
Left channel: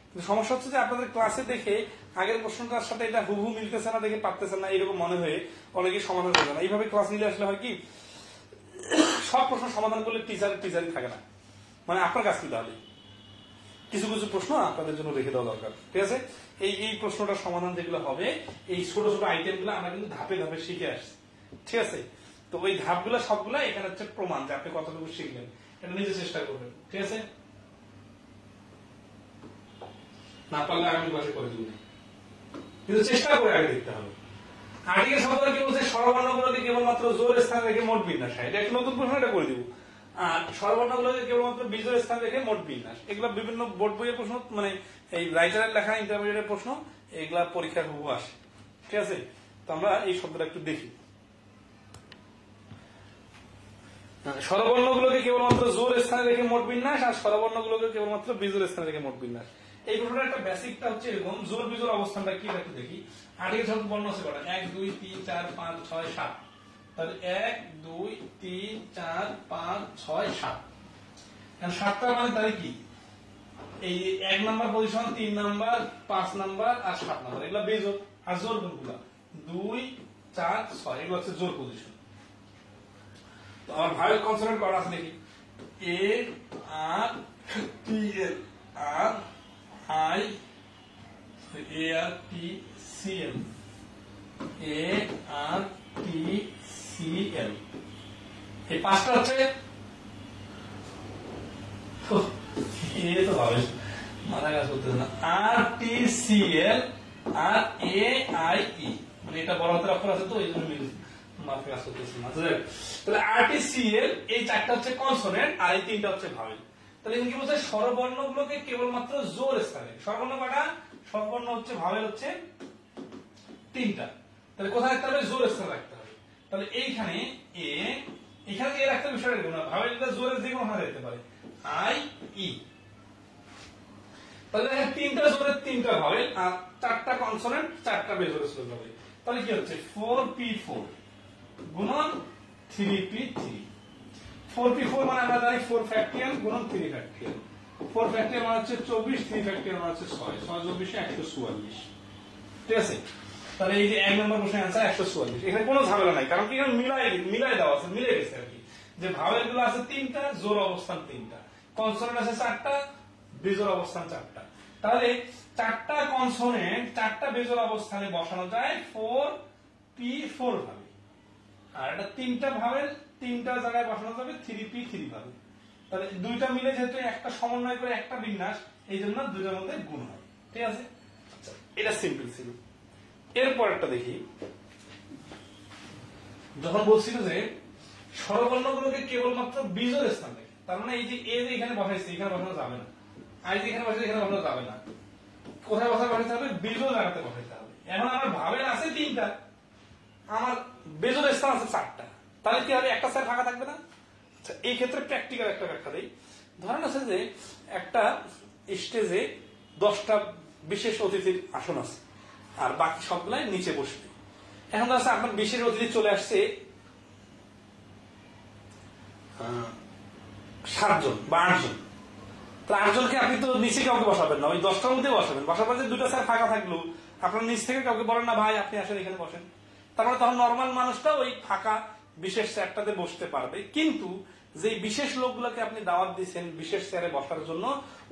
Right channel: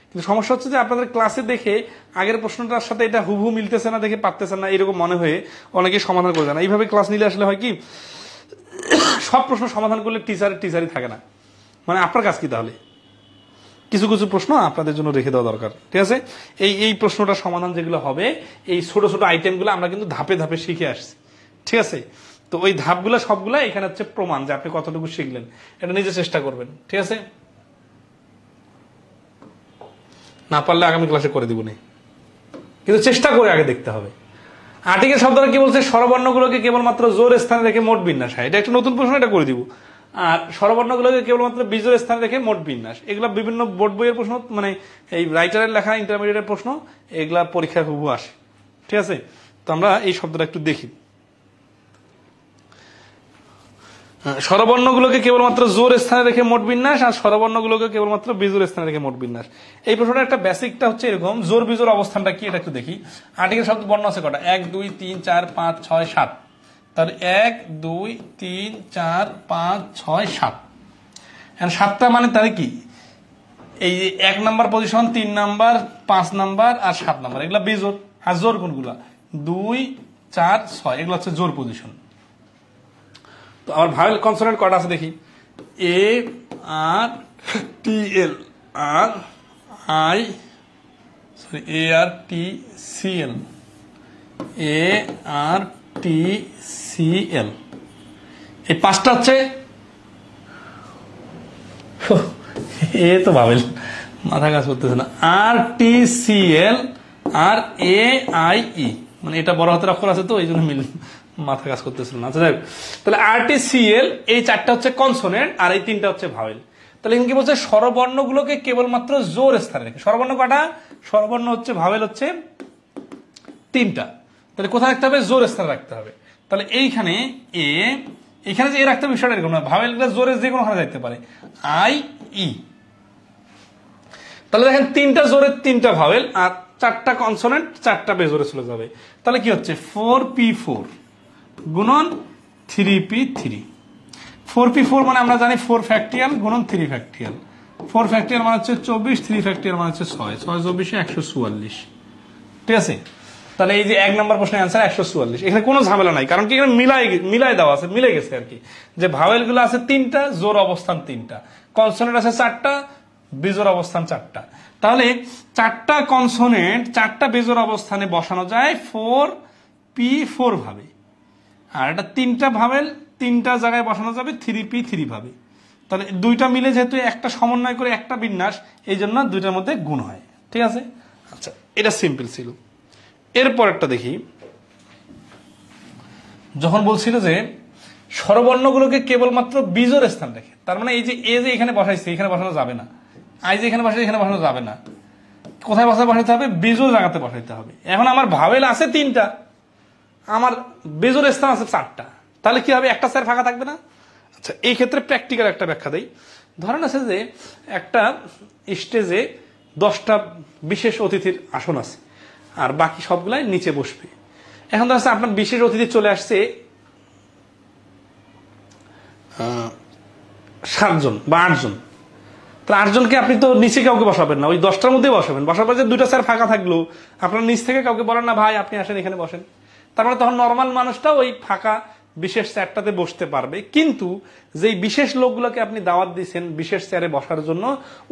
কিন্তু সমস্যা হচ্ছে যে আপনাদের ক্লাসে দেখে আগের প্রশ্নটার সাথে এটা হুবহু মিলতেছে না, দেখে পারতেছেন না, এরকম মনে হয়ে অনেকেই সমাধান করে দেন। এইভাবে ক্লাস নিলে আসলে হয় কি সব প্রশ্ন সমাধান করলে টিচারই থাকে না, মানে আপনার কাজ কি তাহলে? কিছু কিছু প্রশ্ন আপনাদের জন্য রেখে দেওয়া দরকার, ঠিক আছে। এই প্রশ্নটা সমাধান যেগুলো হবে এই ছোট ছোট আইটেমগুলো আমরা কিন্তু ধাপে ধাপে শিখে আসছি, ঠিক আছে। তো ওই ধাপগুলো সবগুলা এখানে হচ্ছে প্রমাণ যে আপনি কতটুকু শিখলেন, এটা নিজে চেষ্টা করবেন, ঠিক আছে। না পারলে আগামী ক্লাসে করে দিব না, কিন্তু চেষ্টা করে আগে দেখতে হবে। আর্টিকেল শব্দটা কি বলছে? স্বরবর্ণগুলোকে কেবলমাত্র জোর স্থানে রেখে মোট বিন্যাস হয়, এটা একটা নতুন প্রশ্ন, এটা করে দিব। আর স্বরবর্ণগুলোকে কেবলমাত্র বিজোড় স্থানে রেখে মোট বিন্যাস, এগুলো বিভিন্ন বোর্ড বইয়ের প্রশ্ন, মানে এই রাইটারের লেখা ইন্টারমিডিয়েটের প্রশ্ন, এগুলা পরীক্ষায় হুবহু আসে, ঠিক আছে। তো আমরা এই শব্দটা একটু দেখি। স্বরবর্ণগুলোকে কেবলমাত্র জোর স্থানে রেখে মোট বিন্যাস আর স্বরবর্ণগুলোকে কেবলমাত্র বিজোড় স্থানে রেখে মোট বিন্যাস। এই প্রশ্নটা একটা বেসিকটা হচ্ছে এরকম, জোর বিজোড় অবস্থানটা কি এটা একটু দেখি। আর্টিকেল শব্দ বর্ণ আছে কটা? 1 2 3 4 5 6 7, তাহলে 1 2 3 4 5 6 7, 7টা মানে তাহলে কি এই 1 নাম্বার পজিশন, 3 নাম্বার, 5 নাম্বার আর 7 নাম্বার, এগুলা বিজোড়। আর জোর কোনগুলা? 2 4 6, এগুলো হচ্ছে জোর পজিশন। তো আমার ভাওয়েল কনসোনেন্ট কটা আছে দেখি। A R T L R I, sorry A R T C L, A R T C L, এই 5টা হচ্ছে এ তো ভাওয়েল, মাথা কাজ করতেছে না। আর T C L R A I E, মানে এটা বড় হাতের অক্ষর আছে তো এই জন্য মিল মাথা কাজ করতেছিল না। আচ্ছা যাই হোক, তাহলে আরটিসিএল এই 4টা হচ্ছে কনসোনেন্ট আর এই 3টা হচ্ছে ভাওয়েল। তো তাহলে কি বলছে স্বরবর্ণগুলোকে কেবলমাত্র জোর স্থানে রেখে। স্বরবর্ণ কটা? স্বরবর্ণ হচ্ছে ভাওয়েল হচ্ছে 3টা। তাহলে কোথায় রাখতে হবে? জোর স্থানে রাখতে হবে। তাহলে এইখানে এ, এখানে যে এ রাখতে হবে বিষয়টা এরকম না, ভাওয়েলগুলো জোরে যে কোনো ওখানে যাইতে পারে, আই ই। তাহলে দেখেন 3টা জোরের 3টা ভাওয়েল আর 4টা কনসোনেন্ট 4টা বেজোরে চলে যাবে। তাহলে কি হচ্ছে 4p4 গুণন 3p3। 4p4 মানে আমরা জানি 4 ফ্যাক্টরিয়াল গুণন 3 ফ্যাক্টরিয়াল। 4 ফ্যাক্টরিয়াল মানে হচ্ছে 24, 3 ফ্যাক্টরিয়াল মানে হচ্ছে 6, 6 24 144। ঠিক আছে? তাহলে এই যে 1 নম্বর প্রশ্নের অ্যান্সার 144। এখানে কোনো ঝামেলা নাই, কারণ কি এখানে মিলাই দেওয়া আছে, মিলে গেছে আর কি, যে ভাওয়েল গুলো আছে 3টা, জোর অবস্থান 3টা, কনসোনেন্ট আছে 4টা, বেজোর অবস্থান 4টা। তাহলে 4টা কনসোনেন্ট 4টা বেজোর অবস্থানে বসানো যায় 4p4 ভাবে, আর এটা 3টা ভাওয়েল 3টা জায়গায় বসানো যাবে 3p3 ভাবে। তাহলে 2টা মিলে যেহেতু একটা সমন্বয় করে একটা বিন্যাস, এই জন্য 2টার মধ্যে গুণ হয়। ঠিক আছে? আচ্ছা, এটা সিম্পল ছিল। এরপর একটা দেখি, যখন বলছিল যে স্বরবর্ণগুলোকে কেবলমাত্র বিজোর স্থান রেখে, তার মানে এই যে এ যে এখানে বসাইছে এখানে বসানো যাবে না, আই যে এখানে বসাইছে এখানে বসানো যাবে না, কোথায় বসাইতে হবে? বিজোর জায়গাতে বসাইতে হবে। এখন আমার ভাওয়েল আছে 3টা, আমার বেজোর স্থান আছে 4টা, তাহলে কি হবে? একটা স্যার ফাঁকা থাকবে না? আচ্ছা, এই ক্ষেত্রে প্র্যাকটিক্যাল একটা ব্যাখ্যা দেই। ধরেন আছে যে একটা স্টেজে 10টা বিশেষ অতিথির আসন আছে, আর বাকি সবগুলাই নিচে বসবে। এখন ধরছে আপনার বিশেষ অতিথি চলে আসছে 7 জন বা 8 জন। তাহলে 8 জনকে আপনি তো নিচে কাউকে বসাবেন না, ওই 10টার মধ্যে বসাবেন। বসার পর যে 2টা স্যার ফাঁকা থাকলো, আপনার নিচ থেকে কাউকে বলেন না ভাই আপনি আসেন এখানে বসেন। তারপরে তখন নর্মাল মানুষটা ওই ফাঁকা বিশেষ চেয়ারটাতে বসতে পারবে। কিন্তু যেই বিশেষ লোকগুলোকে আপনি দাওয়াত দিচ্ছেন বিশেষ চেয়ারে বসার জন্য,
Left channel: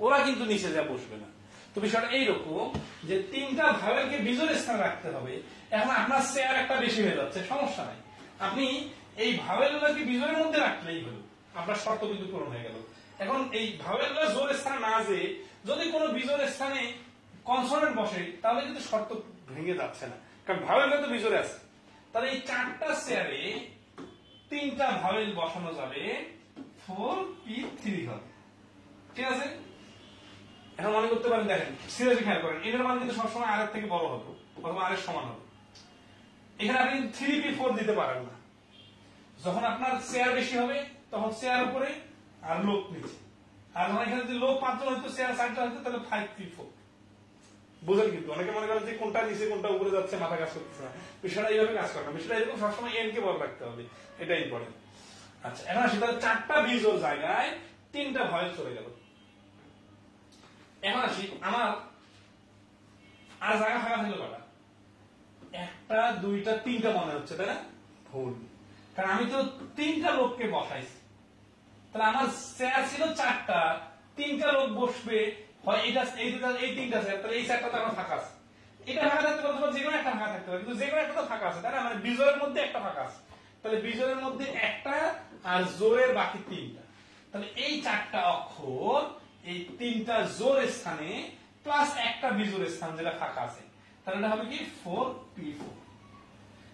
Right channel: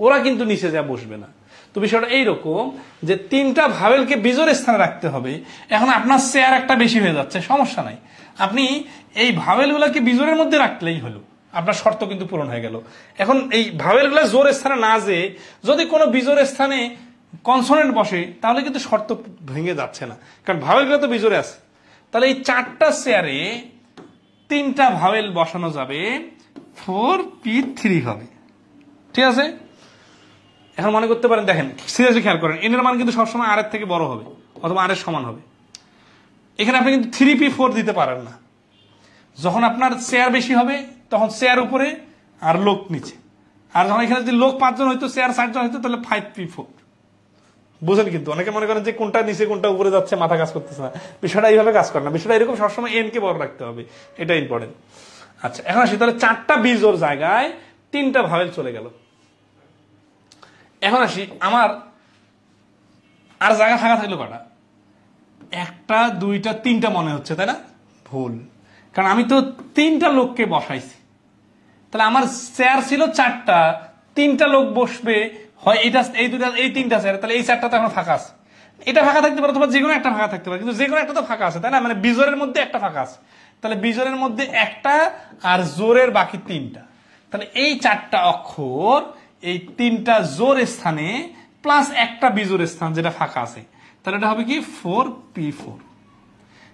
ওরা কিন্তু নিচে যা বসবে না। তো বিষয়টা এইরকম যে 3টা ভাওয়েলকে বিজোর স্থানে রাখতে হবে। এখন আপনার চেয়ার একটা বেশি হয়ে যাচ্ছে, সমস্যা নাই, আপনি এই ভাওয়েলগুলোকে বিজোরের মধ্যে রাখলেই হলো, আপনার শর্ত কিন্তু পূরণ হয়ে গেল। এখন এই ভাওয়েলগুলো জোর স্থানে না যে যদি কোনো বিজোর স্থানে কনসোনেন্ট বসে, তাহলে কিন্তু শর্ত ভেঙে যাচ্ছে না, কারণ ভাওয়েলগুলো তো বিজোরে আছে। তাহলে এই 4টা চেয়ারে 3টা ভাওয়েল বসানো যাবে, 4p3 হবে। ঠিক আছে? এখন মনে করতে পারেন, দেখেন সিরিয়াসলি খেয়াল করেন, এন এর মান কিন্তু সবসময় আর এর থেকে বড় হবে অথবা আর এর সমান হবে। এখানে আপনি কিন্তু 3p4 দিতে পারেন না। যখন আপনার চেয়ার বেশি হবে তখন চেয়ার উপরে আর লোক নিচে, আর যখন এখানে যদি লোক 5 জন হইতো, চেয়ার 60 জন হইতো, তাহলে 5p4। বুঝেন? কিন্তু অনেকে মনে করেন যে কোনটা নিচে কোনটা উপরে যাচ্ছে, মাথা কাজ করতেছে না। বিষয়টা এইভাবে কাজ করে না, বিষয়টা এরকম, সবসময় এন কে বড় রাখতে হবে, এটা ইম্পর্টেন্ট। আচ্ছা, এখন আসি তাহলে 4টা বিজোর জায়গায় 3টা ভাওয়েল চলে গেল। এখন আসি, আমার আর জায়গা ফাঁকা থাকলো কটা? 1টা 2টা 3টা মনে হচ্ছে, তাই না? ভুল, কারণ আমি তো 3টা লোককে বসাইছি। তাহলে আমার চেয়ার ছিল 4টা, 3টা লোক বসবে হয় এটা, এই 2টা, এই 3টা চেয়ার, তাহলে এই 4টা তো এখন ফাঁকা আছে। এটা ফাঁকা থাকতে পারে, অথবা যেকোনো একটা ফাঁকা থাকতে পারে, কিন্তু যেকোনো একটা তো ফাঁকা আছে, তাই না? মানে বিজোরের মধ্যে একটা ফাঁকা আছে, তাহলে বিজোরের মধ্যে একটা আর জোরের বাকি 3টা। তাহলে এই 4টা অক্ষর এই 3টা জোর স্থানে প্লাস একটা বিজোর স্থান যেটা ফাঁকা আছে, তাহলে এটা হবে কি 4p4।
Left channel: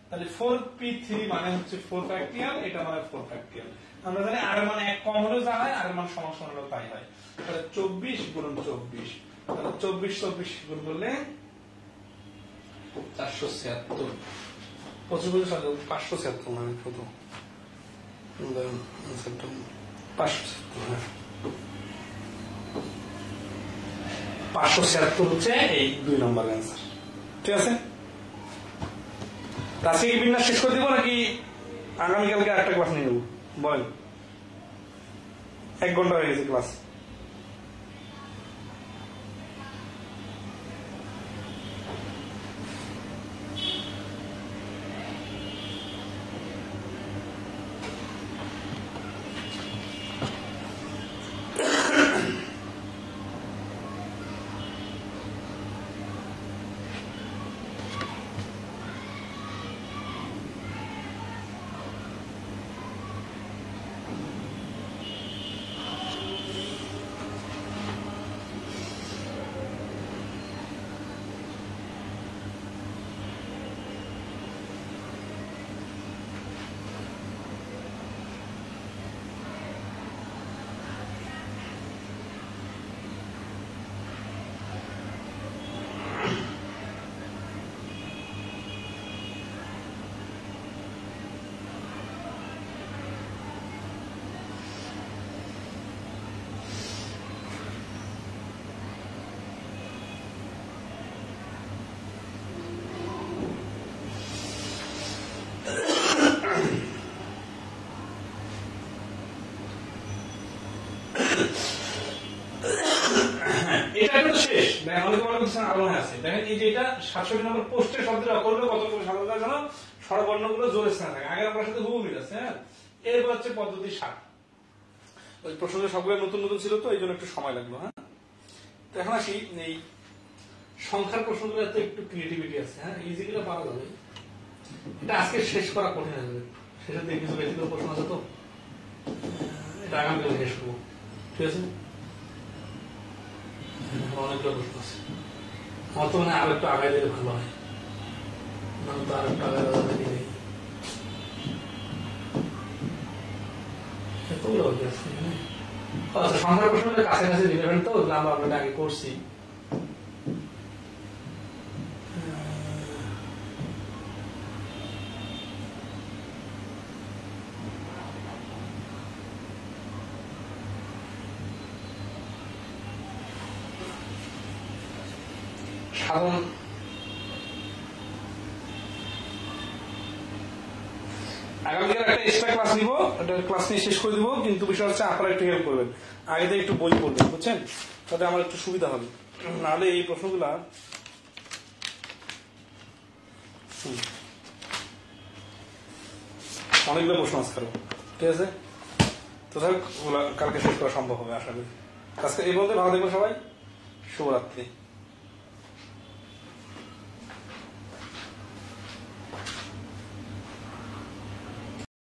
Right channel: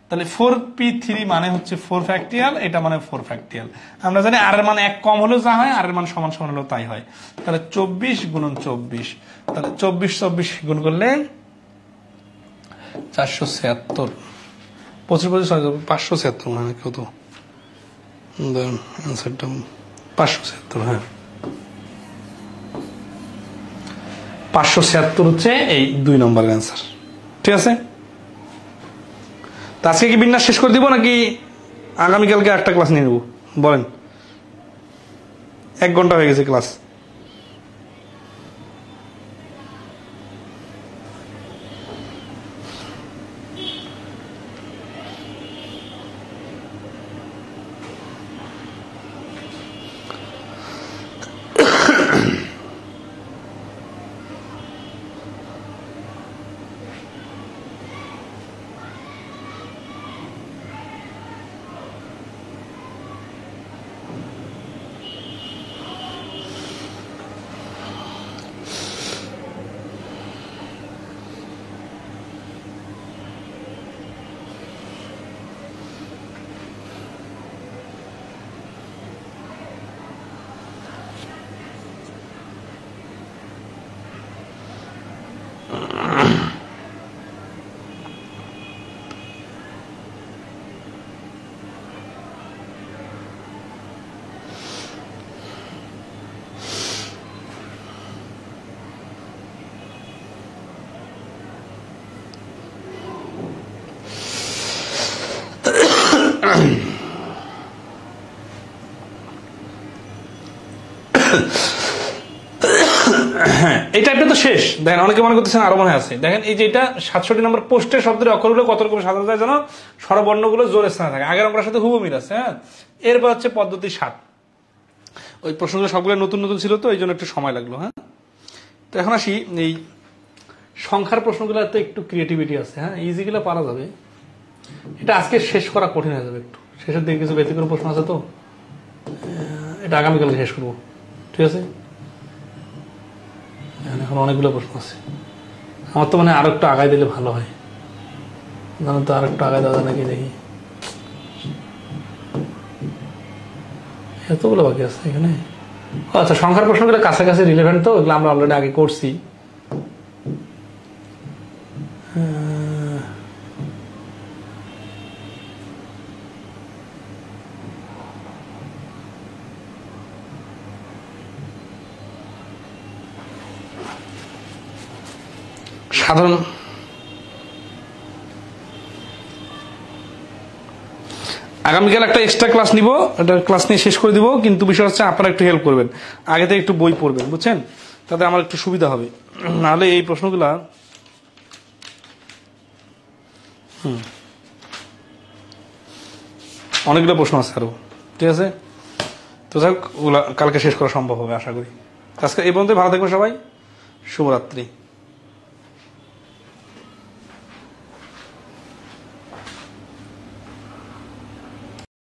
তাহলে 4p3 মানে হচ্ছে 4 ফ্যাক্টরিয়াল, এটা মানে 4 ফ্যাক্টরিয়াল। আমরা জানি আর এর মান 1 কম হলেও যা হয়, আর এর মান সমান সমান হলেও তাই হয়। তাহলে 24 গুণন 24, তাহলে 24 গুণ করলে 476, 25 576 মানে কত? অ্যান্সারটা 576। হ্যাঁ, 576 হচ্ছে এই 2 নম্বরের অ্যান্সার। ঠিক আছে? আজকে কি বিন্যাস শেষ করে দিব নাকি আগামীকালকে একটা ক্লাস নিয়ে নেব? বলেন, 1 ঘন্টা হয়ে গেছে ক্লাস। এই টাইপটা তো শেষ। দেখেন অনেকে মনে করতেছেন আরো মনে আছে। দেখেন এই যে এটা 67 নম্বর পোস্টের শব্দের অক্ষরগুলো কত রকম সাজানো যায় যেন স্বরবর্ণগুলো জোর স্থানে থাকে। আগের অঙ্কটার সাথে হুবহু মিল আছে। হ্যাঁ, এরপর হচ্ছে পদ্ধতি 7। ওই প্রশ্নগুলো সবগুলো নতুন নতুন ছিল তো এই জন্য একটু সময় লাগলো। হ্যাঁ, তো এখন আসি এই সংখ্যার প্রশ্নগুলোতে একটু ক্রিয়েটিভিটি আছে। হ্যাঁ, ইজিগুলো পারা যাবে, এটা আজকে শেষ করা কঠিন হয়ে যাবে একটু। শেষের দিকে কিছু ব্যতিক্রম প্রশ্ন আছে তো এটা আগামীকালকে শেষ করবো, ঠিক আছে? এখন অনেকগুলো প্রশ্ন আছে, আমার তো মানে আরো একটু আগায় দিলে ভালো হয়। জানো তো আর একটু আগায় দেওয়া যায় নাকি দেখি। এতগুলো বাকি আছে এখানে। আচ্ছা, সংখ্যার প্রশ্নগুলো কাছাকাছি রিলেভেন্ট তো, ওগুলো আমরা অলরেডি আগে করছি। সাধারণ আগামীকাল একটা এক্সট্রা ক্লাস নিব, এটা ক্লাস নিয়ে শেষ করে দিব, কিন্তু বিষয় হচ্ছে আপনারা একটু হেল্প করবেন, আগে থেকে একটু বই পড়বেন, বুঝছেন? তাতে আমার একটু সুবিধা হবে, নাহলে এই প্রশ্নগুলা অনেকগুলো প্রশ্ন আছে আরো, ঠিক আছে? তো যাক, ওগুলা কালকে শেষ করা সম্ভব হবে আশা করি। আজকে এই পর্যন্ত, ভালো থাকবে সবাই, শুভরাত্রি।